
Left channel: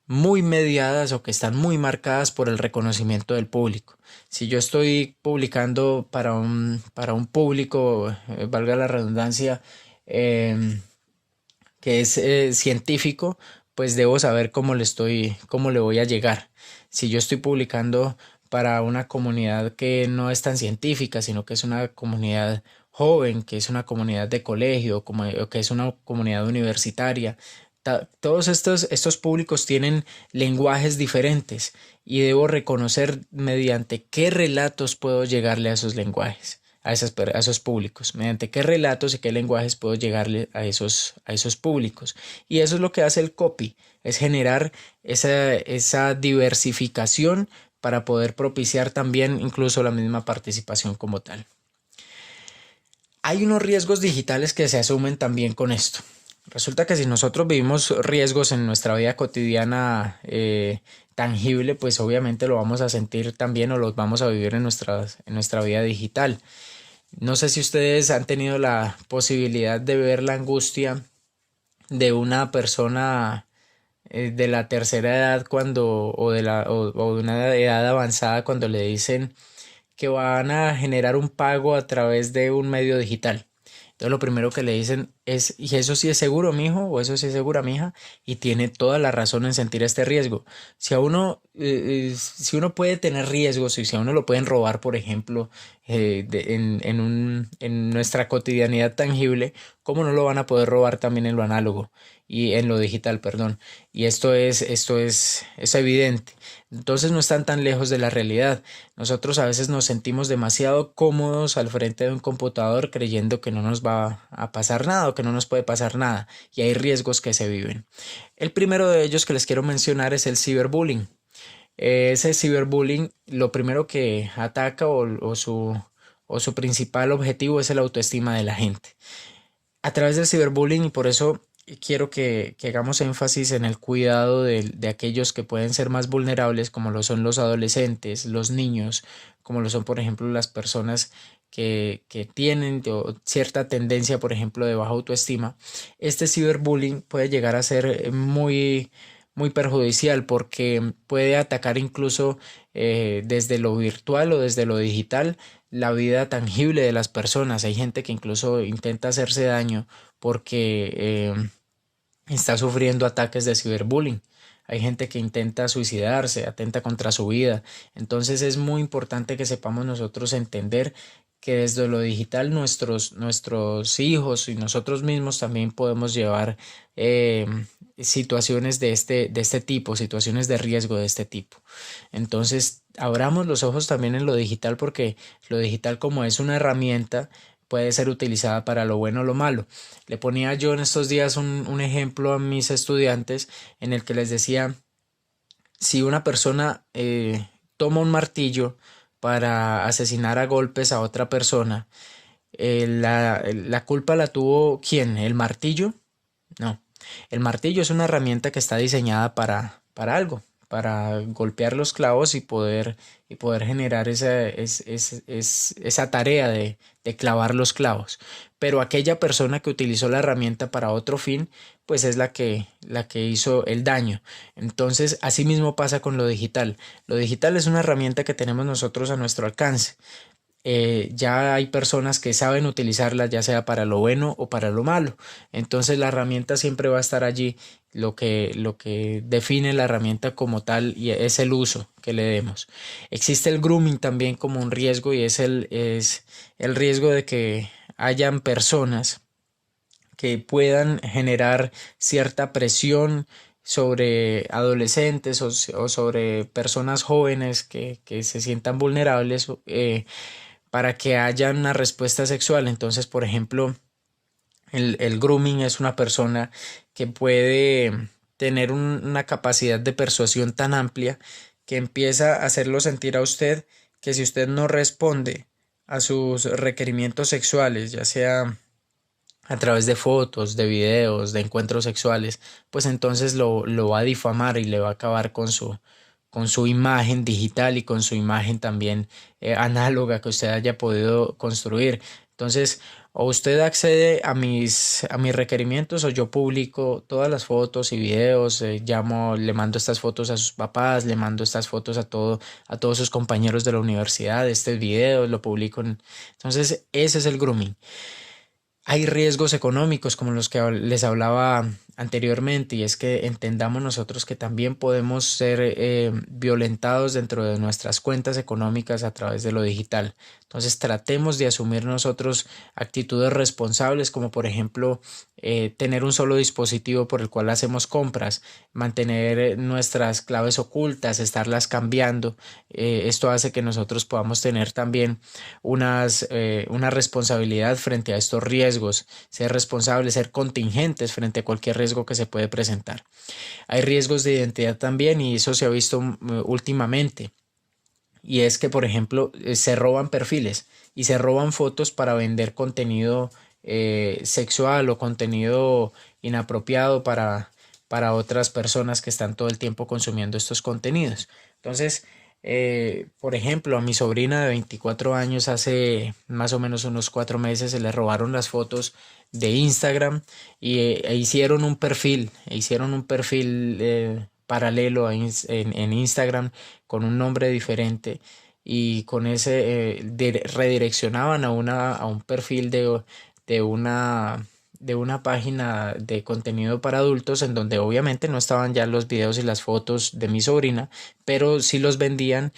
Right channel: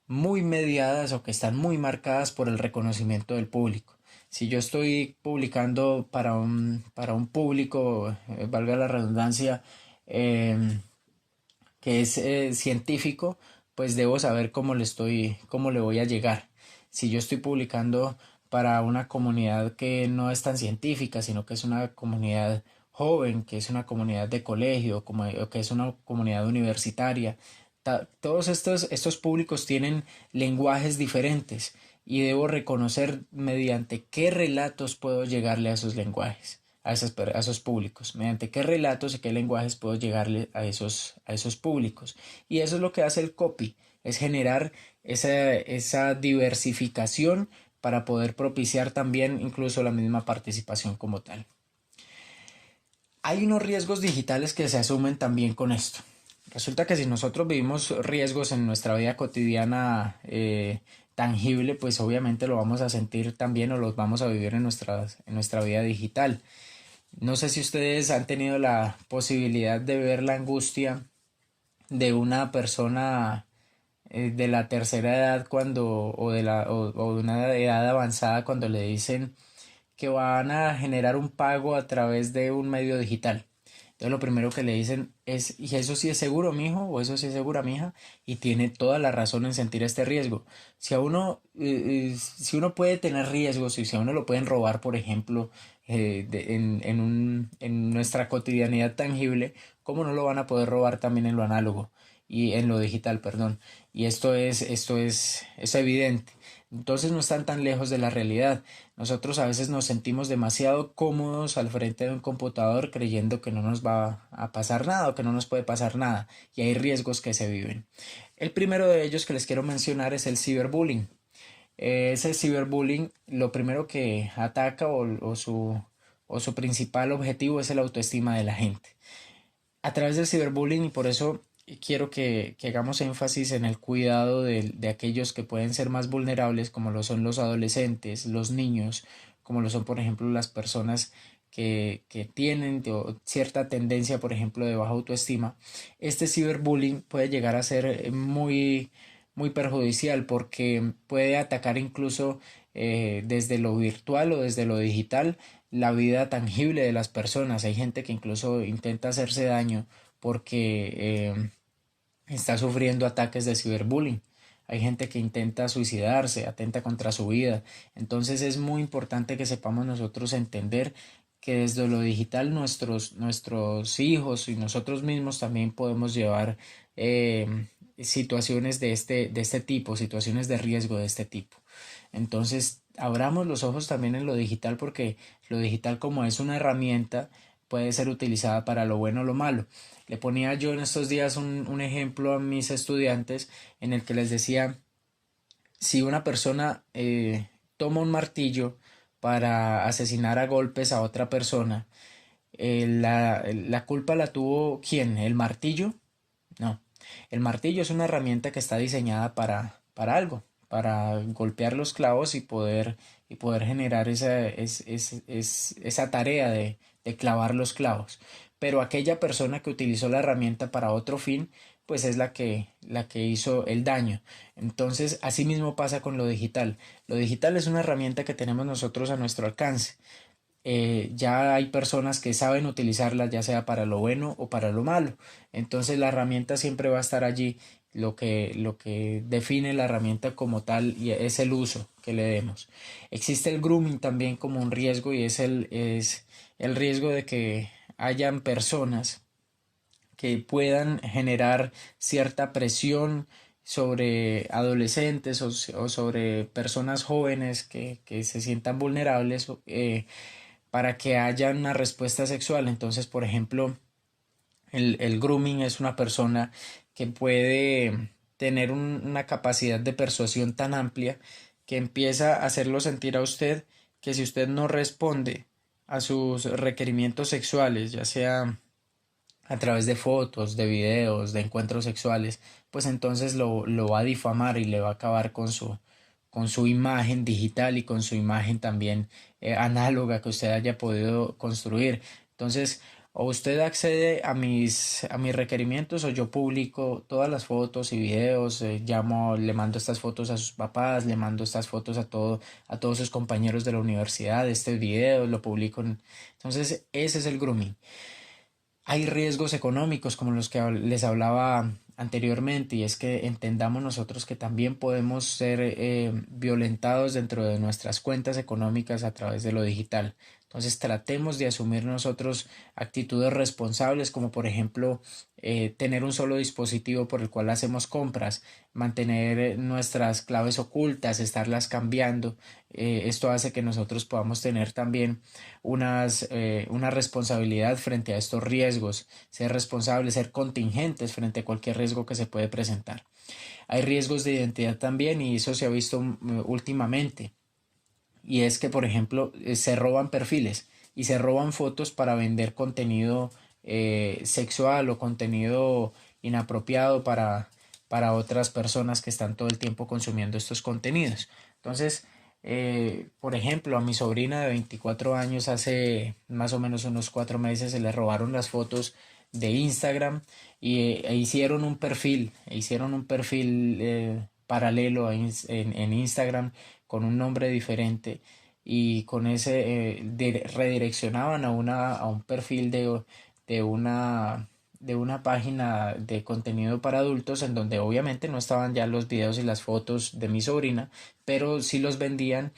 muy mediadas o que están muy marcadas por el reconocimiento del público. Si yo estoy publicando para un público, valga la redundancia, em, que es científico, pues debo saber cómo le voy a llegar. Si yo estoy publicando para una comunidad que no es tan científica, sino que es una comunidad joven, que es una comunidad de colegio, o que es una comunidad universitaria, todos estos públicos tienen lenguajes diferentes y debo reconocer mediante qué relatos puedo llegarle a esos lenguajes, a esos públicos, mediante qué relatos y qué lenguajes puedo llegarle a esos públicos. Y eso es lo que hace el copy, es generar esa diversificación para poder propiciar también incluso la misma participación como tal. Hay unos riesgos digitales que se asumen también con esto. Resulta que si nosotros vivimos riesgos en nuestra vida cotidiana tangible, pues obviamente lo vamos a sentir también o los vamos a vivir en nuestra vida digital. No sé si ustedes han tenido la posibilidad de ver la angustia de una persona de la tercera edad o de una edad avanzada cuando le dicen que van a generar un pago a través de un medio digital. Entonces lo primero que le dicen es, ¿y eso sí es seguro, mijo? ¿O eso sí es segura, mija? Y tiene toda la razón en sentir este riesgo. Si uno puede tener riesgos y si a uno lo pueden robar, por ejemplo, en nuestra cotidianidad tangible, ¿cómo no lo van a poder robar también en lo análogo y en lo digital, perdón? Y es evidente. Entonces no están tan lejos de la realidad. Nosotros a veces nos sentimos demasiado cómodos al frente de un computador creyendo que no nos va a pasar nada o que no nos puede pasar nada y hay riesgos que se viven. El primero de ellos que les quiero mencionar es el ciberbullying. Ese ciberbullying lo primero que ataca o su principal objetivo es el autoestima de la gente. A través del ciberbullying y por eso quiero que hagamos énfasis en el cuidado de aquellos que pueden ser más vulnerables, como lo son los adolescentes, los niños, como lo son, por ejemplo, las personas que tienen cierta tendencia, por ejemplo, de baja autoestima. Este ciberbullying puede llegar a ser muy perjudicial porque puede atacar incluso desde lo virtual o desde lo digital la vida tangible de las personas. Hay gente que incluso intenta hacerse daño porque está sufriendo ataques de ciberbullying. Hay gente que intenta suicidarse, atenta contra su vida. Entonces es muy importante que sepamos nosotros entender que desde lo digital nuestros hijos y nosotros mismos también podemos llevar situaciones de este tipo, situaciones de riesgo de este tipo. Entonces, abramos los ojos también en lo digital porque lo digital como es una herramienta puede ser utilizada para lo bueno o lo malo. Le ponía yo en estos días un ejemplo a mis estudiantes en el que les decía, si una persona toma un martillo para asesinar a golpes a otra persona, la culpa la tuvo ¿quién? ¿El martillo? No. El martillo es una herramienta que está diseñada para algo, para golpear los clavos y poder generar esa tarea de clavar los clavos. Pero aquella persona que utilizó la herramienta para otro fin, pues es la que hizo el daño. Entonces, así mismo pasa con lo digital. Lo digital es una herramienta que tenemos nosotros a nuestro alcance. Ya hay personas que saben utilizarla, ya sea para lo bueno o para lo malo. Entonces la herramienta siempre va a estar allí. Lo que define la herramienta como tal y es el uso que le demos. Existe el grooming también como un riesgo y es el riesgo de que hayan personas que puedan generar cierta presión sobre adolescentes o sobre personas jóvenes que se sientan vulnerables para que haya una respuesta sexual. Entonces, por ejemplo, el grooming es una persona que puede tener una capacidad de persuasión tan amplia que empieza a hacerlo sentir a usted que si usted no responde a sus requerimientos sexuales, ya sea a través de fotos, de videos, de encuentros sexuales, pues entonces lo va a difamar y le va a acabar con su imagen digital y con su imagen también análoga que usted haya podido construir. Entonces, o usted accede a mis requerimientos o yo publico todas las fotos y videos, llamo, le mando estas fotos a sus papás, le mando estas fotos a todos sus compañeros de la universidad, este video lo publico. Entonces, ese es el grooming. Hay riesgos económicos como los que les hablaba anteriormente y es que entendamos nosotros que también podemos ser violentados dentro de nuestras cuentas económicas a través de lo digital. Entonces tratemos de asumir nosotros actitudes responsables como por ejemplo tener un solo dispositivo por el cual hacemos compras, mantener nuestras claves ocultas, estarlas cambiando. Esto hace que nosotros podamos tener también una responsabilidad frente a estos riesgos, ser responsables, ser contingentes frente a cualquier riesgo que se puede presentar. Hay riesgos de identidad también y eso se ha visto últimamente. Y es que, por ejemplo, se roban perfiles y se roban fotos para vender contenido sexual o contenido inapropiado para otras personas que están todo el tiempo consumiendo estos contenidos. Entonces, por ejemplo, a mi sobrina de 24 años hace más o menos unos 4 meses se le robaron las fotos de Instagram e hicieron un perfil paralelo en Instagram con un nombre diferente y con ese redireccionaban a un perfil de de una página de contenido para adultos en donde obviamente no estaban ya los videos y las fotos de mi sobrina, pero sí los vendían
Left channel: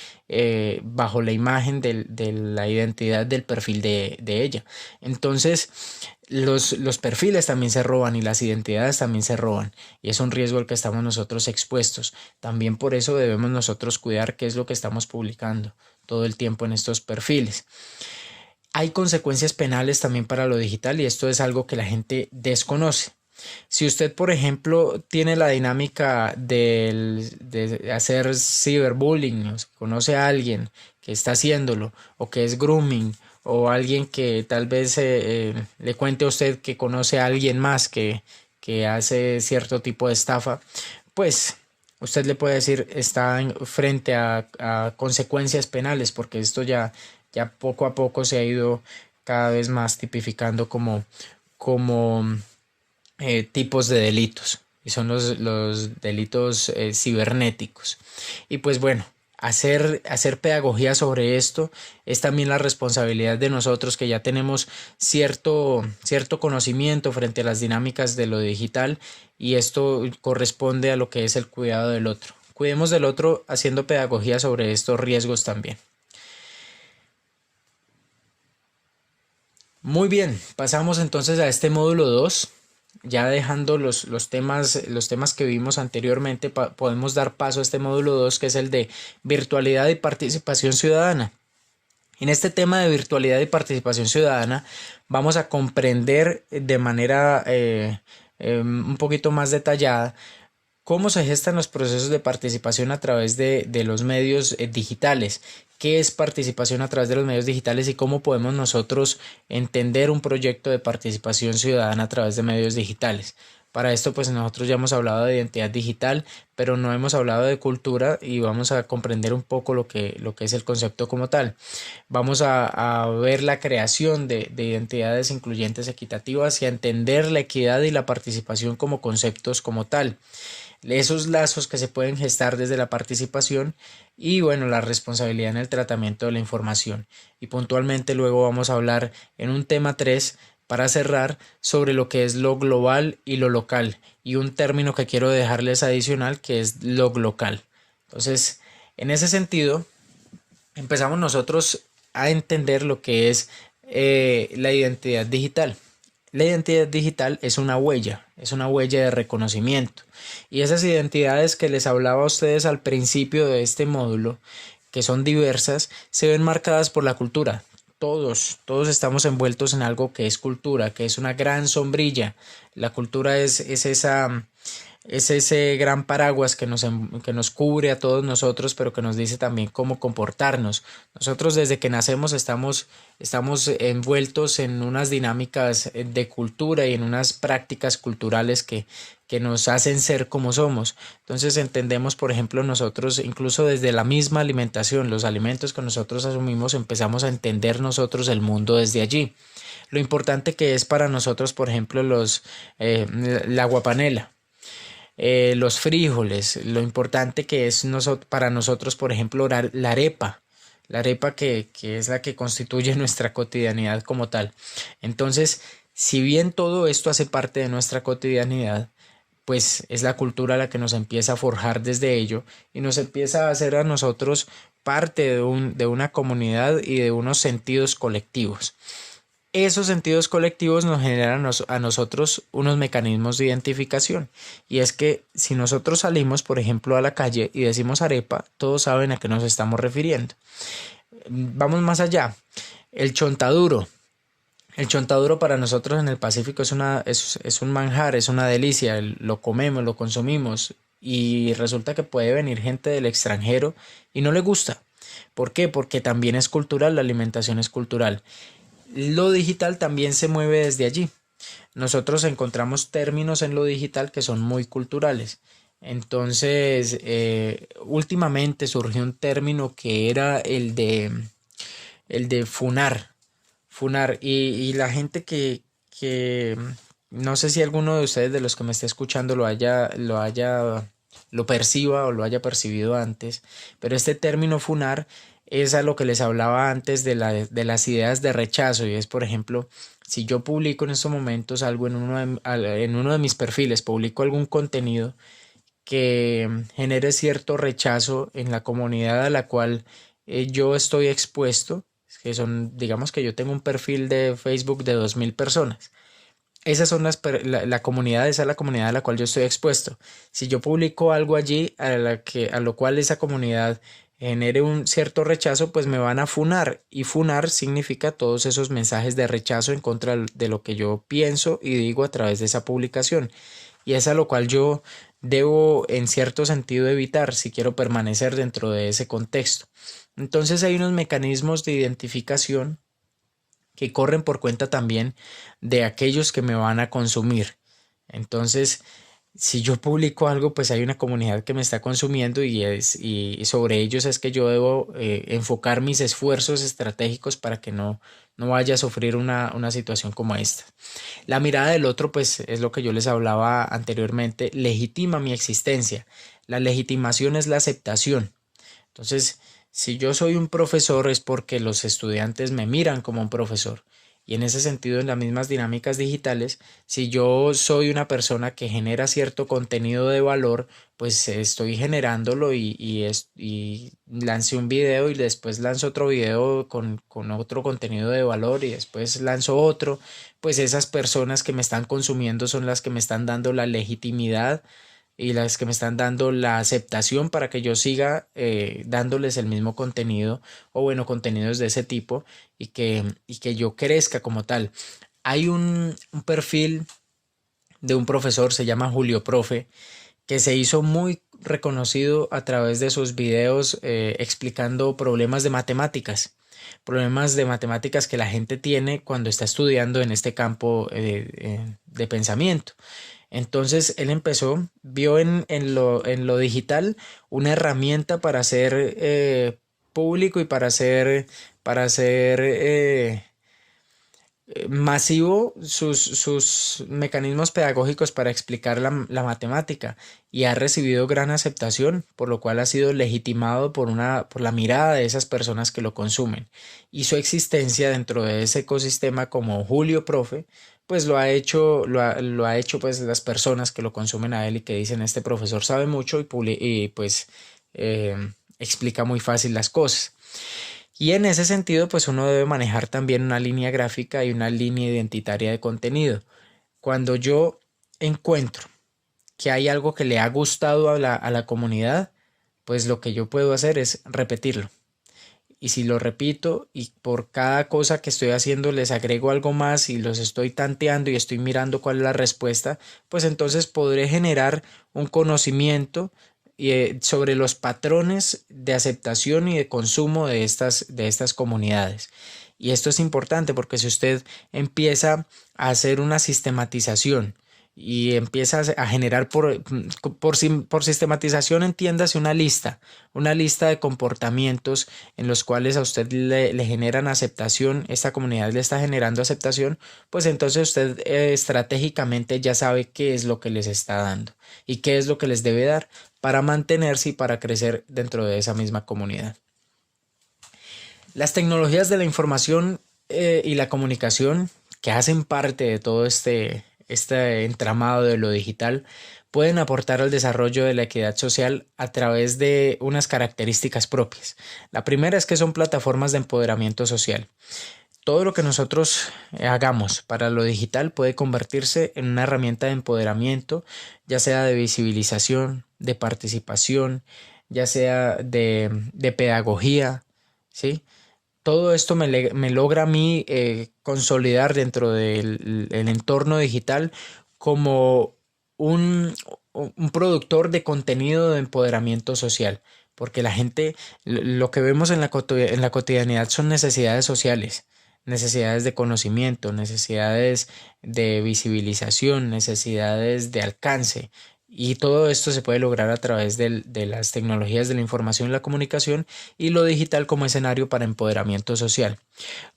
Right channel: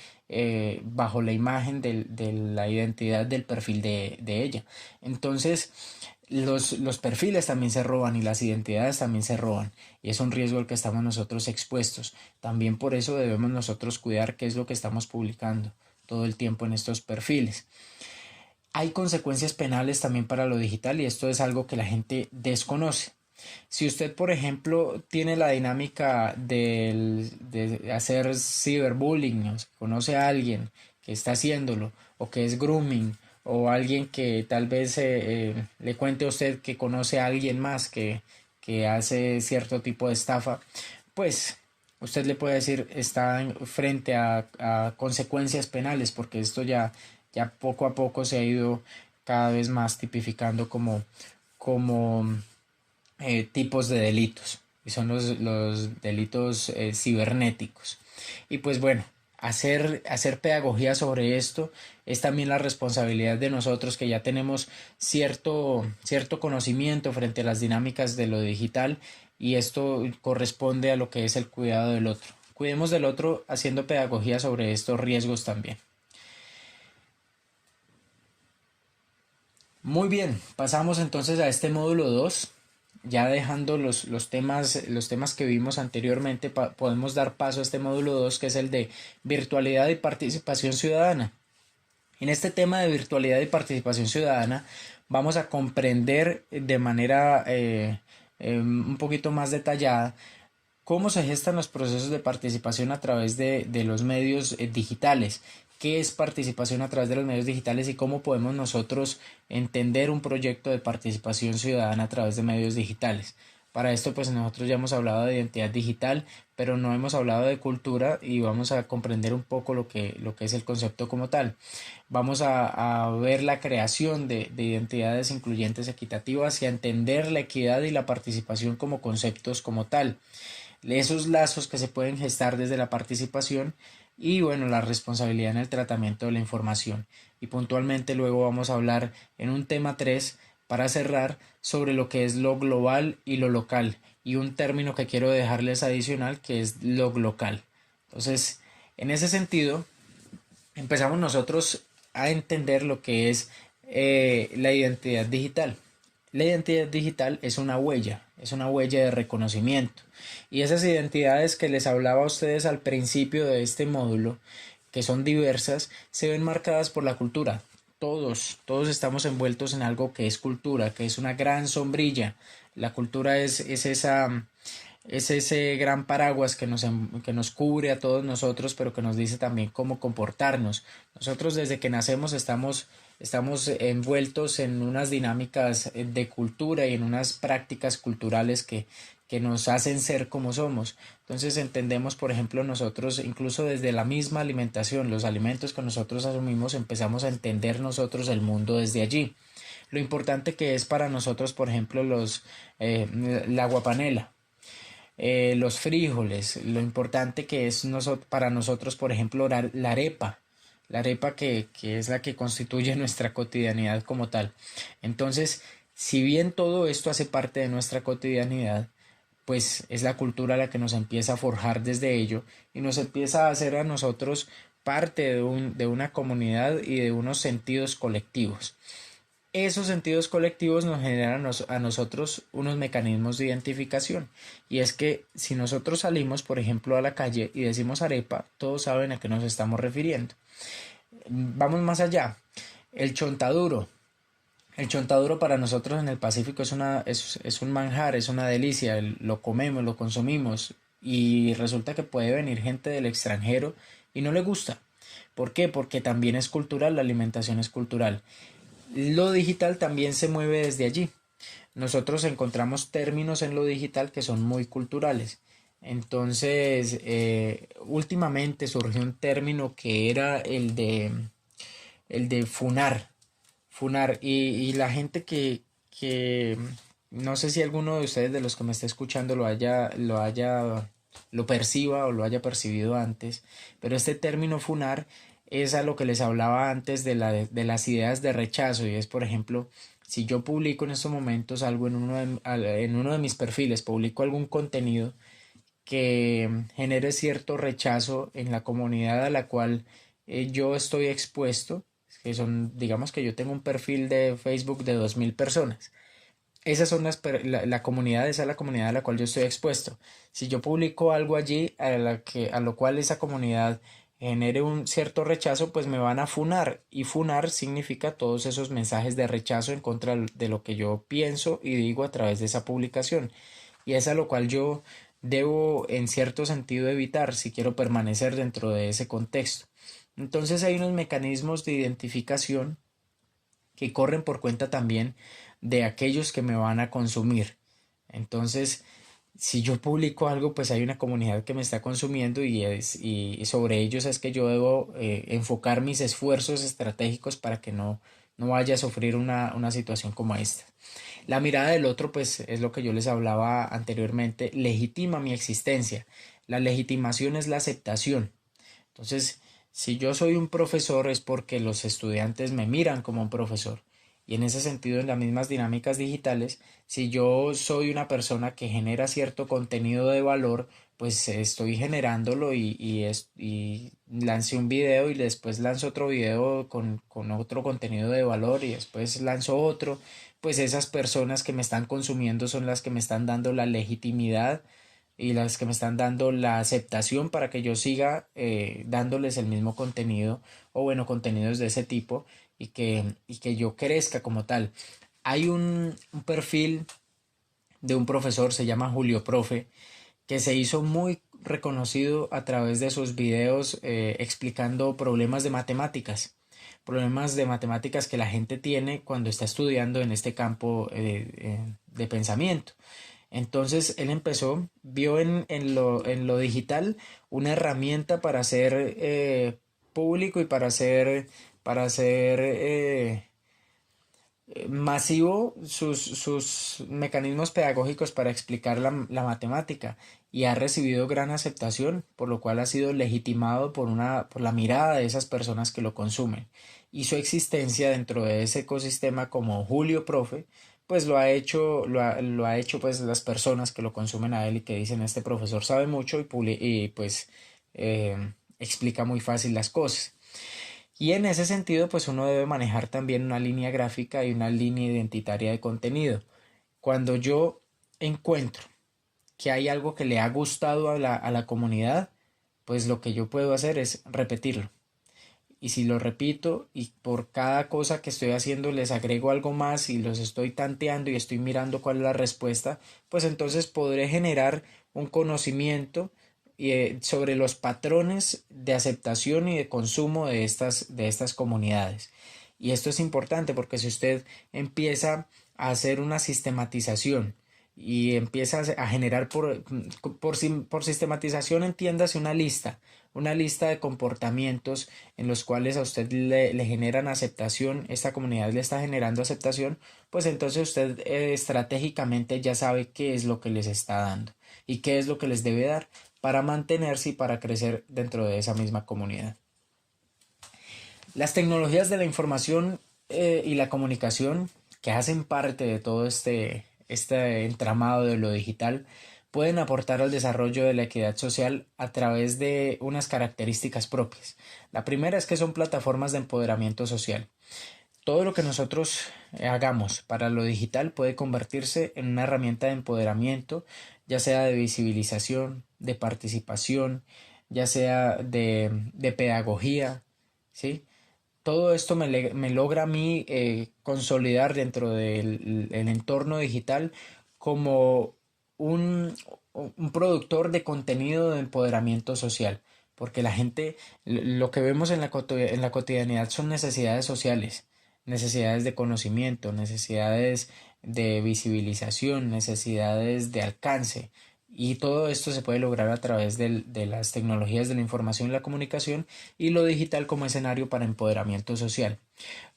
bajo la imagen de la identidad del perfil de ella. Entonces, los perfiles también se roban y las identidades también se roban y es un riesgo al que estamos nosotros expuestos. También por eso debemos nosotros cuidar qué es lo que estamos publicando todo el tiempo en estos perfiles. Hay consecuencias penales también para lo digital y esto es algo que la gente desconoce. Si usted, por ejemplo, tiene la dinámica de hacer ciberbullying, o sea, conoce a alguien que está haciéndolo o que es grooming o alguien que tal vez le cuente a usted que conoce a alguien más que hace cierto tipo de estafa, pues usted le puede decir está frente a consecuencias penales porque esto ya poco a poco se ha ido cada vez más tipificando como tipos de delitos y son los delitos cibernéticos. Y pues bueno, hacer pedagogía sobre esto es también la responsabilidad de nosotros que ya tenemos cierto conocimiento frente a las dinámicas de lo digital y esto corresponde a lo que es el cuidado del otro. Cuidemos del otro haciendo pedagogía sobre estos riesgos también. Muy bien, pasamos entonces a este módulo 2. Ya dejando los temas que vimos anteriormente, podemos dar paso a este módulo 2 que es el de virtualidad y participación ciudadana. En este tema de virtualidad y participación ciudadana vamos a comprender de manera un poquito más detallada cómo se gestan los procesos de participación a través de los medios digitales. ¿Qué es participación a través de los medios digitales y cómo podemos nosotros entender un proyecto de participación ciudadana a través de medios digitales? Para esto pues nosotros ya hemos hablado de identidad digital, pero no hemos hablado de cultura y vamos a comprender un poco lo que es el concepto como tal. Vamos a ver la creación de identidades incluyentes equitativas y a entender la equidad y la participación como conceptos como tal, esos lazos que se pueden gestar desde la participación y bueno, la responsabilidad en el tratamiento de la información. Y puntualmente luego vamos a hablar en un tema 3 para cerrar sobre lo que es lo global y lo local y un término que quiero dejarles adicional que es lo local. Entonces, en ese sentido, empezamos nosotros a entender lo que es la identidad digital. La identidad digital es una huella de reconocimiento. Y esas identidades que les hablaba a ustedes al principio de este módulo, que son diversas, se ven marcadas por la cultura. Todos estamos envueltos en algo que es cultura, que es una gran sombrilla. La cultura es ese gran paraguas que nos cubre a todos nosotros, pero que nos dice también cómo comportarnos. Nosotros desde que nacemos estamos envueltos en unas dinámicas de cultura y en unas prácticas culturales que nos hacen ser como somos. Entonces entendemos, por ejemplo, nosotros incluso desde la misma alimentación, los alimentos que nosotros asumimos, empezamos a entender nosotros el mundo desde allí. Lo importante que es para nosotros, por ejemplo, la guapanela, los frijoles, lo importante que es para nosotros, por ejemplo, la arepa que es la que constituye nuestra cotidianidad como tal. Entonces, si bien todo esto hace parte de nuestra cotidianidad, pues es la cultura la que nos empieza a forjar desde ello y nos empieza a hacer a nosotros parte de una comunidad y de unos sentidos colectivos. Esos sentidos colectivos nos generan a nosotros unos mecanismos de identificación. Y es que si nosotros salimos, por ejemplo, a la calle y decimos arepa, todos saben a qué nos estamos refiriendo. Vamos más allá. El chontaduro. El chontaduro para nosotros en el Pacífico es un manjar, es una delicia. Lo comemos, lo consumimos. Y resulta que puede venir gente del extranjero y no le gusta. ¿Por qué? Porque también es cultural, la alimentación es cultural. Lo digital también se mueve desde allí. Nosotros encontramos términos en lo digital que son muy culturales. Entonces, últimamente surgió un término que era el de funar. Funar. Y la gente que no sé si alguno de ustedes de los que me está escuchando lo perciba o lo haya percibido antes, pero este término funar es a lo que les hablaba antes de las ideas de rechazo y es, por ejemplo, si yo publico en estos momentos algo en uno de mis perfiles, publico algún contenido que genere cierto rechazo en la comunidad a la cual yo estoy expuesto, que son, digamos que yo tengo un perfil de Facebook de 2000 personas. Esas son la comunidad, esa es la comunidad a la cual yo estoy expuesto. Si yo publico algo allí a lo cual esa comunidad genere un cierto rechazo, pues me van a funar. Y funar significa todos esos mensajes de rechazo en contra de lo que yo pienso y digo a través de esa publicación. Y es a lo cual yo debo en cierto sentido evitar si quiero permanecer dentro de ese contexto. Entonces hay unos mecanismos de identificación que corren por cuenta también de aquellos que me van a consumir. Entonces, si yo publico algo, pues hay una comunidad que me está consumiendo y sobre ellos es que yo debo enfocar mis esfuerzos estratégicos para que no vaya a sufrir una situación como esta. La mirada del otro, pues es lo que yo les hablaba anteriormente, legitima mi existencia. La legitimación es la aceptación. Entonces, si yo soy un profesor es porque los estudiantes me miran como un profesor. Y en ese sentido, en las mismas dinámicas digitales, si yo soy una persona que genera cierto contenido de valor, pues estoy generándolo y lance un video y después lanzo otro video con otro contenido de valor y después lanzo otro, pues esas personas que me están consumiendo son las que me están dando la legitimidad y las que me están dando la aceptación para que yo siga dándoles el mismo contenido o bueno, contenidos de ese tipo y que yo crezca como tal. Hay un perfil de un profesor, se llama Julio Profe, que se hizo muy reconocido a través de sus videos explicando problemas de matemáticas que la gente tiene cuando está estudiando en este campo de pensamiento. Entonces él vio en lo digital una herramienta para hacer público y para hacer masivo sus mecanismos pedagógicos para explicar la matemática y ha recibido gran aceptación, por lo cual ha sido legitimado por la mirada de esas personas que lo consumen. Y su existencia dentro de ese ecosistema como Julio Profe, pues lo ha hecho pues las personas que lo consumen a él y que dicen este profesor sabe mucho y pues explica muy fácil las cosas. Y en ese sentido, pues uno debe manejar también una línea gráfica y una línea identitaria de contenido. Cuando yo encuentro que hay algo que le ha gustado a la comunidad, pues lo que yo puedo hacer es repetirlo. Y si lo repito y por cada cosa que estoy haciendo les agrego algo más y los estoy tanteando y estoy mirando cuál es la respuesta, pues entonces podré generar un conocimiento sobre los patrones de aceptación y de consumo de estas comunidades. Y esto es importante porque si usted empieza a hacer una sistematización y empieza a generar por sistematización, entiéndase una lista de comportamientos en los cuales a usted le generan aceptación, esta comunidad le está generando aceptación, pues entonces usted estratégicamente ya sabe qué es lo que les está dando y qué es lo que les debe dar para mantenerse y para crecer dentro de esa misma comunidad. Las tecnologías de la información y la comunicación que hacen parte de todo este entramado de lo digital pueden aportar al desarrollo de la equidad social a través de unas características propias. La primera es que son plataformas de empoderamiento social. Todo lo que nosotros hagamos para lo digital puede convertirse en una herramienta de empoderamiento, ya sea de visibilización, de participación, ya sea de pedagogía, ¿sí? Todo esto me logra a mí consolidar dentro del el entorno digital como un, un productor de contenido de empoderamiento social, porque la gente, lo que vemos en la cotidianidad son necesidades sociales, necesidades de conocimiento, necesidades de visibilización, necesidades de alcance. Y todo esto se puede lograr a través de las tecnologías de la información y la comunicación y lo digital como escenario para empoderamiento social.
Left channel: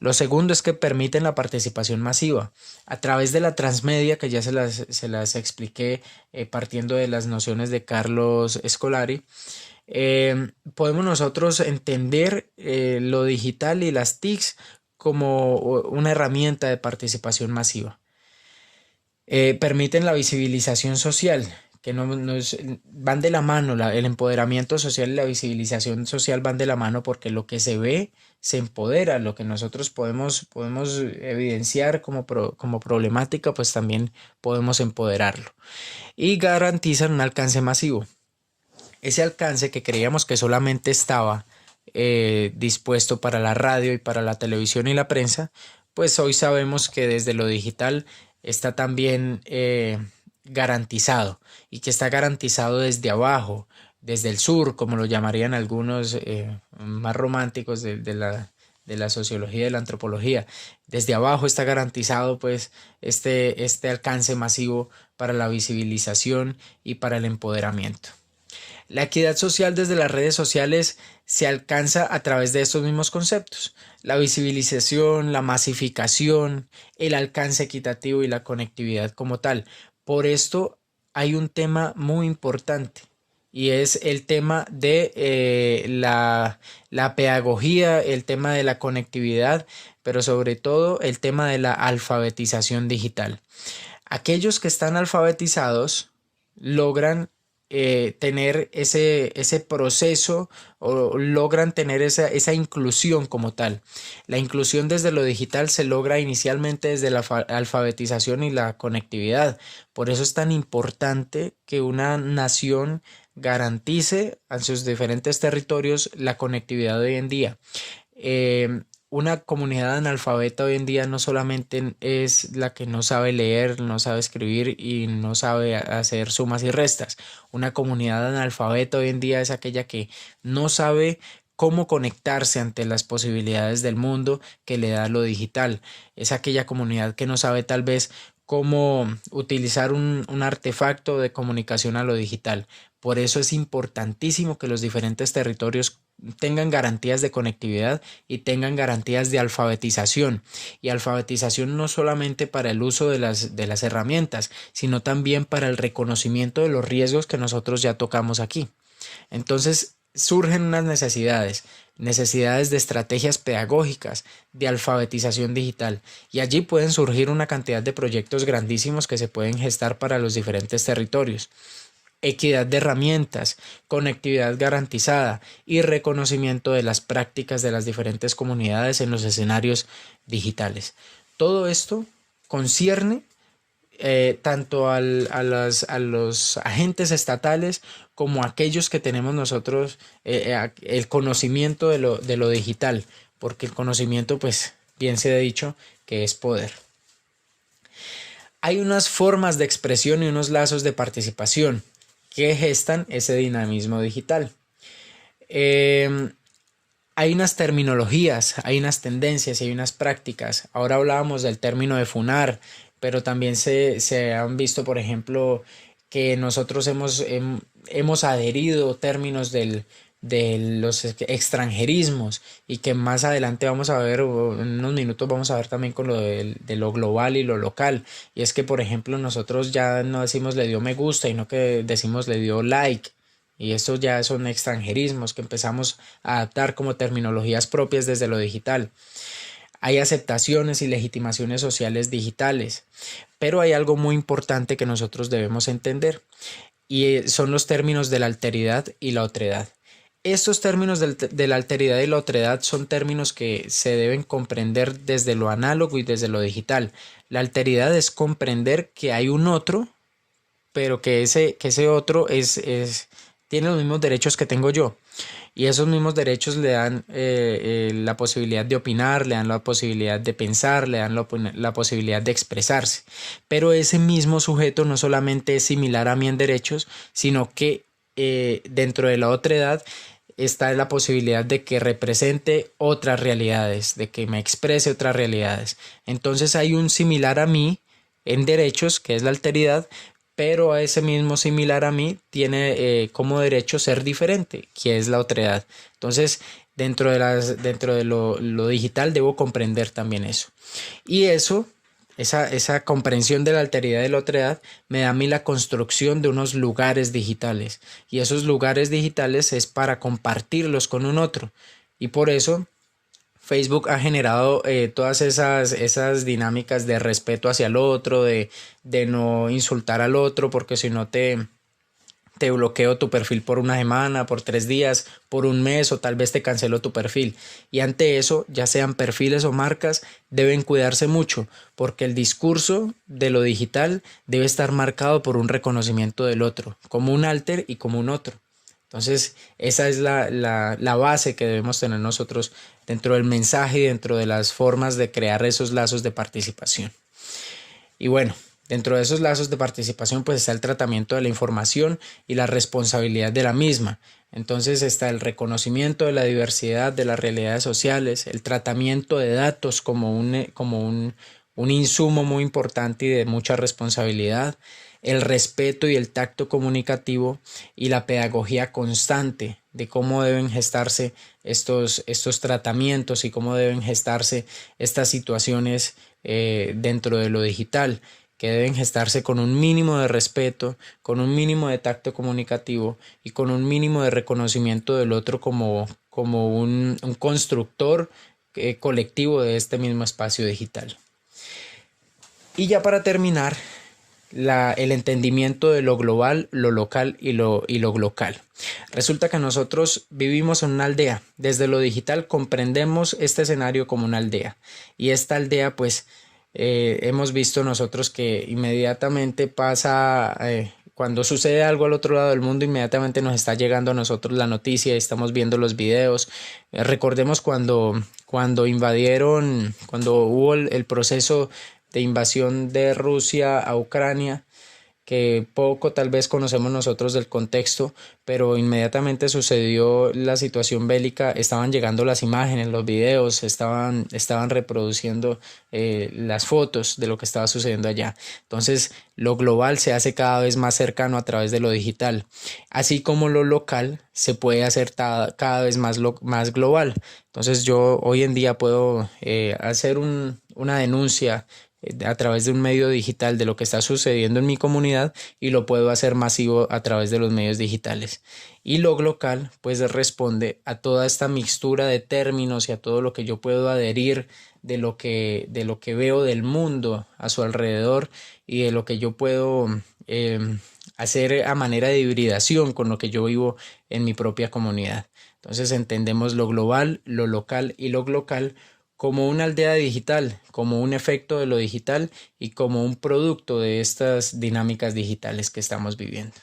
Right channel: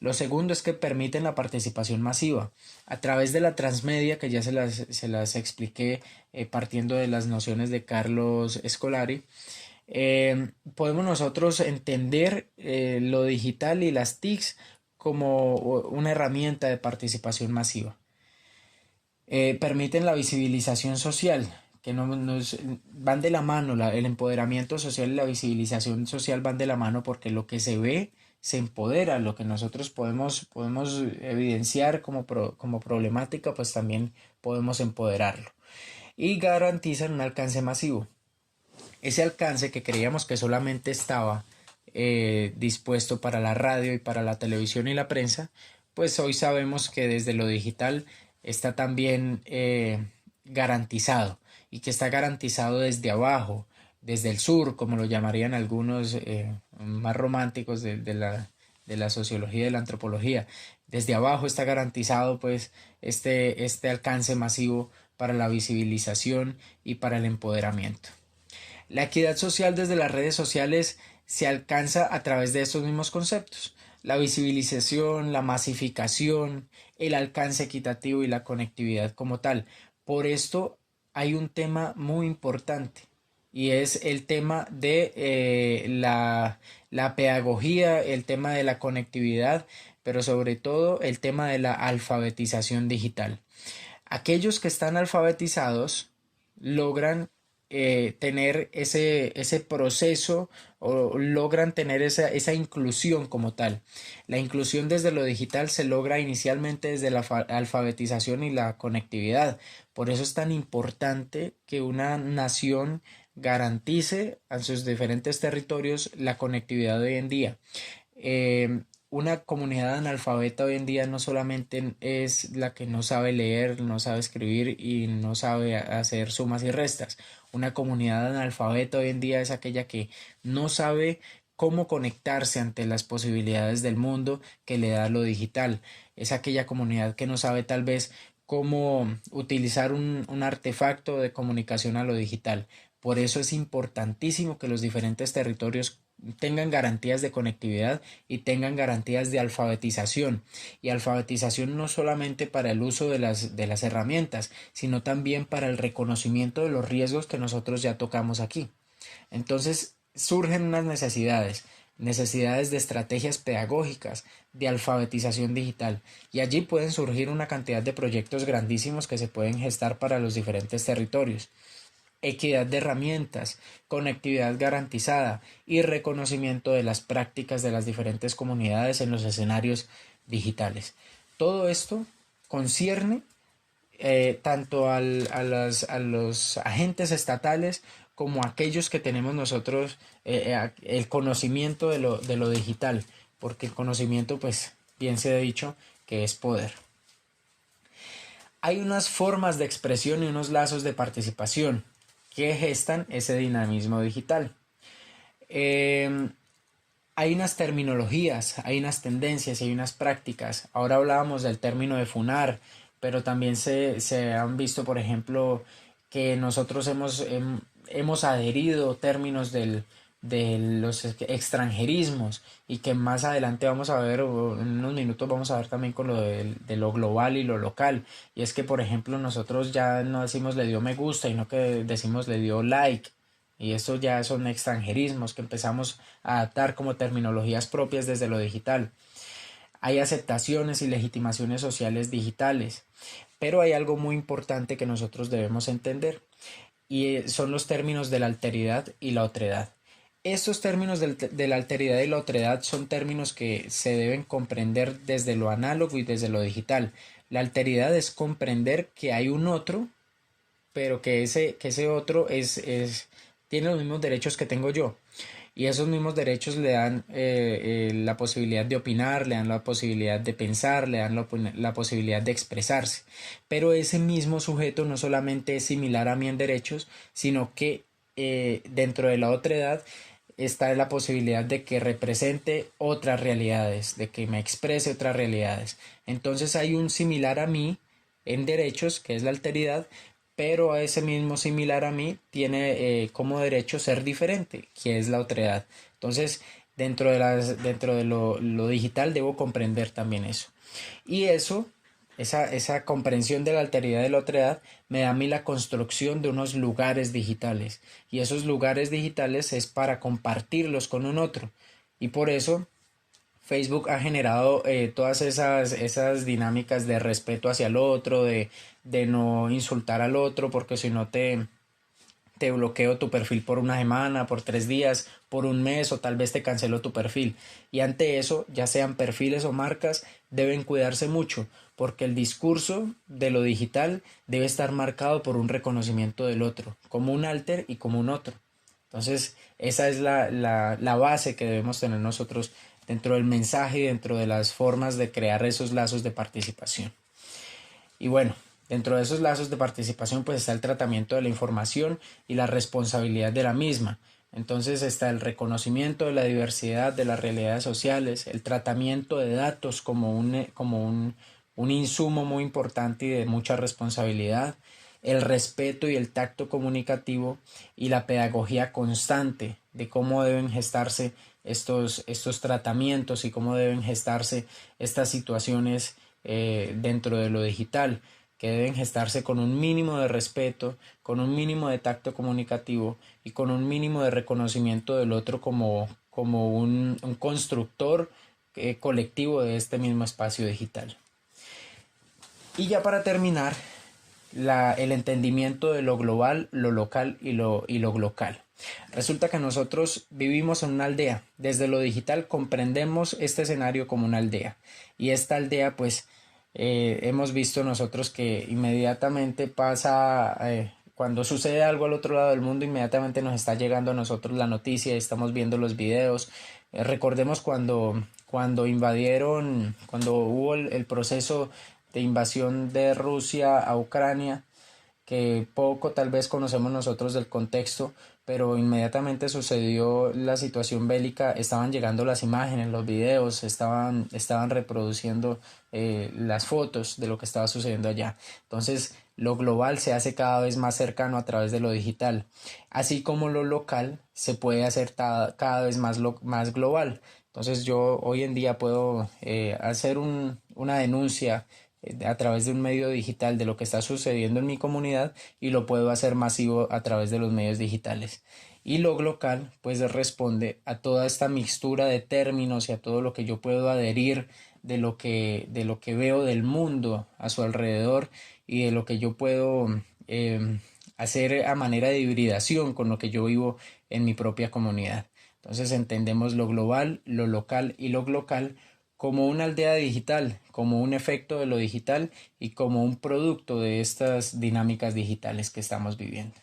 Lo segundo es que permiten la participación masiva a través de la transmedia, que ya se las expliqué partiendo de las nociones de Carlos Escolari. Podemos nosotros entender lo digital y las TICs como una herramienta de participación masiva. Permiten la visibilización social, que van de la mano, el empoderamiento social y la visibilización social van de la mano porque lo que se ve se empodera, lo que nosotros podemos evidenciar como problemática, pues también podemos empoderarlo. Y garantizan un alcance masivo. Ese alcance que creíamos que solamente estaba dispuesto para la radio y para la televisión y la prensa, pues hoy sabemos que desde lo digital está también garantizado y que está garantizado desde abajo, desde el sur, como lo llamarían algunos más románticos de la sociología y de la antropología. Desde abajo está garantizado pues este alcance masivo para la visibilización y para el empoderamiento. La equidad social desde las redes sociales se alcanza a través de estos mismos conceptos: la visibilización, la masificación, el alcance equitativo y la conectividad como tal. Por esto hay un tema muy importante y es el tema de la pedagogía, el tema de la conectividad, pero sobre todo el tema de la alfabetización digital. Aquellos que están alfabetizados logran tener ese proceso o logran tener esa inclusión como tal. La inclusión desde lo digital se logra inicialmente desde la alfabetización y la conectividad. Por eso es tan importante que una nación garantice a sus diferentes territorios la conectividad de hoy en día. Una comunidad analfabeta hoy en día no solamente es la que no sabe leer, no sabe escribir y no sabe hacer sumas y restas. Una comunidad analfabeta hoy en día es aquella que no sabe cómo conectarse ante las posibilidades del mundo que le da lo digital. Es aquella comunidad que no sabe tal vez cómo utilizar un artefacto de comunicación a lo digital. Por eso es importantísimo que los diferentes territorios tengan garantías de conectividad y tengan garantías de alfabetización. Y alfabetización no solamente para el uso de las herramientas, sino también para el reconocimiento de los riesgos que nosotros ya tocamos aquí. Entonces surgen unas necesidades de estrategias pedagógicas, de alfabetización digital, y allí pueden surgir una cantidad de proyectos grandísimos que se pueden gestar para los diferentes territorios. Equidad de herramientas, conectividad garantizada y reconocimiento de las prácticas de las diferentes comunidades en los escenarios digitales. Todo esto concierne tanto a los agentes estatales como a aquellos que tenemos nosotros el conocimiento de lo digital, porque el conocimiento, pues bien se ha dicho, que es poder. Hay unas formas de expresión y unos lazos de participación que gestan ese dinamismo digital. Hay unas terminologías, hay unas tendencias y hay unas prácticas. Ahora hablábamos del término de funar, pero también se han visto, por ejemplo, que nosotros hemos adherido términos de los extranjerismos y que más adelante vamos a ver, o en unos minutos vamos a ver también con lo de lo global y lo local. Y es que, por ejemplo, nosotros ya no decimos le dio me gusta, sino que decimos le dio like. Y eso ya son extranjerismos que empezamos a adaptar como terminologías propias desde lo digital. Hay aceptaciones y legitimaciones sociales digitales, pero hay algo muy importante que nosotros debemos entender y son los términos de la alteridad y la otredad. Estos términos de la alteridad y la otredad son términos que se deben comprender desde lo análogo y desde lo digital. La alteridad es comprender que hay un otro, pero que ese otro tiene los mismos derechos que tengo yo. Y esos mismos derechos le dan la posibilidad de opinar, le dan la posibilidad de pensar, le dan la posibilidad de expresarse. Pero ese mismo sujeto no solamente es similar a mí en derechos, sino que dentro de la otredad está la posibilidad de que represente otras realidades, de que me exprese otras realidades. Entonces hay un similar a mí en derechos, que es la alteridad, pero a ese mismo similar a mí tiene como derecho ser diferente, que es la otredad. Entonces, dentro de lo digital debo comprender también eso. Y esa comprensión de la alteridad y de la otredad me da a mí la construcción de unos lugares digitales. Y esos lugares digitales es para compartirlos con un otro. Y por eso Facebook ha generado todas esas dinámicas de respeto hacia el otro, de no insultar al otro, porque si no te bloqueo tu perfil por una semana, por 3 días, por un mes o tal vez te cancelo tu perfil. Y ante eso, ya sean perfiles o marcas, deben cuidarse mucho, porque el discurso de lo digital debe estar marcado por un reconocimiento del otro, como un alter y como un otro. Entonces, esa es la base que debemos tener nosotros dentro del mensaje y dentro de las formas de crear esos lazos de participación. Y bueno, dentro de esos lazos de participación pues está el tratamiento de la información y la responsabilidad de la misma. Entonces está el reconocimiento de la diversidad de las realidades sociales, el tratamiento de datos como un insumo muy importante y de mucha responsabilidad, el respeto y el tacto comunicativo y la pedagogía constante de cómo deben gestarse estos tratamientos y cómo deben gestarse estas situaciones dentro de lo digital, que deben gestarse con un mínimo de respeto, con un mínimo de tacto comunicativo y con un mínimo de reconocimiento del otro como un constructor colectivo de este mismo espacio digital. Y ya para terminar, el entendimiento de lo global, lo local y lo local. Resulta que nosotros vivimos en una aldea. Desde lo digital comprendemos este escenario como una aldea. Y esta aldea, pues, hemos visto nosotros que inmediatamente pasa, cuando sucede algo al otro lado del mundo, inmediatamente nos está llegando a nosotros la noticia y estamos viendo los videos. Recordemos cuando invadieron, cuando hubo el proceso de invasión de Rusia a Ucrania, que poco tal vez conocemos nosotros del contexto, pero inmediatamente sucedió la situación bélica, estaban llegando las imágenes, los videos, estaban reproduciendo las fotos de lo que estaba sucediendo allá. Entonces, lo global se hace cada vez más cercano a través de lo digital, así como lo local se puede hacer cada vez más global. Entonces, yo hoy en día puedo hacer una denuncia a través de un medio digital de lo que está sucediendo en mi comunidad y lo puedo hacer masivo a través de los medios digitales. Y lo local pues responde a toda esta mixtura de términos y a todo lo que yo puedo adherir de lo que veo del mundo a su alrededor y de lo que yo puedo hacer a manera de hibridación con lo que yo vivo en mi propia comunidad. Entonces entendemos lo global, lo local y lo local como una aldea digital, como un efecto de lo digital y como un producto de estas dinámicas digitales que estamos viviendo.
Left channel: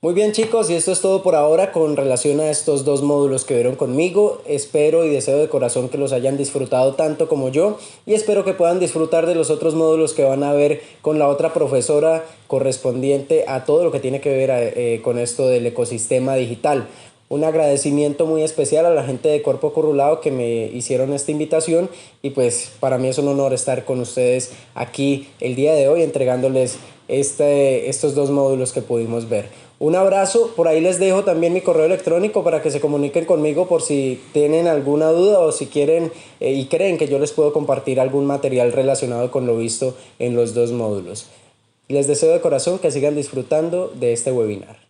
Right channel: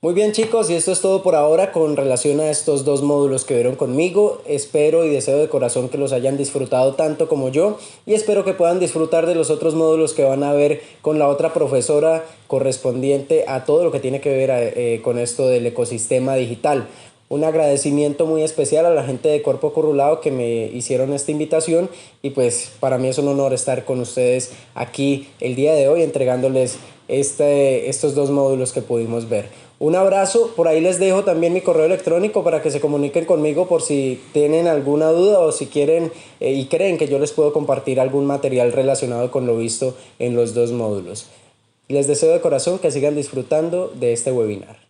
Muy bien chicos, y esto es todo por ahora con relación a estos dos módulos que vieron conmigo. Espero y deseo de corazón que los hayan disfrutado tanto como yo y espero que puedan disfrutar de los otros módulos que van a ver con la otra profesora correspondiente a todo lo que tiene que ver con esto del ecosistema digital. Un agradecimiento muy especial a la gente de Cuerpo Corrulado que me hicieron esta invitación y pues para mí es un honor estar con ustedes aquí el día de hoy entregándoles estos dos módulos que pudimos ver. Un abrazo, por ahí les dejo también mi correo electrónico para que se comuniquen conmigo por si tienen alguna duda o si quieren y creen que yo les puedo compartir algún material relacionado con lo visto en los dos módulos. Les deseo de corazón que sigan disfrutando de este webinar.